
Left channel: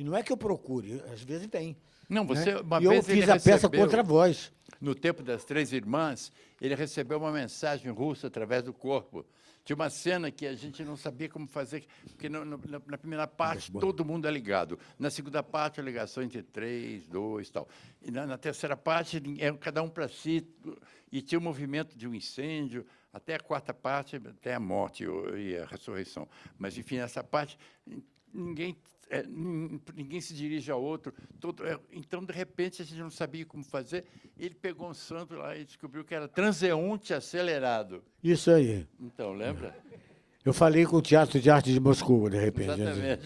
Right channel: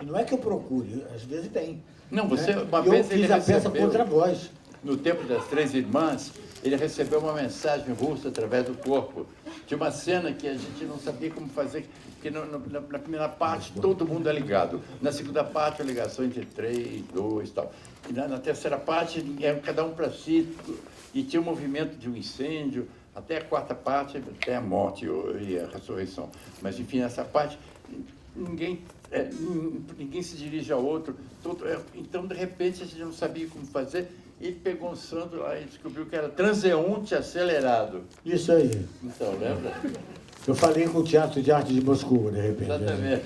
E não é que eu procure, às vezes tem. Não, você, né? uma E eu vez ele fiz a peça recebeu- contra a voz. No tempo das Três Irmãs, ele recebeu uma mensagem russa através do corpo. Tinha uma cena que a gente não sabia como fazer, porque na primeira parte todo mundo é ligado. Na segunda parte, a ligação entre 3, 2 e tal. E na terceira parte, cada um para si, e tinha o movimento de um incêndio, até a quarta parte, até a morte e a ressurreição. Mas, enfim, nessa parte, ninguém se dirige ao outro. Então, de repente, a gente não sabia como fazer. Ele pegou um santo lá e descobriu que era transeunte acelerado. Isso aí. Então, lembra? Eu falei com o Teatro de Arte de Moscou, de repente. Exatamente.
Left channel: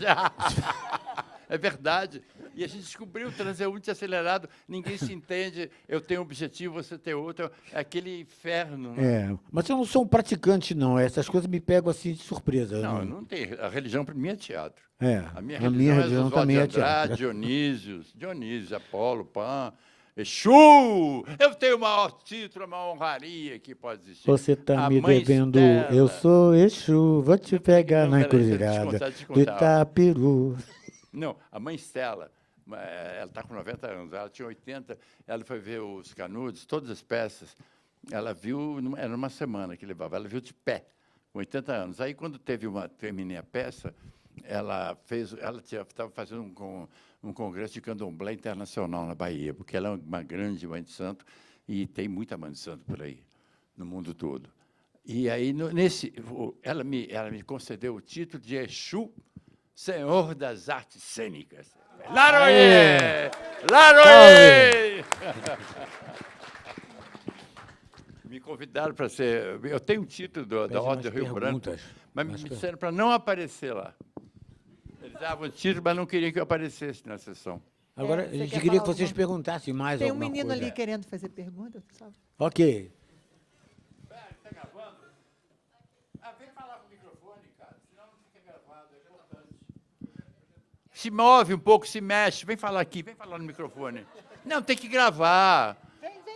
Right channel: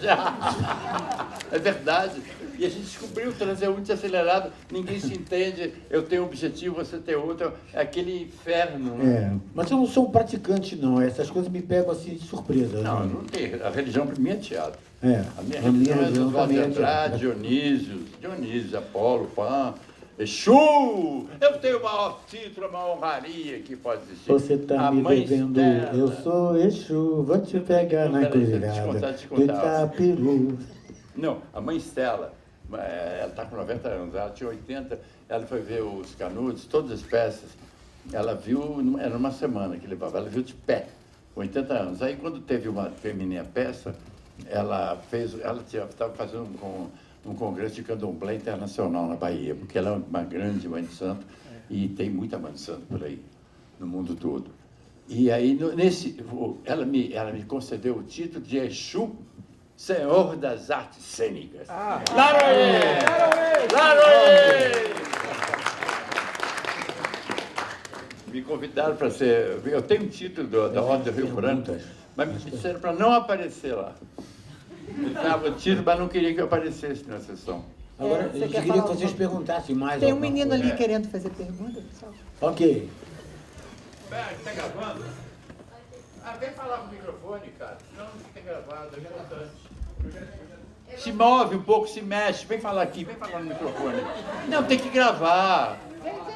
É verdade. E a gente descobriu o transeunte acelerado. Ninguém se entende. Eu tenho um objetivo, você tem outro. É aquele inferno. Né? É, mas eu não sou um praticante, não. Essas coisas me pegam assim de surpresa. Não, né? não tem. A religião para mim é teatro. É, A minha a minha religião é religião Oswaldo de também é Andrade, teatro. Dionísio, Apolo, Pan, Exu! Eu tenho o maior título, a maior honraria que pode existir. Você está A me mãe devendo, externa. eu sou Exu, vou te pegar na Peraí, encruzilhada deixa eu do contar. Itapiru. Não, a mãe Estela, ela está com 90 anos, ela tinha 80, ela foi ver os Canudos, todas as peças, ela viu, era numa semana que levava, ela viu de pé, com 80 anos. Aí quando terminei a peça, ela estava fazendo um congresso de candomblé internacional na Bahia, porque ela é uma grande mãe de santo, e tem muita mãe de santo por aí, no mundo todo. E aí, ela me concedeu o título de Exu, Senhor das Artes Cênicas. Laroê! Laroê! Me convidaram para ser... Eu tenho um título da Ordem do Rio Branco, mas me disseram para não aparecer lá. Eu dava o título, mas não queria que eu aparecesse na sessão. Agora, Você eu quer queria falar que vocês alguma- perguntassem mais Tem um alguma menino coisa. ali querendo fazer pergunta, pessoal. Ok. Está gravando? Vem falar com o microfone, cara. Senão não fica gravado, é importante. Se move um pouco, se mexe. Vem falar aqui, vem falar no microfone. Não, tem que gravar.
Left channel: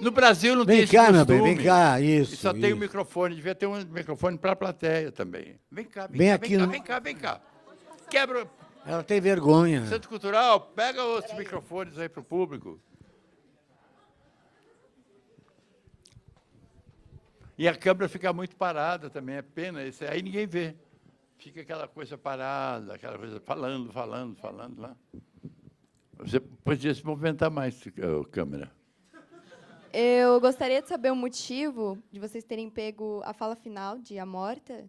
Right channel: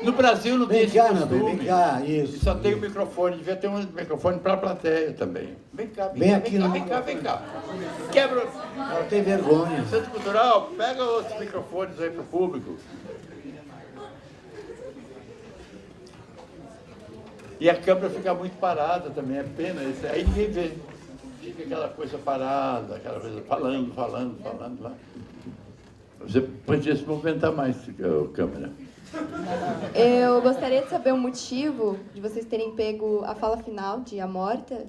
No Brasil não tem Vem esse cá, meu costume. bem, vem cá, isso. Só tem o isso. microfone, devia ter um microfone para a plateia também. Vem cá, Vem aqui no- vem cá. Quebra. Ela tem vergonha. Centro Cultural, pega outros microfones aí para o público. E a câmera fica muito parada também, é pena. Aí ninguém vê. Fica aquela coisa parada, aquela coisa falando. Lá. Você podia se movimentar mais, a câmera. Eu gostaria de saber o motivo de vocês terem pego a fala final de A Morta,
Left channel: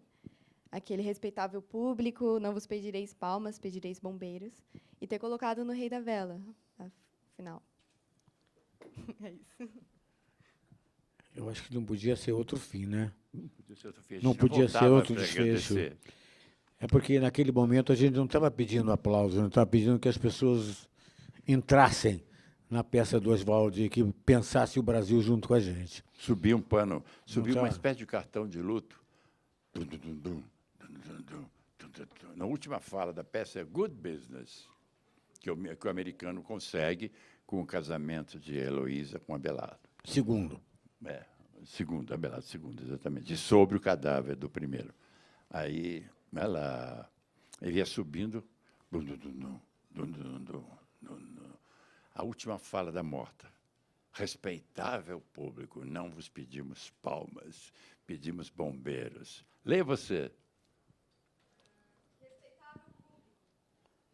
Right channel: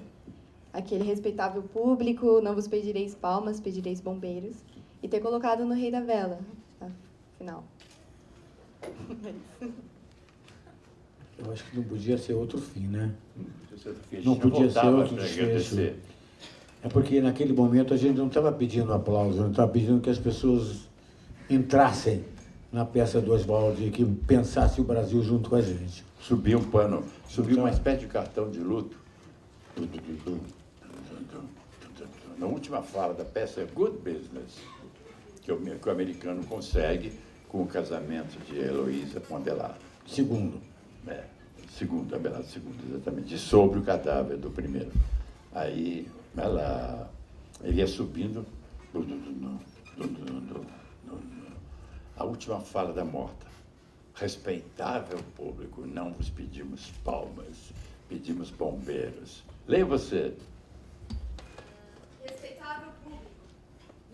aquele respeitável público, não vos pedireis palmas, pedireis bombeiros, e ter colocado no Rei da Vela, na final. Eu acho que não podia ser outro fim, né? Não Não podia ser outro para desfecho. agradecer. É porque naquele momento a gente não estava pedindo aplauso, não estava pedindo que as pessoas entrassem na peça do Oswaldo e que pensassem o Brasil junto com a gente. Subiu um pano, subiu uma espécie de cartão de luto. Na última fala da peça é Good Business, que o americano consegue com o casamento de Heloísa com Abelardo. Segundo. Segundo, Abelardo segundo, exatamente, sobre o cadáver do primeiro. Aí ele ia subindo, a última fala da morta. Respeitável público, não vos pedimos palmas, pedimos bombeiros. Leia você. Respeitável público.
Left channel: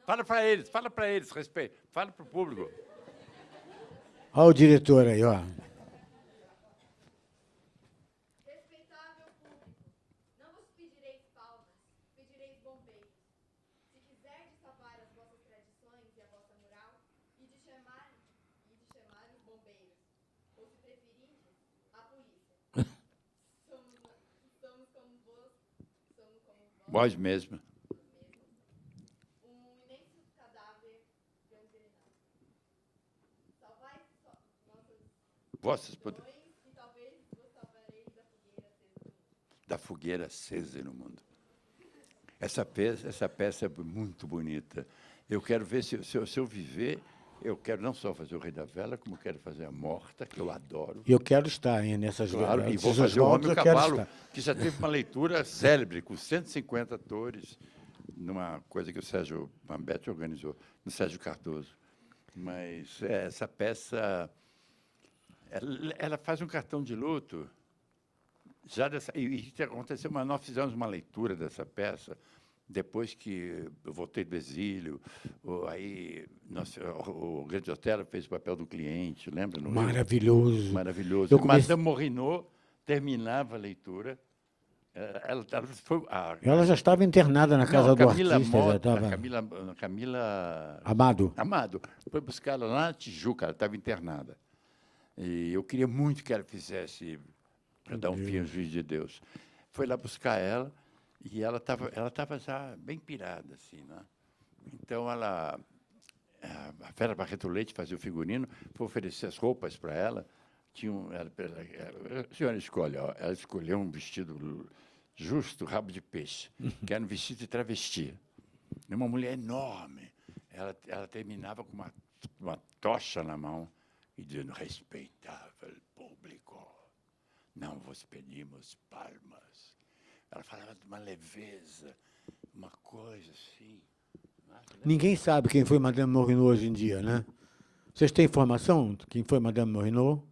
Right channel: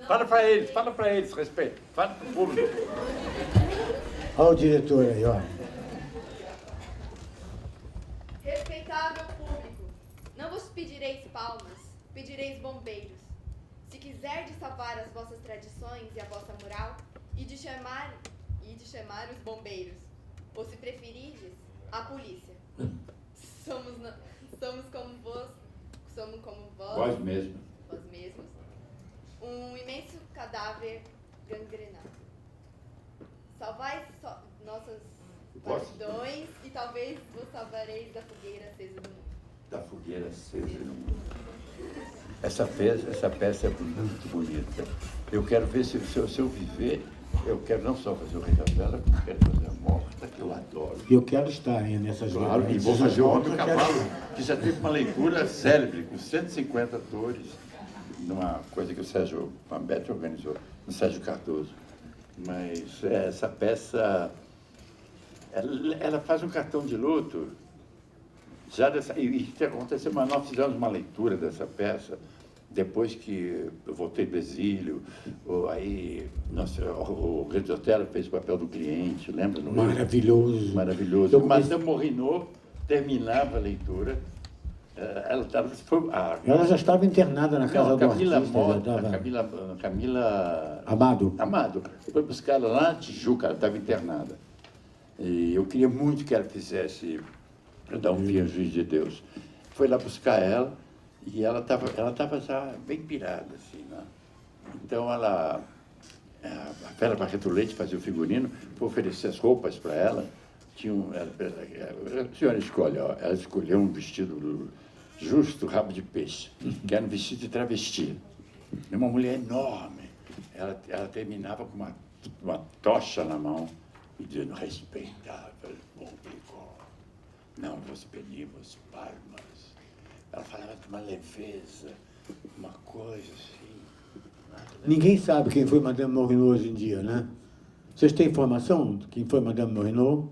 Fala para eles, respeito. Fala para o público. Olha o diretor aí, ó. Respeitável público, não vos pedireis palmas, pedireis bombeiros. Se quiserdes salvar as vossas tradições e a vossa moral, e de chamar os bombeiros, ou se preferirdes, a polícia. Somos como vós, Vós mesmo. vós mesmos, um imenso cadáver gangrenado. Salvai nossas Vós- multidões e talvez vos salvareis da fogueira acesa do mundo. Da fogueira acesa no mundo. Essa peça é muito bonita. Eu quero ver se eu viver, eu quero não só fazer o Rei da Vela, como quero fazer a Morta, que eu adoro. Eu quero estar aí nessas Claro, e vou fazer o Homem Cavalo, que já teve uma leitura célebre, com 150 atores, numa coisa que o Sérgio Mambetti organizou, no Sérgio Cardoso. Mas essa peça, ela faz um cartão de luto. E aconteceu, mas nós fizemos uma leitura dessa peça, depois que eu voltei do exílio, o Rede Otero fez o papel do cliente, lembra? Maravilhoso. Maravilhoso. Eu comecei- Madame Morinot terminava a leitura. Ela já estava internada na casa do Camila artista. Já Mota, estava... Camila Amado. foi buscar ela lá na Tijuca, ela estava internada. E eu queria muito que ela fizesse para dar um fim ao juiz de Deus. Foi lá buscar ela e ela estava já bem pirada, assim, né? Então a Vera Barreto Leite fazia o figurino, foi oferecer as roupas para ela. A senhora escolhe, ó, ela escolheu um vestido justo, rabo de peixe, que era um vestido de travesti. Uma mulher enorme. Ela terminava com uma tocha na mão e dizendo: respeitável público, não vos pedimos palmas. Ela falava de uma leveza, uma coisa assim. Ninguém sabe quem foi Madame Morinot hoje em dia, né? Vocês têm informação de quem foi Madame Morinot?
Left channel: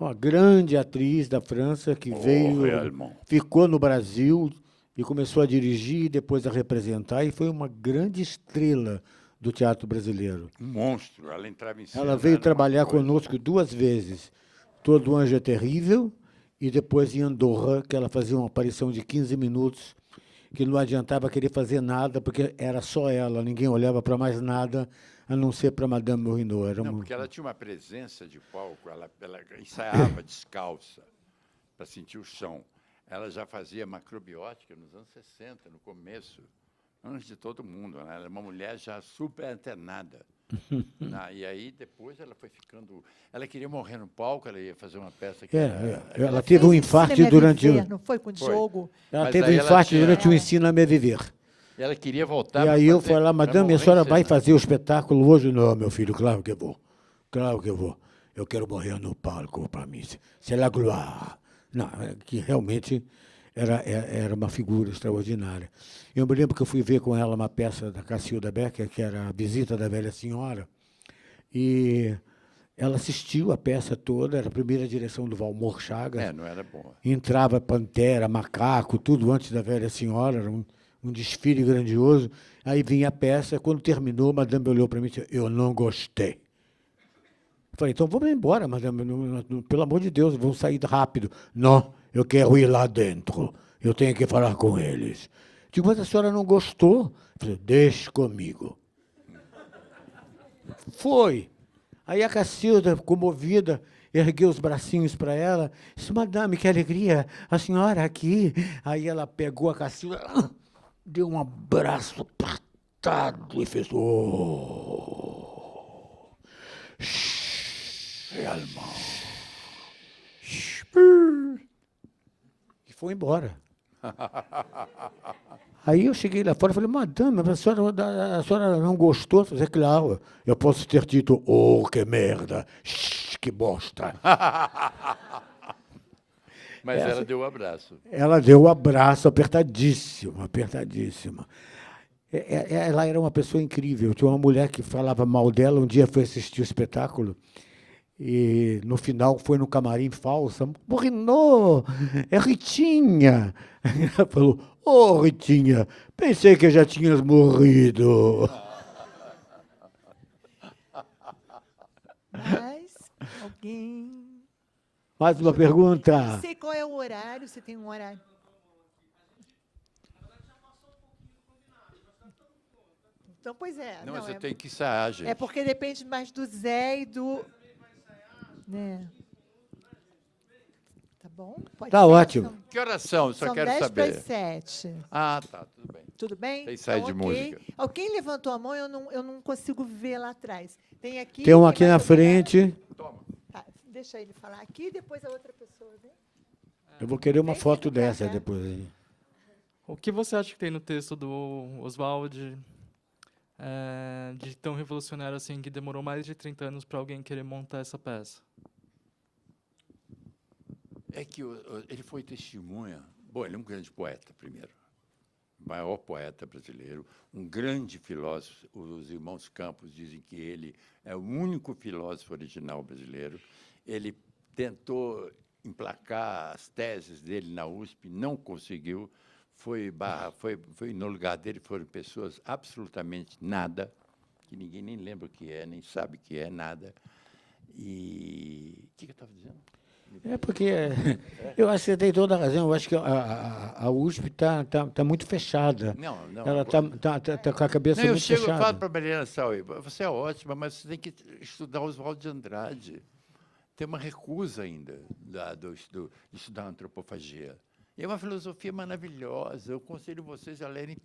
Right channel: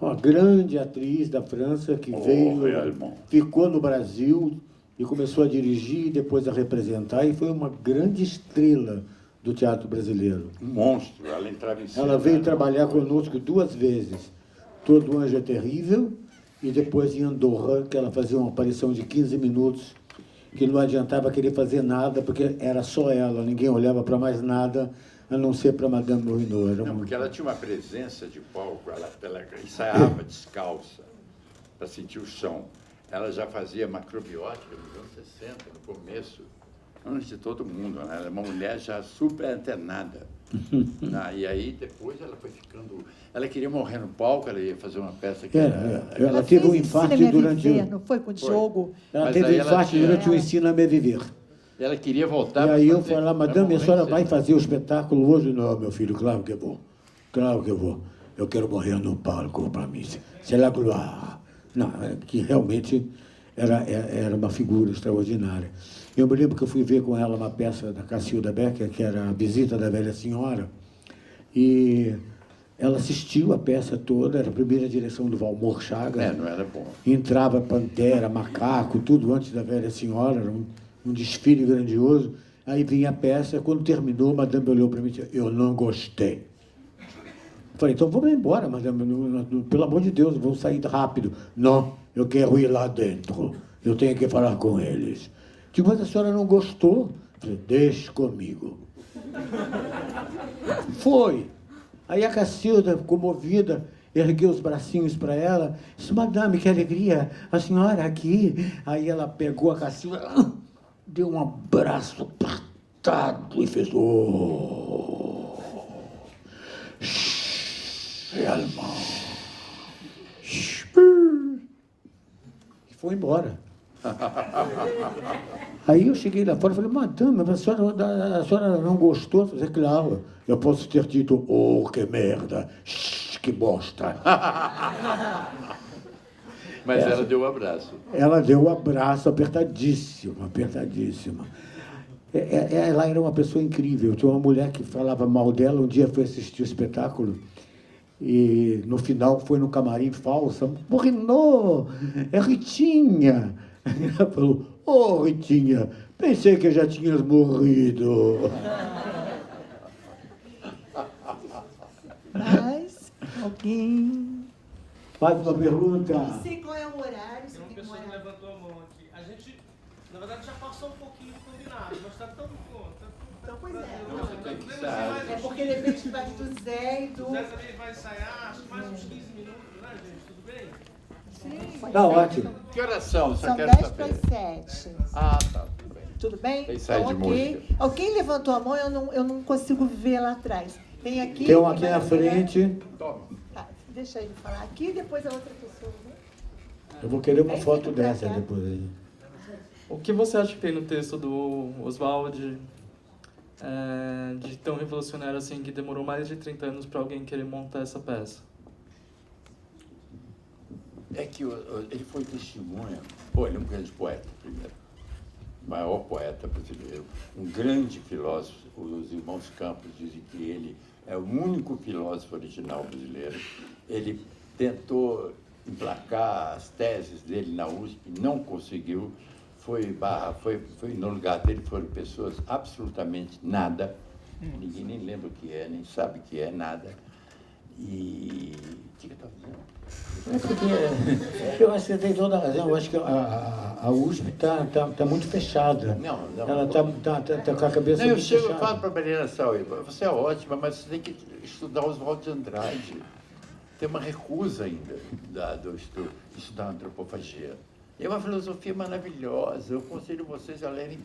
Uma grande atriz da França que veio, realmente. ficou no Brasil e começou a dirigir e depois a representar, e foi uma grande estrela do teatro brasileiro. Um monstro, ela entrava em cena. Ela veio trabalhar conosco. conosco 2 vezes. Todo Anjo é Terrível e depois em Andorra, que ela fazia uma aparição de 15 minutos, que não adiantava querer fazer nada, porque era só ela, ninguém olhava para mais nada, a não ser para Madame Morinot. Era Não, um... porque ela tinha uma presença de palco, ela ensaiava descalça, para sentir o chão. Ela já fazia macrobiótica nos anos 60, no começo, antes de todo mundo, né? Ela é uma mulher já super antenada. E aí, depois, ela foi ficando... Ela queria morrer no palco, ela ia fazer uma peça que... Ela teve um infarto durante... Não foi com o Diogo? Ela Mas teve um aí ela infarto tinha- durante o Ensino a Me Viver. Ela queria voltar... E aí eu falei lá, madame, a senhora vai fazer... fazer o espetáculo hoje? Não, meu filho, claro que eu vou. Claro que eu vou. Eu quero morrer no palco para mim. C'est la gloire. Não, que realmente era uma figura extraordinária. Eu me lembro que eu fui ver com ela uma peça da Cacilda Becker, que era A Visita da Velha Senhora, e ela assistiu a peça toda, era a primeira direção do Valmor Chagas. não era bom. Entrava Pantera, Macaco, tudo antes da Velha Senhora, era um desfile grandioso. Aí vinha a peça, quando terminou, a madame olhou para mim e disse: eu não gostei. Falei: então vamos embora, madame, pelo amor de Deus, vamos sair rápido. Não, eu quero ir lá dentro, eu tenho que falar com eles. Digo: mas a senhora não gostou? Falei: deixe comigo. Foi. Aí a Cacilda, comovida, ergueu os bracinhos para ela, disse: madame, que alegria, a senhora aqui. Aí ela pegou a Cacilda, deu um abraço apertado e fez: oh, allemand. E foi embora. Aí eu cheguei lá fora e falei: madame, a senhora não gostou? Eu falei: claro, eu posso ter dito: oh, que merda, que bosta. Mas ela deu um abraço. Ela deu um abraço apertadíssimo, apertadíssimo. Ela era uma pessoa incrível. Tinha uma mulher que falava mal dela, um dia foi assistir o espetáculo, e no final foi no camarim falsa. Renaud, é Ritinha. Ela falou, ô Ritinha, pensei que já tinhas morrido. Mas, alguém... Faz uma pergunta. Não sei qual é o horário, se tem um Pessoa horário. levantou a mão aqui. A gente, na verdade, já passou um pouquinho do combinado, mas tá tão bom. Então, pois é. Não, você tem que ensaiar, gente. É porque depende mais do Zé e do... O Zé também vai ensaiar, acho que mais uns 15 minutos, né, gente? Tudo bem? Sim, pode Tá ser. ótimo. Que horas são? Eu só São quero 10 saber. para as 7. Ah, tá. Tudo bem. Tudo bem? Tem ensaio de ok. música. Alguém levantou a mão, eu não consigo ver lá atrás. Tem aqui... Tem um aqui na frente. Toma. Ah, deixa ele falar aqui, depois a outra pessoa. Né? Eu vou querer uma foto dessa depois. O que você acha que tem no texto do Oswald de tão revolucionário assim, que demorou mais de 30 anos para alguém querer montar essa peça? É que ele foi testemunha. Pô, ele é um grande poeta, primeiro. O maior poeta brasileiro. Um grande filósofo. Os irmãos Campos dizem que ele é o único filósofo original brasileiro. Ele tentou emplacar as teses dele na USP, não conseguiu. Foi no lugar dele foram pessoas absolutamente nada. Ninguém nem lembra o que é, nem sabe o que é, nada. E... O que eu estava dizendo? É porque eu acho que você tem toda a razão. Eu acho que a USP está muito fechada. Não. Ela está com a cabeça Não, eu muito chego e fechada. falo para a Mariana Saúl, você é ótima, mas você tem que estudar Oswald de Andrade. Tem uma recusa ainda do estudar antropofagia. E é uma filosofia maravilhosa. Eu aconselho vocês a lerem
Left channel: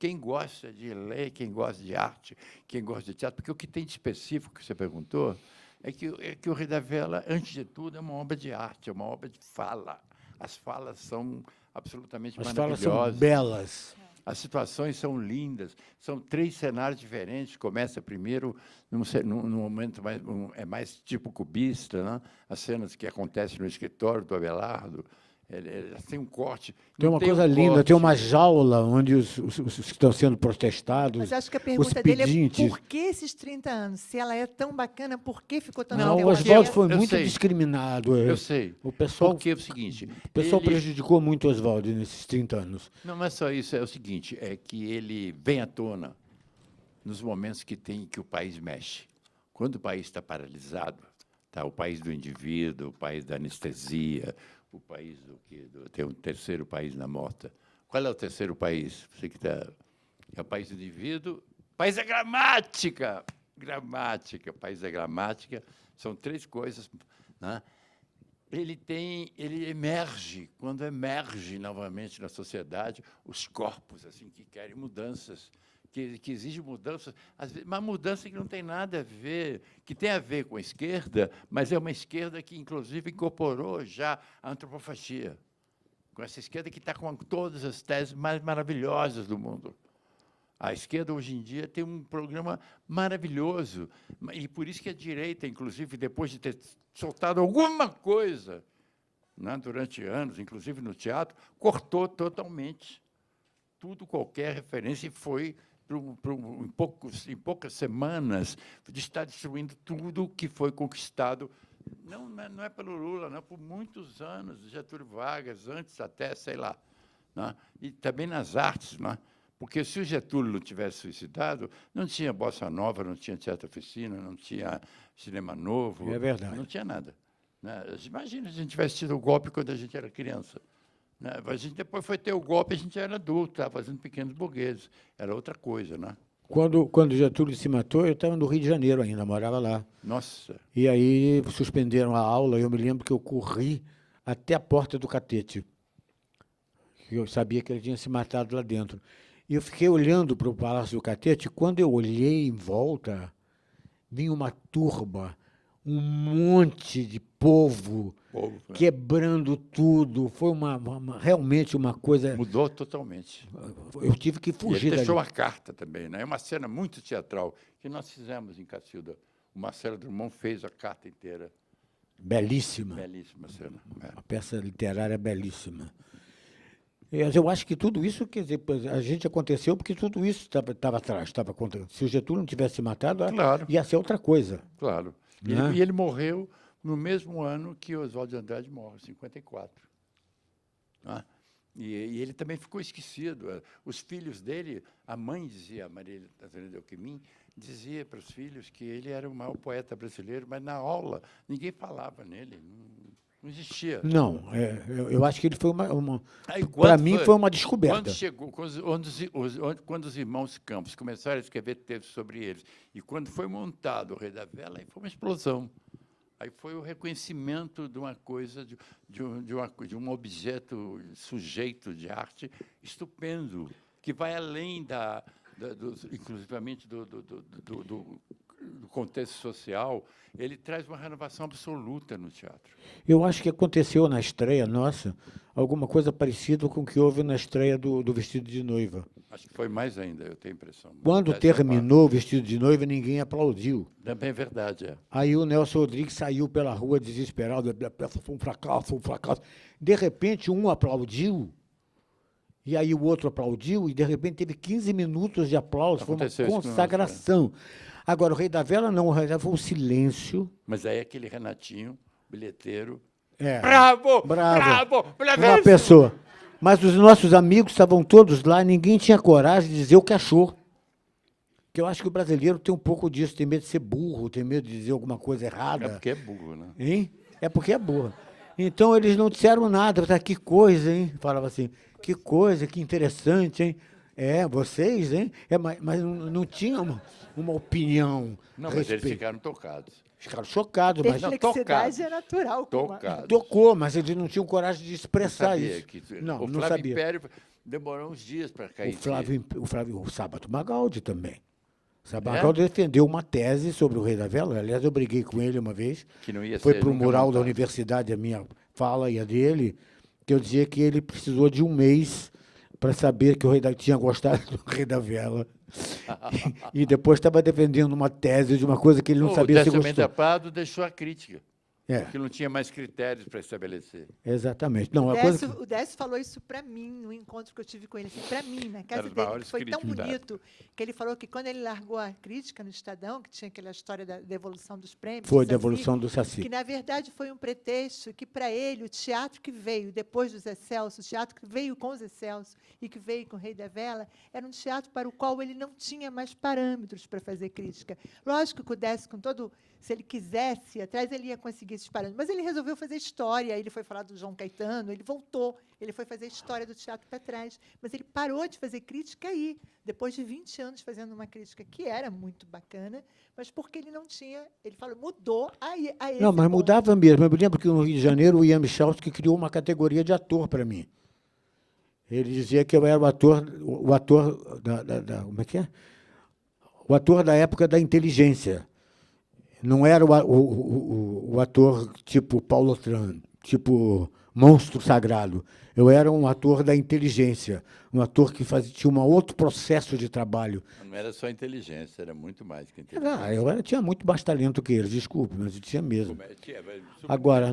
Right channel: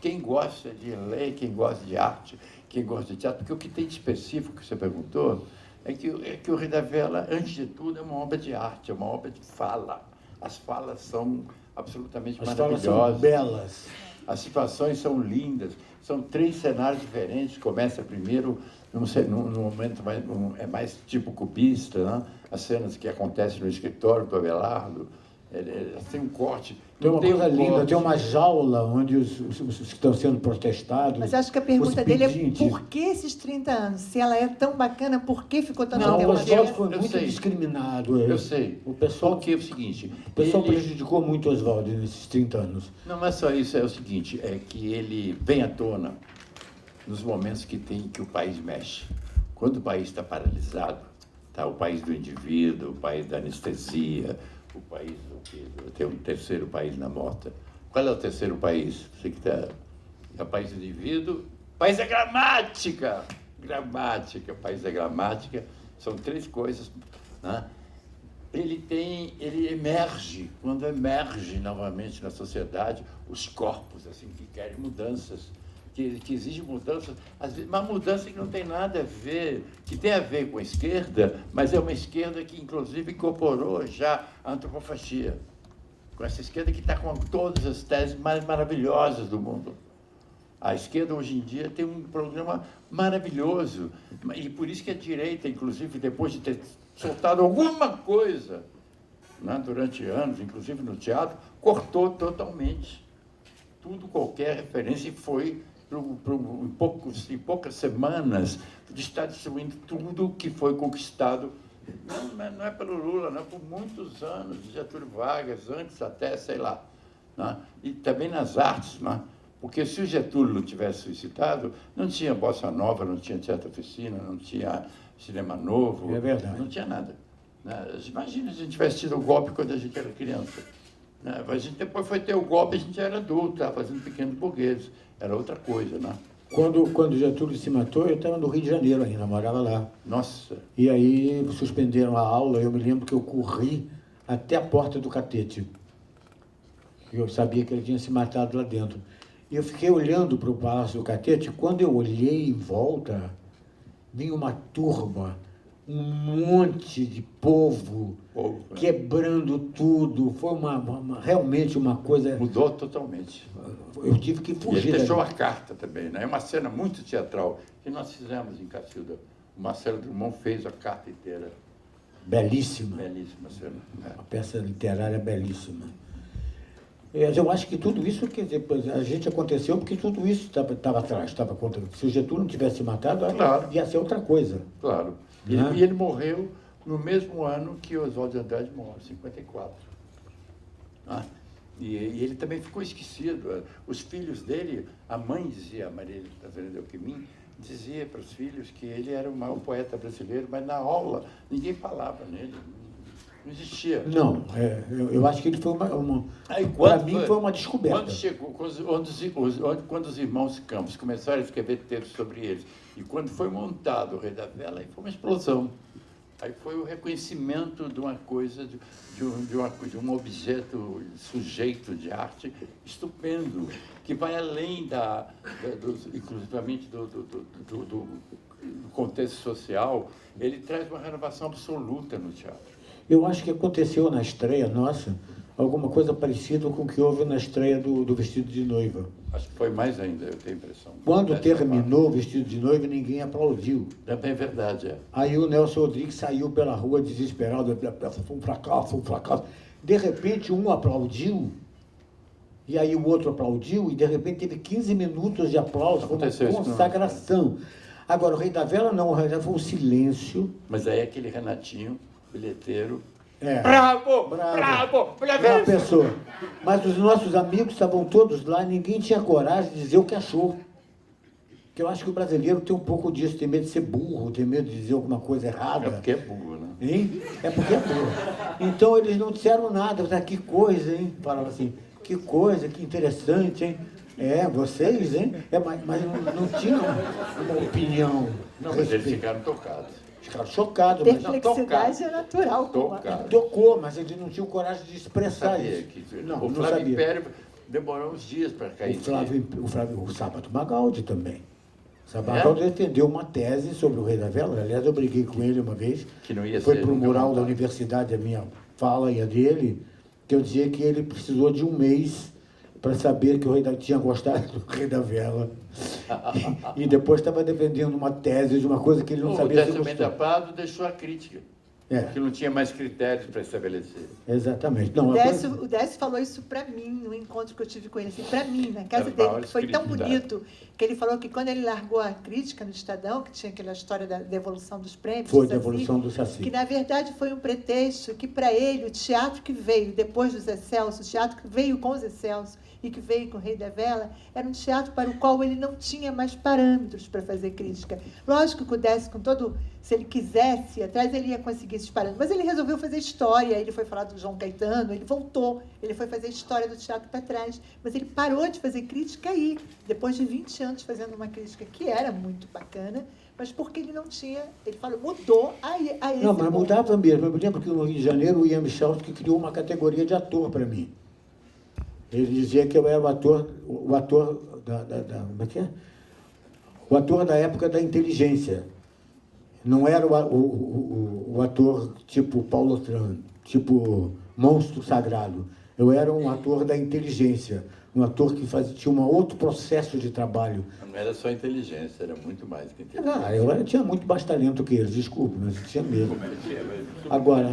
quem gosta de ler, quem gosta de arte, quem gosta de teatro, porque o que tem de específico que você perguntou é que o Rei da Vela, antes de tudo, é uma obra de arte, é uma obra de fala. As falas são absolutamente As falas maravilhosas. são belas. As situações são lindas. São 3 cenários diferentes. Começa primeiro num momento mais tipo cubista, né? As cenas que acontecem no escritório do Abelardo. Tem um corte. Tem uma coisa linda, tem uma jaula onde os que estão sendo protestados. Mas acho que a os pergunta dele é pedintes. por que esses 30 anos? Se ela é tão bacana, por que ficou tanto Não, tempo? o Oswald foi Eu muito sei. discriminado. Eu sei. O pessoal Porque é o seguinte... ele- prejudicou muito o Oswald nesses 30 anos. Não é só isso, é o seguinte, é que ele vem à tona nos momentos que o país mexe. Quando o país está paralisado, tá o país do indivíduo, o país da anestesia, o país tem um terceiro país na morta. Qual é o terceiro país? Você que tá, é o país do indivíduo, o país da gramática. Gramática, o país da gramática, são 3 coisas, né? Ele emerge, quando emerge novamente na sociedade, os corpos assim, que querem mudanças, que exigem mudanças, às vezes, uma mudança que não tem nada a ver, que tem a ver com a esquerda, mas é uma esquerda que, inclusive, incorporou já a antropofagia, com essa esquerda que está com todas as teses mais maravilhosas do mundo. A esquerda, hoje em dia, tem um programa maravilhoso, e por isso que a direita, inclusive, depois de ter soltado alguma coisa, né, durante anos, inclusive no teatro, cortou totalmente. Tudo, qualquer referência, e foi, em poucas semanas, de estar destruindo tudo que foi conquistado. Não é pelo Lula, não, por muitos anos, de Getúlio Vargas, antes até, sei lá. Né? E também nas artes, né? Porque se o Getúlio não tivesse suicidado, não tinha Bossa Nova, não tinha Teatro Oficina, não tinha Cinema Novo, É verdade. não tinha nada. Né? Imagina se a gente tivesse tido o golpe quando a gente era criança. Né? A gente depois foi ter o golpe, a gente já era adulto, estava fazendo pequenos burgueses, era outra coisa, né? Quando Getúlio se matou, eu estava no Rio de Janeiro ainda, morava lá. Nossa, E aí suspenderam a aula, eu me lembro que eu corri até a porta do catete. Eu sabia que ele tinha se matado lá dentro. E eu fiquei olhando para o Palácio do Catete, e quando eu olhei em volta, vinha uma turma, um monte de povo, povo, né? quebrando tudo. Foi realmente uma coisa... Mudou totalmente. Eu tive que E ele fugir deixou dali. a carta também, né? É uma cena muito teatral que nós fizemos em Cacilda. O Marcelo Drummond fez a carta inteira. Belíssima. Belíssima cena. Uma peça literária belíssima. Eu acho que tudo isso, quer dizer, a gente aconteceu porque tudo isso estava atrás. Se o Getúlio não tivesse matado, Claro. ia ser outra coisa. Claro. Né? E ele morreu no mesmo ano que Oswald de Andrade morreu, 54. Ah, e ele também ficou esquecido. Os filhos dele, a mãe dizia, a Maria Fernanda Alckmin, dizia para os filhos que ele era o maior poeta brasileiro, mas na aula ninguém falava nele, não existia. Não, eu acho que ele foi Aí, para mim foi uma descoberta. Quando chegou, quando os irmãos Campos começaram a escrever textos sobre eles, e quando foi montado o Rei da Vela, aí foi uma explosão. Aí foi o reconhecimento de uma coisa, de um objeto, sujeito de arte estupendo, que vai além inclusivamente do contexto social. Ele traz uma renovação absoluta no teatro. Eu acho que aconteceu na estreia nossa alguma coisa parecida com o que houve na estreia do Vestido de Noiva. Acho que foi mais ainda, eu tenho a impressão. Quando terminou o Vestido de Noiva, ninguém aplaudiu. É bem verdade, é. Aí o Nelson Rodrigues saiu pela rua desesperado, foi um fracasso, um fracasso. De repente, um aplaudiu, e aí o outro aplaudiu, e de repente teve 15 minutos de aplauso, foi uma Aconteceu isso, não. consagração. Agora, o Rei da Vela não, o Rei da Vela foi um silêncio. Mas aí aquele Renatinho, bilheteiro, Bravo! Uma pessoa. Mas os nossos amigos estavam todos lá, ninguém tinha coragem de dizer o que achou. Porque eu acho que o brasileiro tem um pouco disso, tem medo de ser burro, tem medo de dizer alguma coisa errada. É porque é burro, né? Hein? É porque é burro. Então eles não disseram nada, falaram, que coisa, hein? Falava assim, que coisa, que interessante, hein? Vocês, hein? Mas não tinham uma opinião. Não, mas eles ficaram tocados. Ficaram chocados, mas não Perplexidade é natural. Tocados. tocou, mas eles não tinham coragem de expressar Sabia isso. que Não, o não Flávio sabia. Império demorou uns dias para cair. O Sábato Magaldi também. O Sábato Magaldi defendeu uma tese sobre o Rei da Vela. Aliás, eu briguei com ele uma vez. Que não ia Foi ser para o nunca mural da montado. universidade, a minha fala e a dele, que eu dizia que ele precisou de um mês para saber que o Rei tinha gostado do Rei da Vela. E depois estava defendendo uma tese de uma coisa que ele não sabia se O Décio gostou. Prado deixou a crítica, É, que não tinha mais critérios para estabelecer. exatamente. Não, a coisa- O Décio falou isso para mim, no encontro que eu tive com ele, assim, para mim, na casa Era dele, maior que foi tão espiritualidade. bonito, que ele falou que quando ele largou a crítica no Estadão, que tinha aquela história da devolução dos prêmios, foi do a Saci, devolução do que Saci. na verdade foi um pretexto que para ele, o teatro que veio depois dos Excelsos, o teatro que veio com os Excelsos e que veio com o Rei da Vela, era um teatro para o qual ele não tinha mais parâmetros para fazer crítica. Lógico que o Décio, com todo, se ele quisesse ir atrás, ele ia conseguir esses parâmetros, mas ele resolveu fazer história, ele foi falar do João Caetano, ele voltou, ele foi fazer história do teatro para trás, mas ele parou de fazer crítica aí, depois de 20 anos fazendo uma crítica que era muito bacana, mas porque ele não tinha, ele falou, mudou aí. Não, mas mudava mesmo. Eu me lembro que no Rio de Janeiro o Ian Michalski criou uma categoria de ator para mim. Ele dizia que eu era o ator como é que é? O ator da época da inteligência. Não era o ator tipo Paulo Tran, tipo monstro sagrado. Eu era um ator da inteligência, um ator que tinha um outro processo de trabalho. Não era só inteligência, era muito mais que inteligência. Eu tinha muito mais talento que eles, desculpe, mas eu tinha mesmo. Como ele tinha, mas Agora,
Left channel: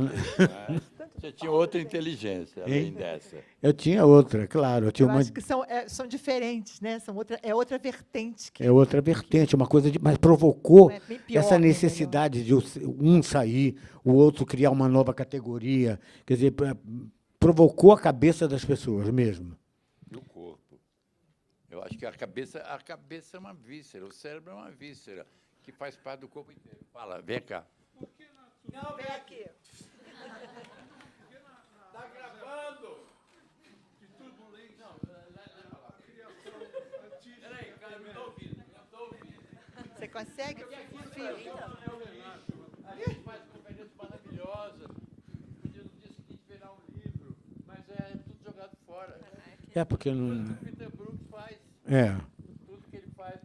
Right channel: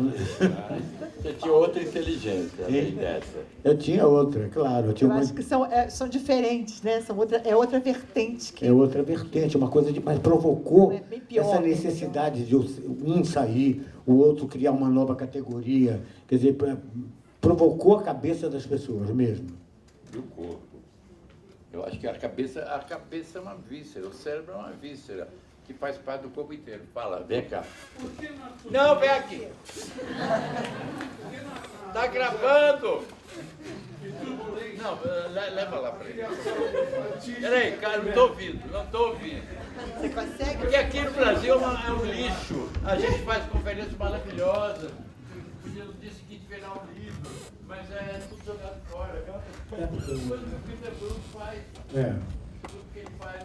você tinha outra inteligência, além dessa. eu tinha outra, claro. Eu tinha Eu uma, acho que são diferentes, né? É outra vertente. Que é outra vertente, uma coisa mas provocou É bem pior, essa né? necessidade de um sair, o outro criar uma nova categoria. Quer dizer, provocou a cabeça das pessoas mesmo. Do corpo. Eu acho que a cabeça é uma víscera, o cérebro é uma víscera, que faz parte do corpo inteiro. Fala, vem cá. Não, vem aqui. Tá gravando. Não, leva lá para ele. Peraí, cara, não estou ouvindo. você consegue. Porque aqui no Brasil é um lixo. A gente faz conferências maravilhosas. Podia no dia seguinte virar um livro, mas é tudo jogado fora. É porque eu não. O Peter Brook faz tudo que ele faz.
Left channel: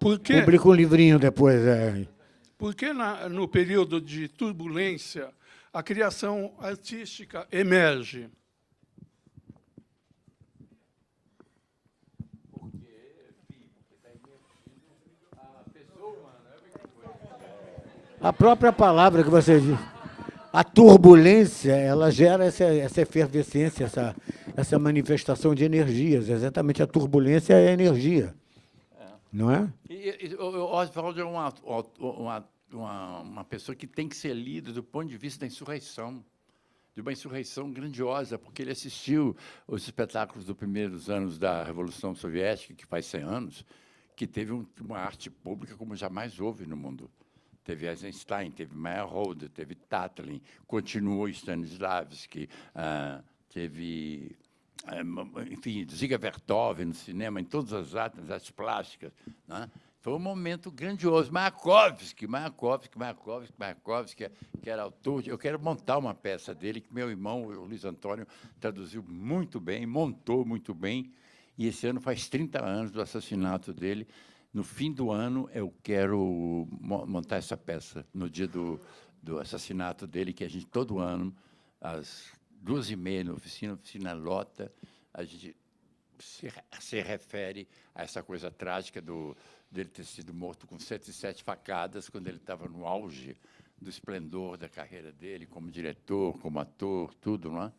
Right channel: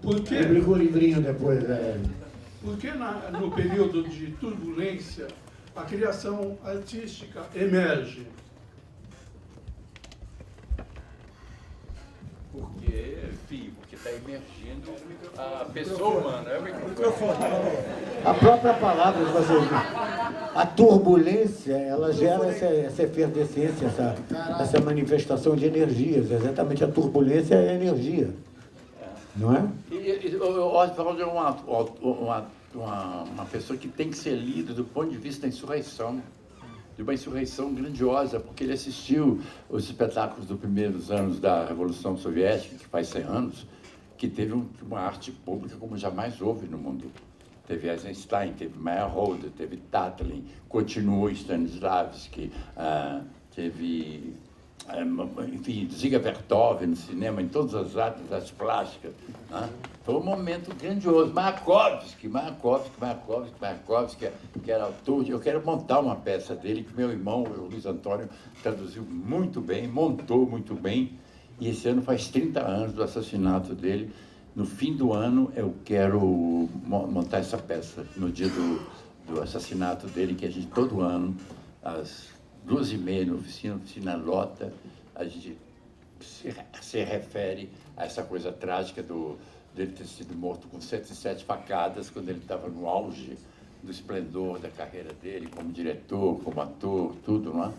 Por quê? Publica um livrinho depois. Porque no período de turbulência, a criação artística emerge. Porque está emergindo a pessoa humana. É o microfone. A própria palavra que você diz. a turbulência, ela gera essa efervescência, essa manifestação de energias. Exatamente, a turbulência é a energia. Não é? Oswald é uma pessoa que tem que ser lida do ponto de vista da insurreição, de uma insurreição grandiosa, porque ele assistiu os espetáculos dos primeiros anos da Revolução Soviética, que faz 100 anos, que teve uma arte pública como jamais houve no mundo. Teve Eisenstein, teve Meyerhold, teve Tatlin, continuou Stanislavski, teve, enfim, Ziga Vertov no cinema, em todas as artes plásticas. Foi um momento grandioso. Mayakovsky, que era autor. Eu quero montar uma peça dele, que meu irmão, o Luiz Antônio, traduziu muito bem, montou muito bem, e esse ano faz 30 anos do assassinato dele. No fim do ano, eu quero montar essa peça, no dia do assassinato dele, que a gente, todo ano, às 2h30, na oficina lota, a gente se refere a essa coisa trágica dele ter sido morto com 107 facadas, quando ele estava no auge do esplendor da carreira dele, como diretor, como ator, tudo, não é?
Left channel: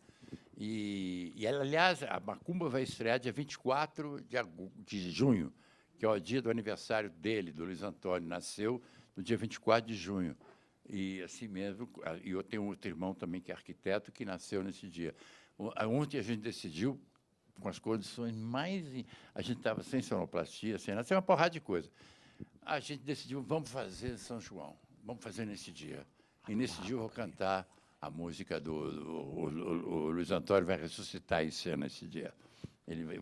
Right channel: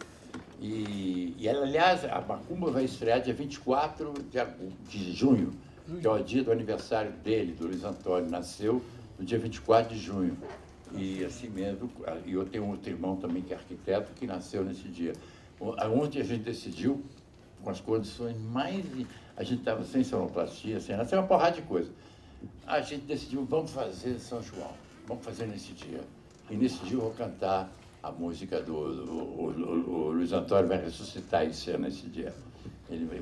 E ela, aliás, a Macumba vai estrear dia 24 de junho, que é o dia do aniversário dele, do Luiz Antônio, nasceu no dia 24 de junho. E assim mesmo, e eu tenho um outro irmão também que é arquiteto, que nasceu nesse dia. Ontem a gente decidiu, com as condições mais... A gente estava sem sonoplastia, sem nada, sem uma porrada de coisa. A gente decidiu, vamos fazer São João, vamos fazer nesse dia. E nesse dia eu vou cantar a música o Luiz Antônio vai ressuscitar em cena nesse dia.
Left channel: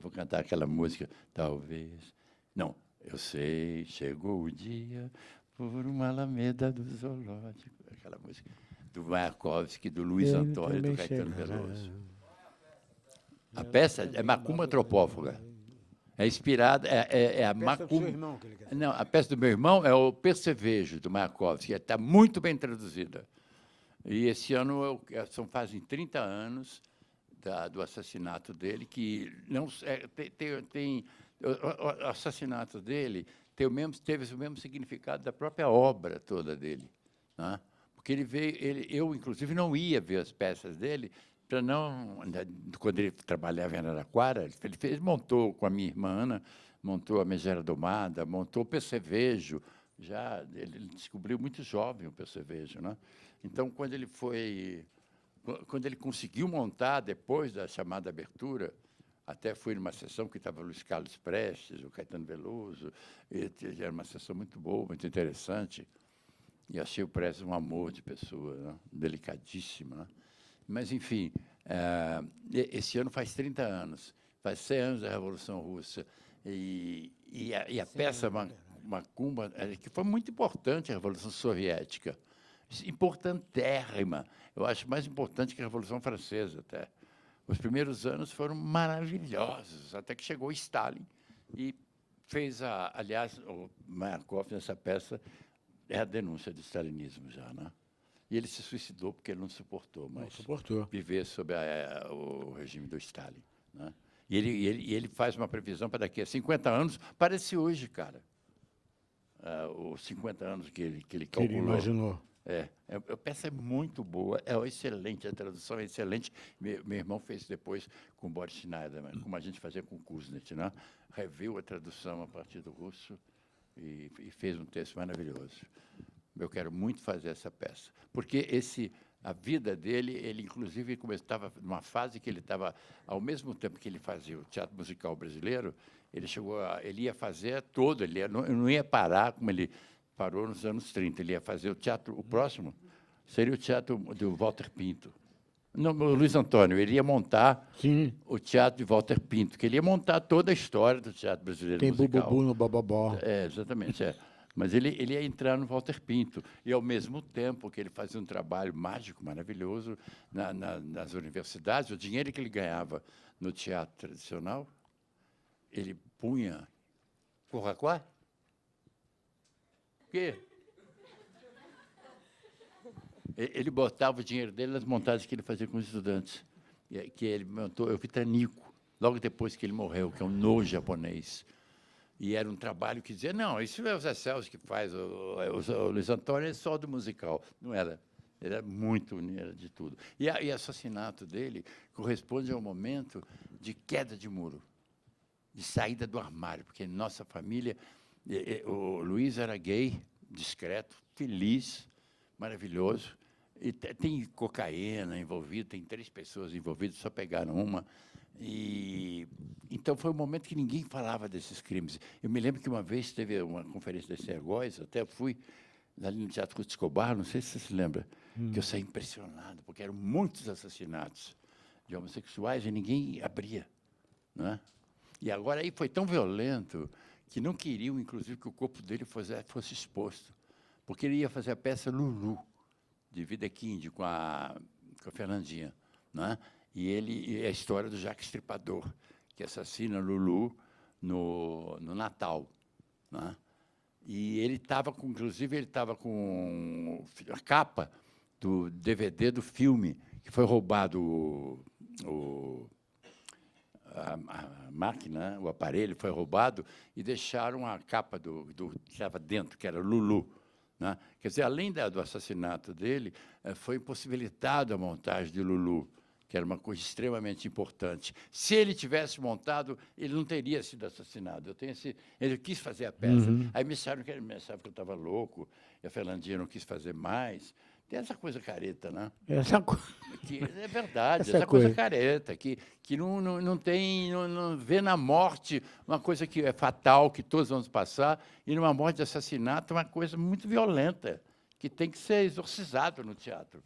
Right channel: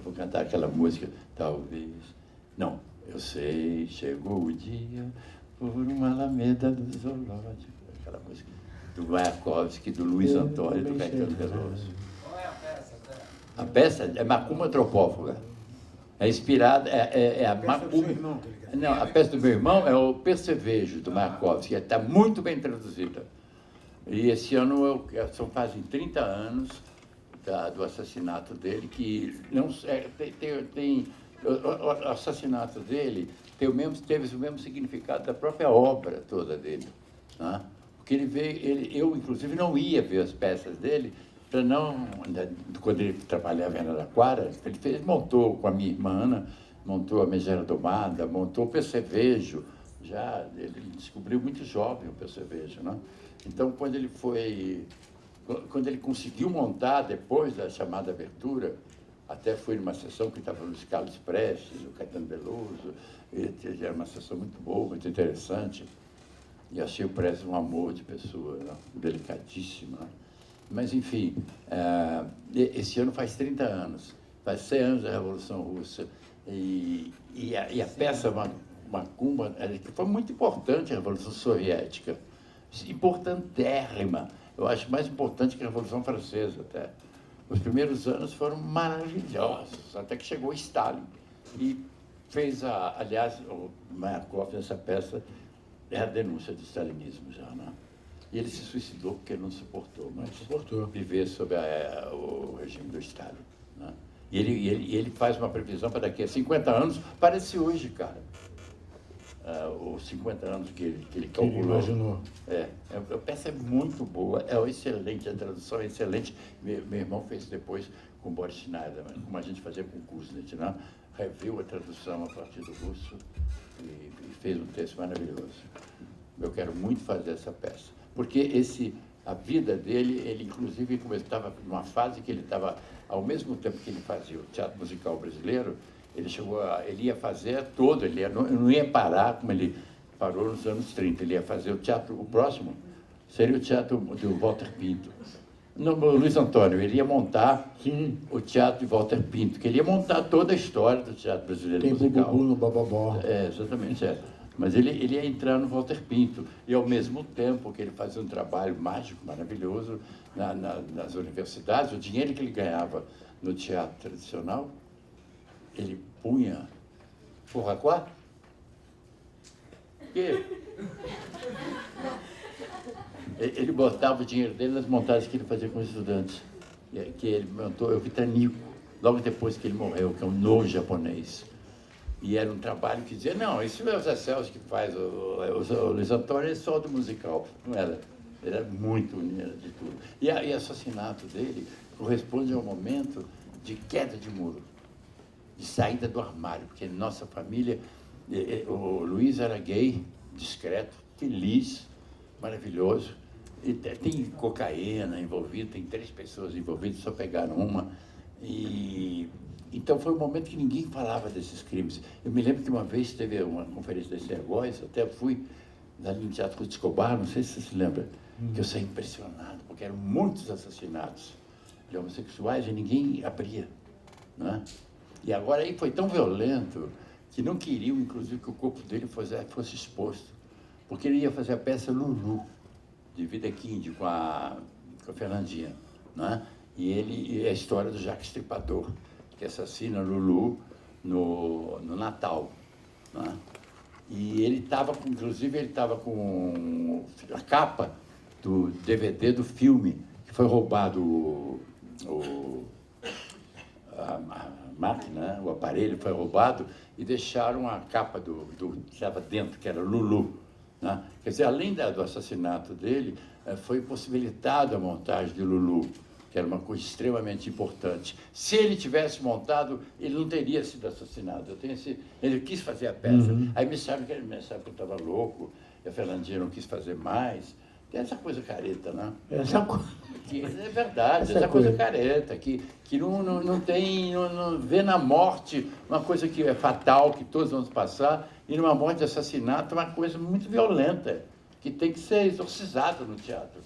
Vou cantar aquela música, talvez... Não, eu sei, chegou o dia, por uma alameda do zoológico. Aquela música do Mayakovsky, do Luiz Antônio, do Caetano Veloso. Qual é a peça? A peça é Macumba Antropófaga. É inspirada, é a Macumba... Não, a peça do meu irmão é o Percevejo, do Mayakovsky. Está muito bem traduzida. E esse ano fazem 30 anos do assassinato dele, que não tem o assassinato dele teve o mesmo significado da própria obra toda dele. Né? Porque ele veio, eu inclusive não ia ver as peças dele, para não, quando ele trabalhava em Araraquara, ele montou com a minha irmã Ana, montou a Megera Domada, montou o Percevejo, ele descobriu muito jovem o Percevejo. Né? Então, quando ele conseguiu montar, depois da chamada abertura, até fui numa sessão que estava o Luiz Carlos Prestes, o Caetano Veloso, era uma sessão muito boa, muito interessante, e achei o Prestes um amor de pessoa, né? Delicadíssimo. Né? Mas, enfim, esse ano faz 30 anos, faz 100 anos da Revolução Russa, e a peça Macumba, que foi muito importante a Revolução Soviética, importantérrima, eu acho mais importante que a Revolução Francesa até. Os primeiros anos foram maravilhosos, até que chegou Stalin e fez aliás, o Mayakovsky nessa peça é a denúncia do stalinismo já, né? E ele se suicidou porque ele não suportou mais viver sob o regime do Stalin. Né? E ele faz uma previsão para daqui a 50 anos, parece hoje, cara. Os 50 anos que ele calculou. Imaginou. A peça é muito boa, é excelente, a tradução é excelente. Meu irmão fez depois com o Boris Schneider, como a gente fazia concurso, né? Né? Reviu a tradução a partir do russo e fez um texto maravilhoso. Eu quero muito fazer essa peça, porque a vida dele, ele inclusive estava numa fase que ele estava, ao mesmo tempo que ele fazia o teatro musical brasileiro, ele ia fazer todo, ele não ia parar como ele parou nos anos 30, ele ia fazer o teatro, o próximo seria o teatro do Walter Pinto. No Luiz Antônio, ele ia montar o teatro de Walter Pinto, que ele ia montar toda a história do teatro brasileiro musical. Tem no Bababó. Exatamente, Mas ele ia entrar no Walter Pinto, e ao mesmo tempo que ele fazia um trabalho mágico, maravilhoso, nas universidades, o dinheiro que ele ganhava no teatro tradicional, ele punha Forraquá? O quê? Ele botava o dinheiro dele nas montagens que ele fazia com os estudantes. E aí que ele montou o Vitanico, logo depois que ele morreu, que é um no japonês. E era um trabalho que dizia, não, isso é o Zé Celso que faz, o Luiz Antônio é só do musical. Não era. Ele era muito mineiro de tudo. E o assassinato dele corresponde ao momento de queda de muro, de saída do armário, porque nossa família, o Luiz era gay, discreto, feliz, maravilhoso, e tem cocaína envolvida, tem 3 pessoas envolvidas, só pegaram uma, e então foi um momento que ninguém falava desses crimes. Eu me lembro que uma vez teve uma conferência da Sergóis, até fui ali no Teatro de Escobar, não sei se você se lembra, que eu saí impressionado, porque eram muitos assassinatos de homossexuais e ninguém abria, né? E agora aí foi tão violento que não queriam, inclusive, que o corpo dele fosse exposto, porque ele ia fazer a peça Lulu, de Videquinde, com a Fernandinha, né? E a história do Jacques Stripador, que assassina Lulu no Natal, né? E ele estava, inclusive, ele estava com a capa do DVD do filme, que foi roubado a máquina, o aparelho foi roubado, e deixaram a capa que estava dentro, que era Lulu, né? Quer dizer, além do assassinato dele, foi possibilitado a montagem de Lulu, que era uma coisa extremamente importante. Se ele tivesse montado, ele não teria sido assassinado. Ele quis fazer a peça. Aí me disseram que eu estava louco, a Fernandinha não quis fazer mais. Tem essa coisa careta, né? É verdade, essa coisa careta, que não vê na morte uma coisa que é fatal, que todos vamos passar, e numa morte de assassinato uma coisa muito violenta, que tem que ser exorcizado no teatro,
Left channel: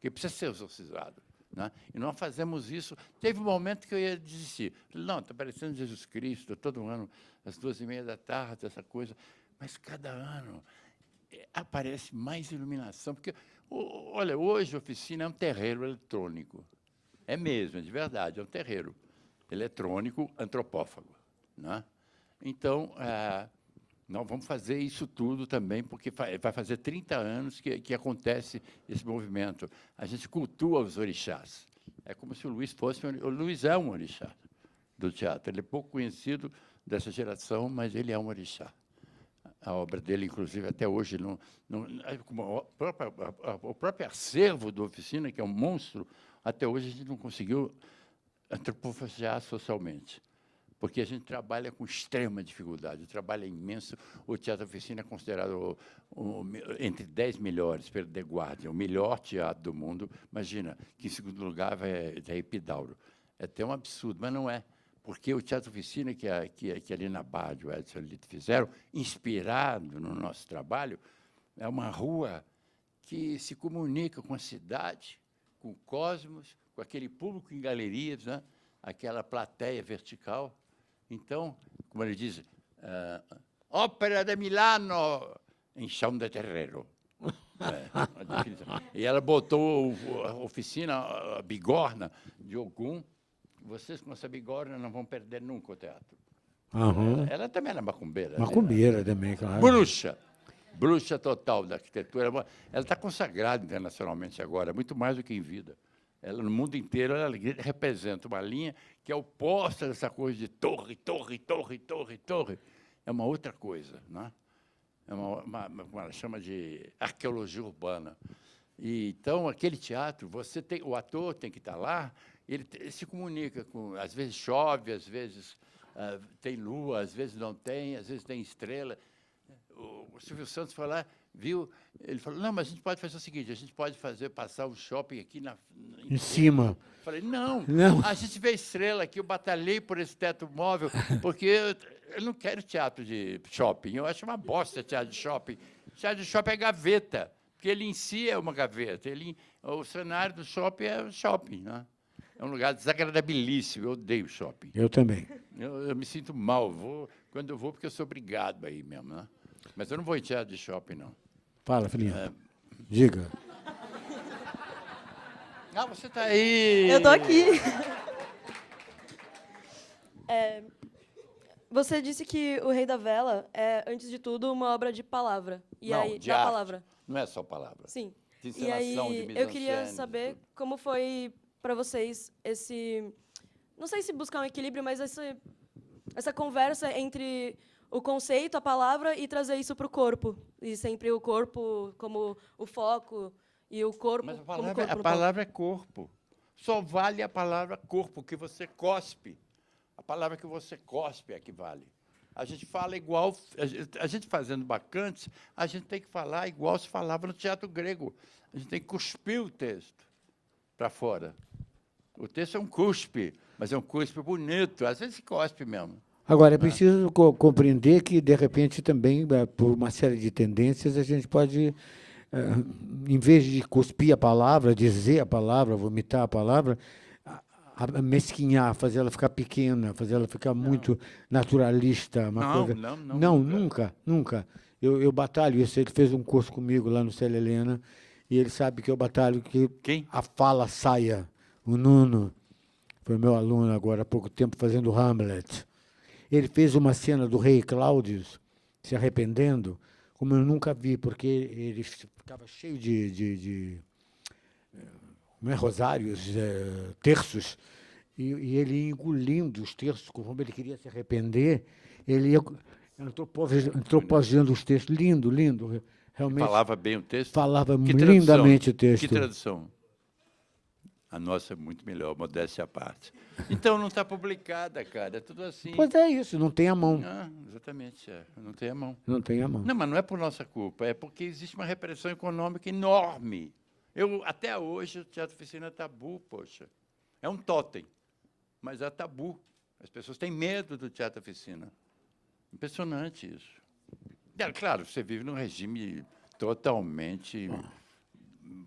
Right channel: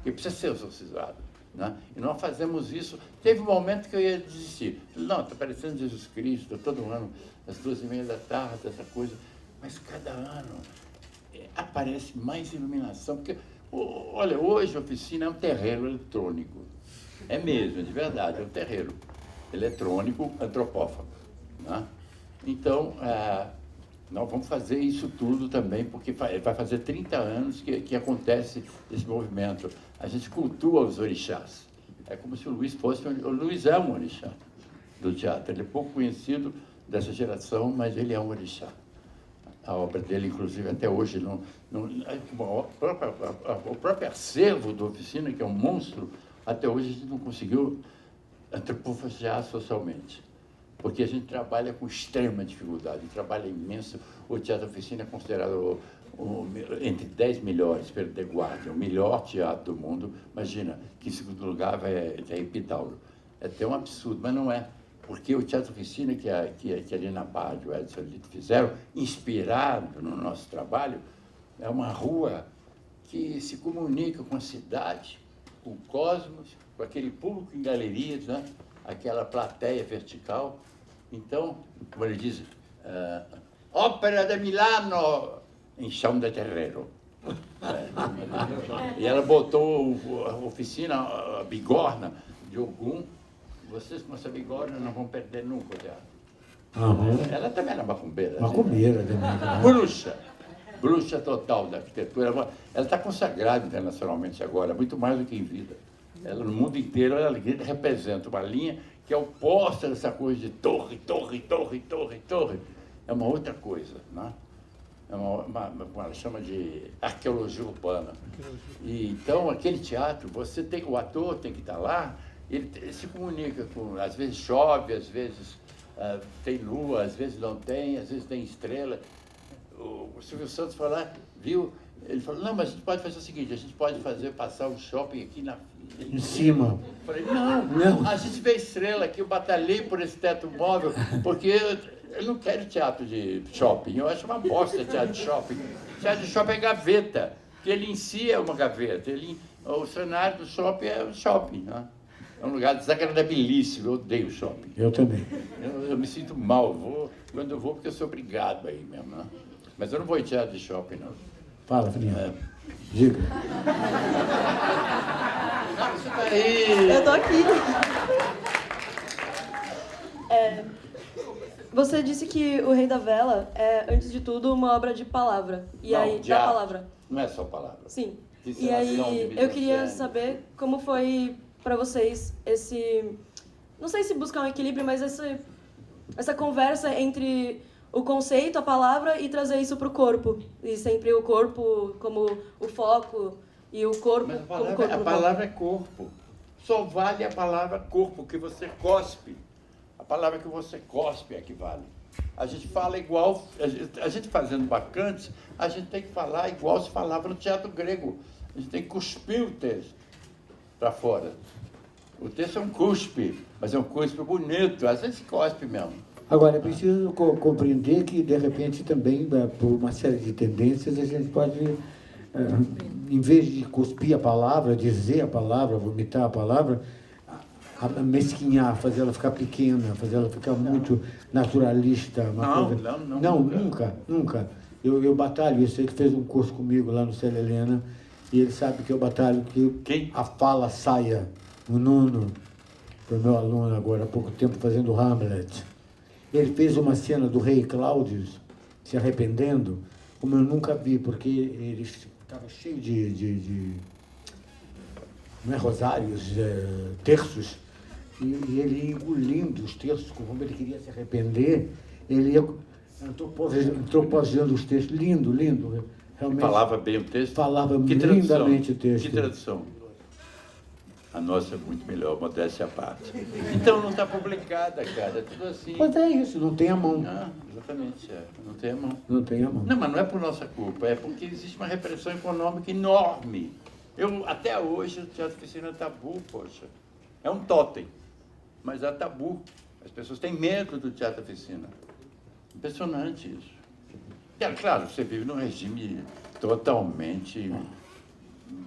que precisa ser exorcizado, né? E nós fazemos isso. Teve um momento que eu ia desistir. Não, está parecendo Jesus Cristo, todo ano, às 2h30 da tarde, essa coisa. Mas cada ano aparece mais iluminação, porque... Olha, hoje a oficina é um terreiro eletrônico. É mesmo, é de verdade, é um terreiro eletrônico antropófago, né? Então, nós vamos fazer isso tudo também, porque vai fazer 30 anos que acontece esse movimento. A gente cultua os orixás. É como se o Luiz fosse... O Luiz é um orixá do teatro. Ele é pouco conhecido dessa geração, mas ele é um orixá. A obra dele, inclusive, até hoje, o próprio acervo da oficina, que é um monstro, até hoje a gente não conseguiu antropofagiar socialmente, porque a gente trabalha com extrema dificuldade, um trabalho imenso. O Teatro Oficina é considerado entre 10 melhores pelo The Guardian, o melhor teatro do mundo. Imagina, que em segundo lugar é Epidauro. É até um absurdo, mas não é. Porque o Teatro Oficina, que ali na Barra de Edson e Lito fizeram, inspirado no nosso trabalho, é uma rua que se comunica com a cidade, com o cosmos, com aquele público em galerias, né? Aquela plateia vertical. Então, como ele diz, Ópera de Milano, em chão de terreiro. E ela botou a oficina, a bigorna de Ogum. Vocês com essa bigorna não vão perder nunca o teatro. Ela também era macumbeira. Macumbeira também. Bruxa total da arquitetura. Ela está consagrada internacionalmente agora, muito mais do que em vida. Ela, no mundo inteiro, ela representa uma linha que é oposta dessa coisa de torre. É uma outra coisa, né? É uma chama de arqueologia urbana. E, então, aquele teatro, o ator tem que estar lá, ele se comunica com, às vezes chove, às vezes tem lua, às vezes não tem, às vezes tem estrela. O Silvio Santos foi lá, viu, ele falou, não, mas a gente pode fazer o seguinte, a gente pode passar um shopping aqui em cima. Eu falei, não, a gente vê estrela aqui, eu batalhei por esse teto móvel, porque eu não quero teatro de shopping, eu acho uma bosta teatro de shopping. Teatro de shopping é gaveta, porque ele em si é uma gaveta, o cenário do shopping é o shopping, né? É um lugar desagradabilíssimo, eu odeio shopping. Eu também. Eu me sinto mal, quando eu vou porque eu sou obrigado aí mesmo, né? Mas eu não vou em teatro de shopping, não. Fala, filhinha. Diga. Você tá aí! Eu tô aqui. Você disse que O Rei da Vela é, antes de tudo, uma obra de palavra. E não, aí, de da arte. palavra. Não é só palavra. Sim. De E aí, eu queria mise-en-scène. saber como foi para vocês esse... Não sei se buscar um equilíbrio, mas essa conversa entre o conceito, a palavra, e trazer isso para o corpo. E sempre o corpo como o foco E o corpo... Mas como a corpo palavra é corpo. Só vale a palavra corpo, que você cospe. A palavra que você cospe é que vale. A gente fala igual, a gente fazendo bacantes, a gente tem que falar igual se falava no teatro grego. A gente tem que cuspir o texto para fora. O texto é um cuspe, mas é um cuspe bonito, às vezes cospe mesmo. Agora, é preciso compreender que, de repente, também, por uma série de tendências, a gente pode, em vez de cuspir a palavra, dizer a palavra, vomitar a palavra, mesquinhar, fazer ela ficar pequena, fazer ela ficar muito naturalista. Não, nunca. Eu batalho isso. Ele fez um curso comigo lá no Célia Helena, e ele sabe que eu batalho que a fala saia. O Nuno foi meu aluno agora há pouco tempo fazendo Hamlet. Ele fez uma cena do rei Cláudio se arrependendo, como eu nunca vi, porque ele estava cheio de não é, rosários, terços, e ele engolindo os terços, como ele queria se arrepender, ele ia antroposeando os textos. Lindo. Realmente, Falava bem o texto? Falava lindamente o texto. Que tradução? A nossa é muito melhor, modéstia à parte. Então não está publicada, cara, é tudo assim. Pois é isso, não tem a mão. Não, exatamente, não tem a mão. Não tem a mão. Não, mas não é por nossa culpa, é porque existe uma repressão econômica enorme. Até hoje, o teatro oficina é tabu, poxa. É um totem, mas é tabu. As pessoas têm medo do teatro oficina. Impressionante isso. E, claro, você vive num regime totalmente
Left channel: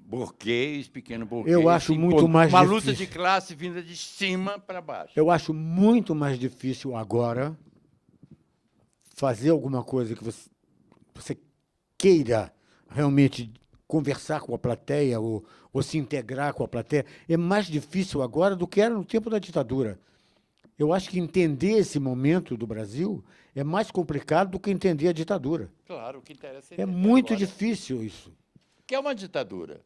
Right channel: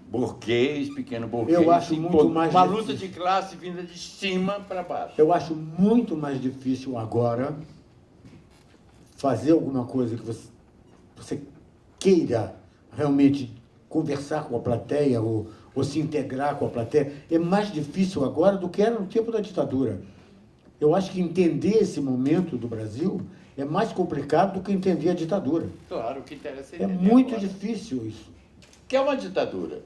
burguês, pequeno burguês. Eu acho muito mais uma difícil. luta de classe vinda de cima para baixo. Eu acho muito mais difícil agora fazer alguma coisa que você queira realmente conversar com a plateia ou se integrar com a plateia. É mais difícil agora do que era no tempo da ditadura. Eu acho que entender esse momento do Brasil é mais complicado do que entender a ditadura. Claro, o que interessa é muito difícil isso. Que é uma ditadura.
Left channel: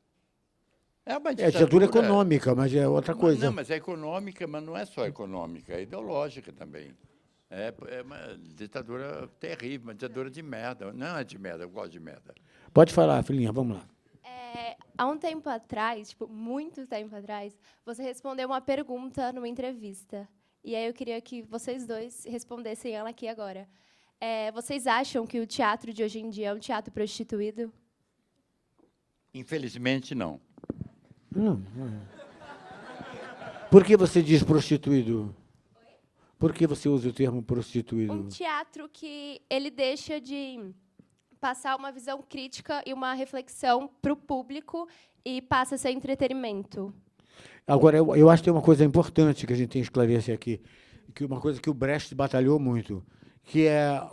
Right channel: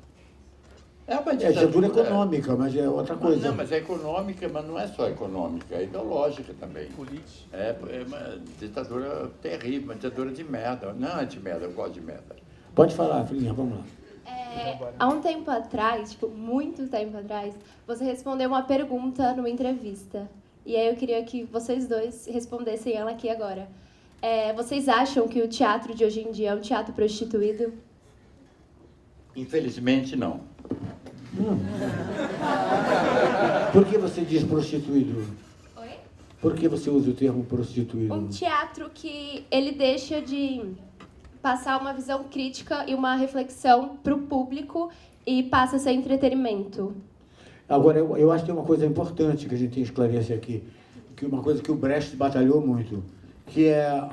É uma ditadura econômica, mas é outra coisa. Não, mas é econômica, mas não é só econômica, é ideológica também. Política. É uma ditadura terrível, uma ditadura de merda. Não é de merda, eu gosto de merda. Pode falar, filhinha, vamos lá. Há um tempo atrás, muito tempo atrás, você respondeu uma pergunta numa entrevista. E aí eu queria que vocês dois respondessem ela aqui agora. Vocês acham que o teatro de hoje em dia é um teatro prostituído? Infelizmente, não. Não. Por que você diz prostituído? Oi? Por que você usa o termo prostituído? Um teatro que ele deixa de passar uma visão crítica e uma reflexão para o público e passa a ser entretenimento. Agora, eu acho que tem uma coisa importante que a gente tem que esclarecer aqui, que uma coisa que o Brecht batalhou muito, que é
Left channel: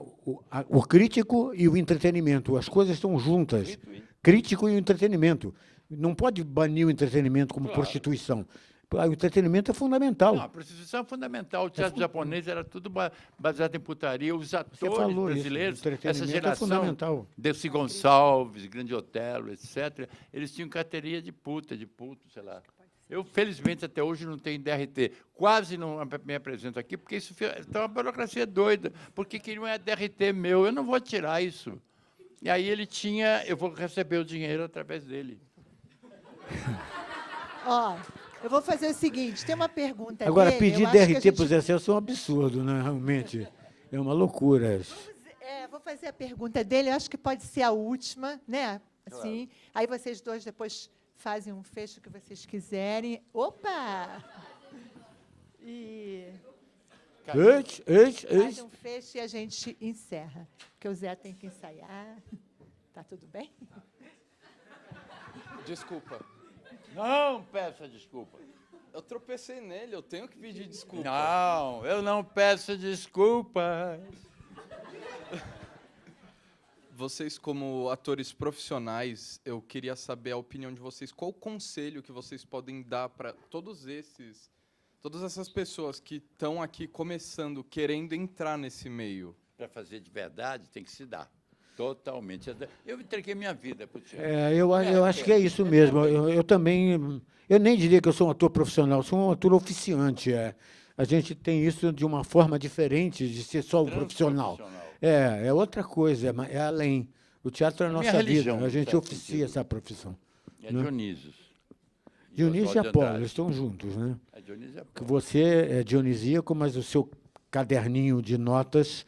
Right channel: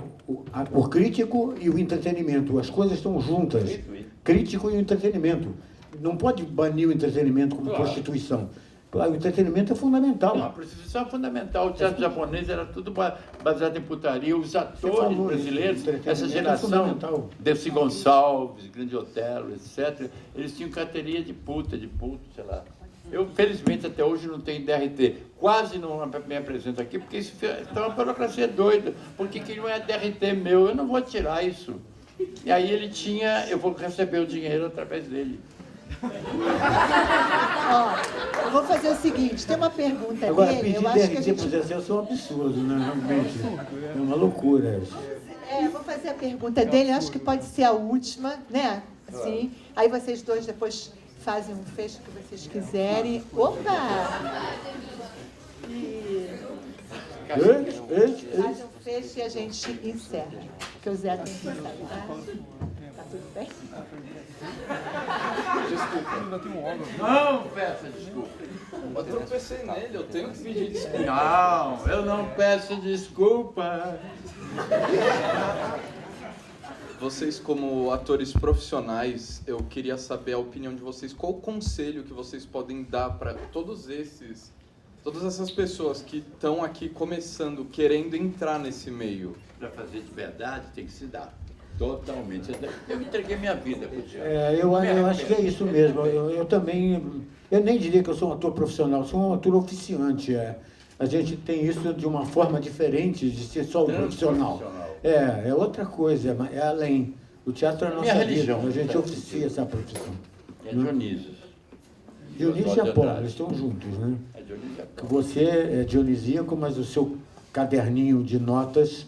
o crítico e o entretenimento. As coisas estão juntas. Crítico e o entretenimento. Não pode banir o entretenimento como prostituição. O entretenimento é fundamental. Não, a prostituição é fundamental. O teatro japonês era tudo baseado em putaria. Os atores brasileiros, essa geração, Dercy Gonçalves, Grande Otelo, etc., eles tinham carteirinha de puto, sei lá. Eu, felizmente, até hoje não tenho DRT. Quase não me apresento aqui, porque isso é uma burocracia doida. Porque que não é DRT meu, eu não vou tirar isso. E aí ele tinha, eu vou receber o dinheiro através dele. Ó, eu vou fazer o seguinte, tem uma pergunta agora, dele. Pedir DRT para os excelsos é um absurdo, né? Realmente. É uma loucura. Eu vou fazer a pergunta dele, acho que pode ser a última, né? Assim, aí vocês dois depois fazem um fecho que vocês quiserem. Opa! Faz um fecho e a gente encerra. Porque o Zé tem que encerrar, tá? Tá tudo bem? Desculpa, ainda tem um óleo. Não peça desculpa. Eu tropecei nele, eu tenho que pedir desculpa. Não, eu não peço desculpa. Vocês, como atores profissionais, eu queria saber a opinião de vocês. Qual o conselho que vocês podem dar para todas essas pessoas que estão aqui começando, querendo entrar nesse meio? Para fazer de verdade, tem que se dar. Totalmente. Eu entreguei minha vida para o teatro. Eu acho que é isso mesmo. Eu também, eu nem diria que eu sou um ator profissional, eu sou um ator oficiante. A gente tem isso de uma forma diferente de ser só um profissional. É outra coisa, é além. O teatro é a nossa vida, a gente oficia essa profissão. É Dionísio. Dionísio e Oswaldo de Apolo, Andrade. eles estão juntos, né? É Dionísio e Que Apolo. você é dionisíaco, mas o seu caderninho de notas,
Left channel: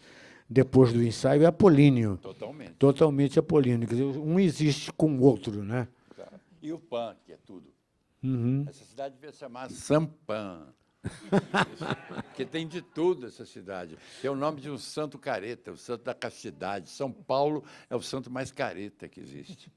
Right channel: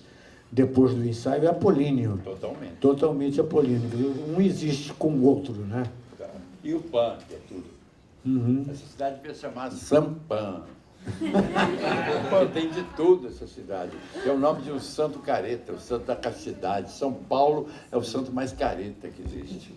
depois do ensaio, é apolíneo. Totalmente. Totalmente apolíneo. Quer dizer, um existe com o outro, né? E o PAN, que é tudo. Uhum. Essa cidade devia se chamar Sampan. Porque tem de tudo essa cidade. É o nome de um santo careta, o santo da castidade. São Paulo é o santo mais careta que existe.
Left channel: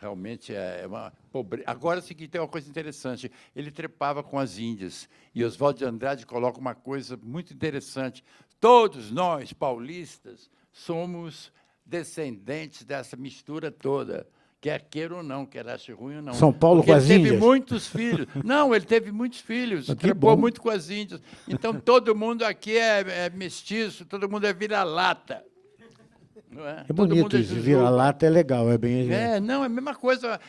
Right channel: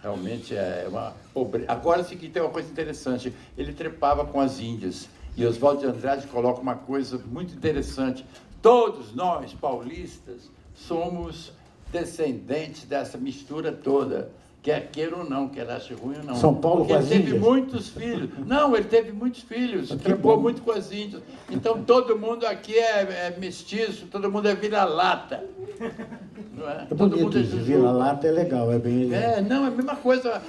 Realmente é uma pobreza. Agora, sim, que tem uma coisa interessante. Ele trepava com as índias. E Oswaldo de Andrade coloca uma coisa muito interessante. Todos nós, paulistas, somos descendentes dessa mistura toda. Quer queira ou não, quer ache ruim ou não. São Paulo Porque com as ele teve índias? muitos filhos. Não, ele teve muitos filhos. Que Trocou bom. muito com as índias. Então, todo mundo aqui é mestiço, todo mundo é vira-lata. Não é? É Todo mundo bonito isso, jujuba. vira-lata é legal, é bem... Não, é a mesma coisa.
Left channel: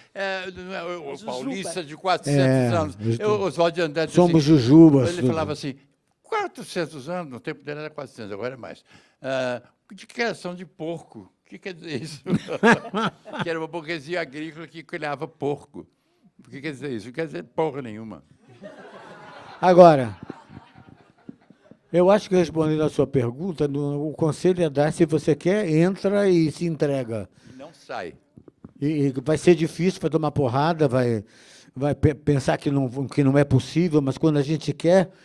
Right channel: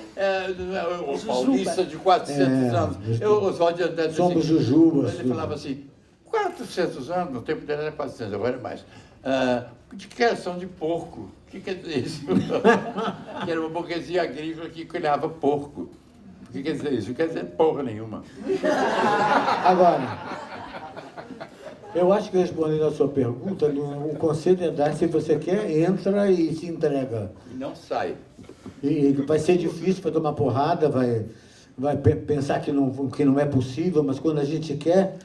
O paulista de 400 anos. Oswaldo de Andrade disse Somos assim, jujubas. ele falava assim, 400 anos, no tempo dele era 400, agora é mais. De criação de porco. O que quer dizer isso? Que era uma burguesia agrícola que criava porco. O que quer dizer isso? Não quer dizer porra nenhuma. Agora, eu acho que respondendo a sua pergunta, o conselho é dar, se você quer, entra e se entrega. E não sai. E vai ser difícil, vai tomar porrada, vai pensar que não é possível, mas quando a gente quer,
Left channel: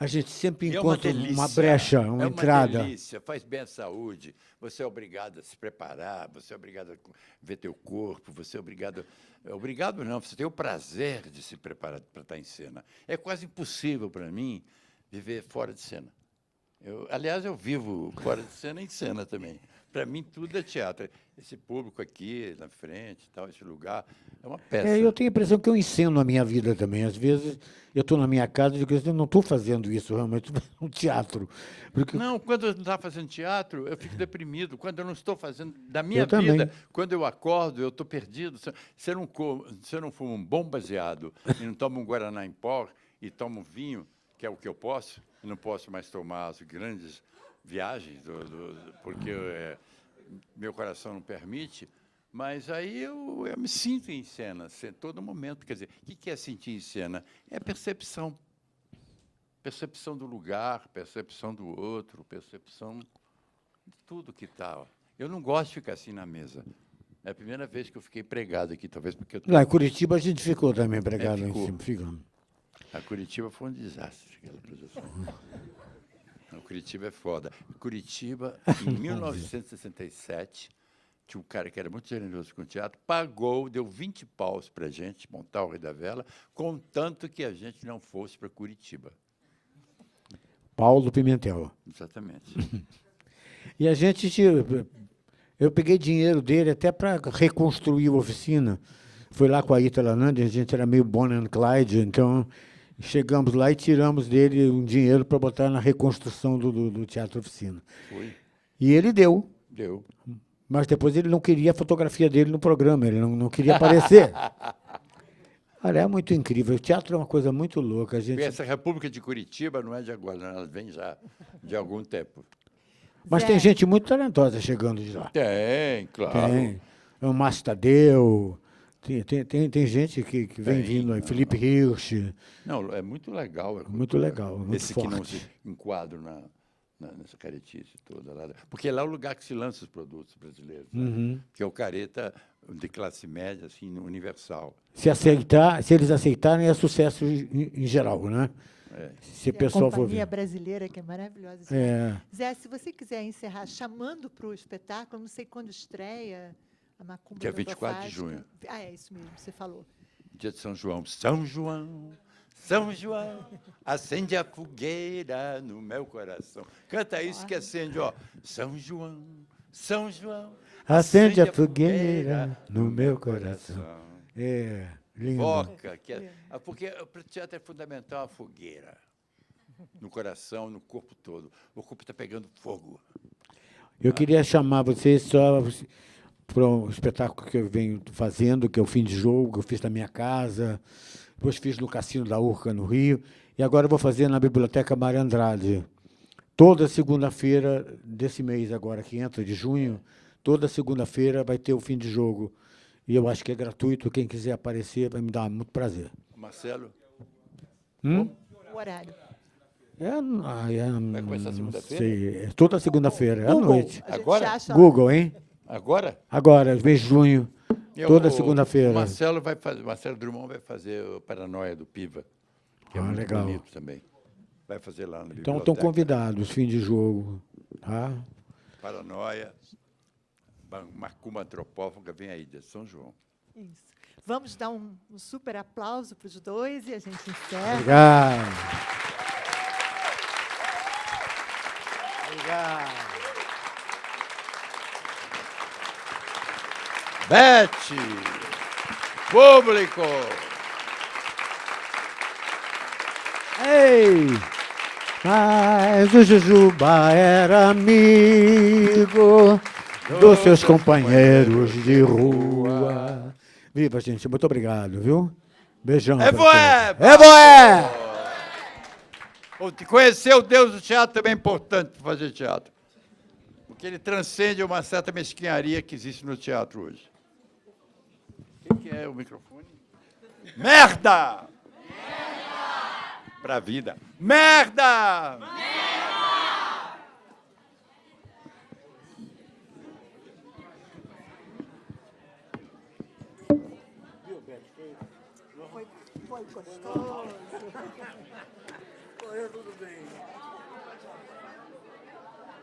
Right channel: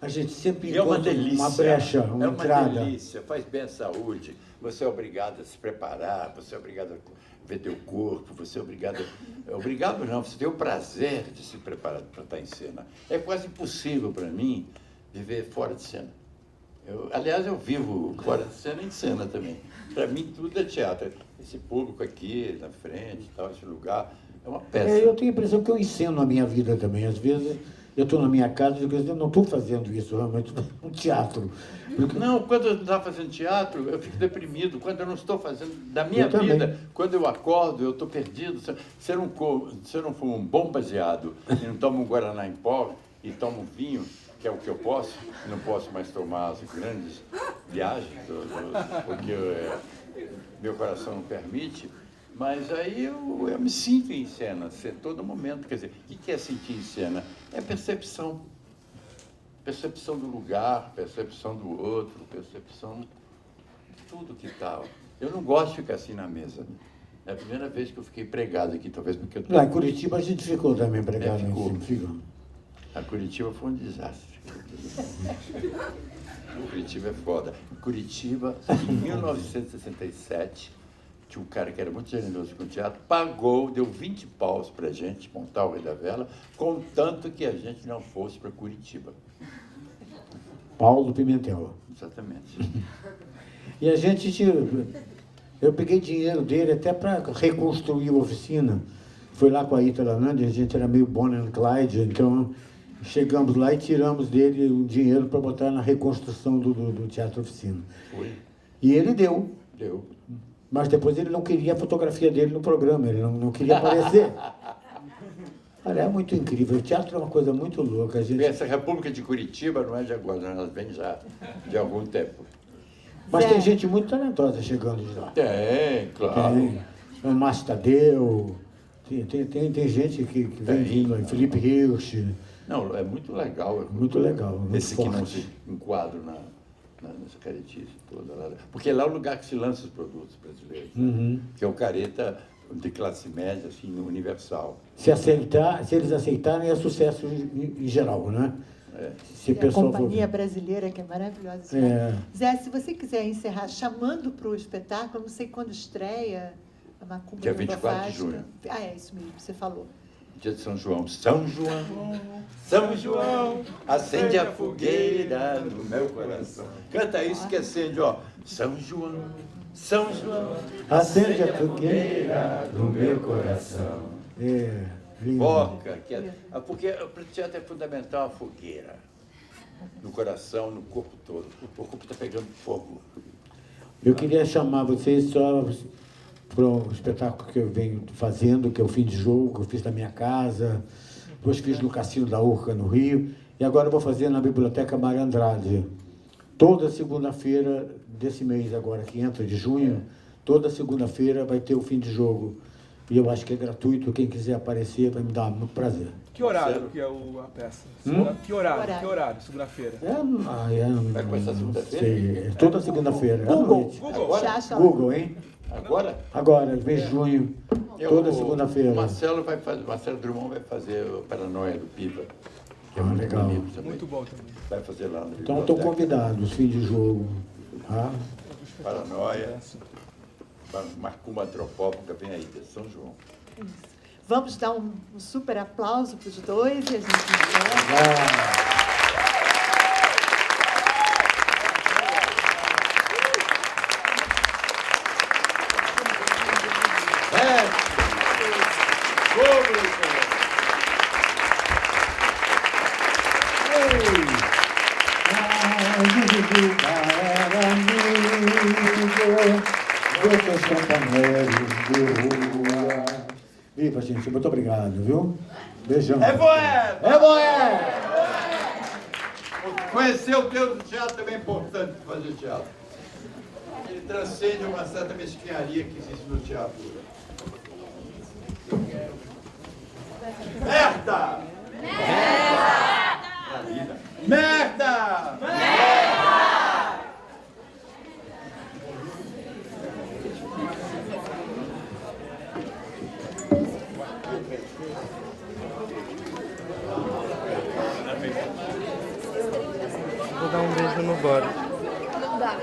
a gente sempre É uma encontra delícia. uma brecha, uma entrada. É uma delícia, faz bem à saúde. Você é obrigado a se preparar, você é obrigado a ver teu corpo, você é obrigado... Obrigado não, você tem o prazer de se preparar para estar em cena. É quase impossível para mim viver fora de cena. Aliás, eu vivo fora de cena e em cena também. Para mim, tudo é teatro. Esse público aqui, na frente, tal, esse lugar, é uma peça. Eu tenho a impressão que eu ensino a minha vida também. Às vezes, eu estou na minha casa e digo, eu não estou fazendo isso, realmente, estou fazendo um teatro. Não, quando eu estava fazendo teatro, eu fico deprimido. Quando eu não estou fazendo da minha Eu também. vida, quando eu acordo, eu estou perdido. Se eu não for um bom baseado e não tomo um Guaraná em pó e tomo vinho, que é o que eu posso, e não posso mais tomar as grandes viagens, porque meu coração não permite, mas aí eu me sinto em cena, a todo momento. Quer dizer, o que é sentir em cena? É percepção. Percepção do lugar, percepção do outro, percepção de tudo que tal. Eu não gosto de ficar assim na mesa. É a primeira vez que eu fiquei pregado aqui, talvez porque eu... Lá em Curitiba a gente ficou também pregado em cima. Ficou. A Curitiba foi um desastre. Curitiba é foda. Em Curitiba, em 1967, tinha um cara que era muito generoso com o teatro, pagou, deu 20 paus pra gente montar o Rei da Vela, contanto que a gente não fosse para Curitiba. Paulo Pimentel. Exatamente. E a gente, eu peguei dinheiro dele até para reconstruir a oficina. Foi lá com a Ita Lanandi, a gente era meio Bonnie and Clyde, então chegamos lá e tiramos dele um dinheiro para botar na reconstrução do Teatro Oficina. Foi. E ele deu. Deu. Mas depois ele não queria a fotografia dele no programa, ele não queria aparecer. Olha, é muito incrível. O teatro é uma coisa muito louca. A gente... Essa República de Curitiba não é de agora, ela vem já de algum tempo. Mas tem gente muito talentosa chegando de lá. Tem, claro. Tem. O Márcio Tadeu, tem gente que vem vindo aí, Felipe Hirsch. Não, é muito legal. Muito legal, muito Esse que não forte. se enquadra nessa caretice toda. Lá. Porque lá é o lugar que se lança os produtos brasileiros. Uhum. Né? Que é o careta de classe média, assim, universal. Se eles aceitarem, é sucesso em geral, né? É. Se o E a pessoal for companhia ver. brasileira, que é maravilhosa. É. Zé, se você quiser encerrar chamando para o espetáculo, não sei quando estreia, a Macumba Dia do 24 de Bafasca. junho. Ah, é isso mesmo, você falou. Dia de São João. São João, São João, acende a fogueira no meu coração. Canta isso que acende, ó. São João, São João, Acende a fogueira no meu coração. É, lindo. Foca, porque para o teatro é fundamental a fogueira. No coração, no corpo todo. O corpo está pegando fogo. Eu queria chamar vocês só para um espetáculo que eu venho fazendo, que é o Fim de Jogo, que eu fiz na minha casa, depois fiz no Cassino da Urca, no Rio, e agora eu vou fazer na Biblioteca Mário Andrade. Toda segunda-feira desse mês agora, que entra de junho, toda segunda-feira vai ter o Fim de Jogo. E eu acho que é gratuito, quem quiser aparecer vai me dar muito prazer. Que horário que é a peça? Que horário? Segunda-feira? Vai começar Não segunda-feira? sei, é toda segunda-feira, à Google, noite. Agora? Google, hein? Agora? Agora, mês de junho, toda segunda-feira. O Marcelo Drummond vai fazer o Paranoia do Piva. Que é muito legal. bonito também. Muito bom também. Vai fazer lá no Então estão convidados, fim de jogo. Tá? Paranoia. Macumba Antropófaga, vem aí, de São João. Vamos dar um super aplauso para os dois e a gente encerra. Obrigado. Bete! Público! Ei! Mas o Jujuba era amigo dos seus companheiros de rua. Viva, gente. Muito obrigado, viu? Beijão. É boé! É boé! Conhecer o Deus do teatro também é importante para fazer teatro. Porque ele transcende uma certa mesquinharia que existe no teatro hoje. Merda! Merda! Pra vida. Merda! Merda! Vou dar um beijo no Boris. Não dá.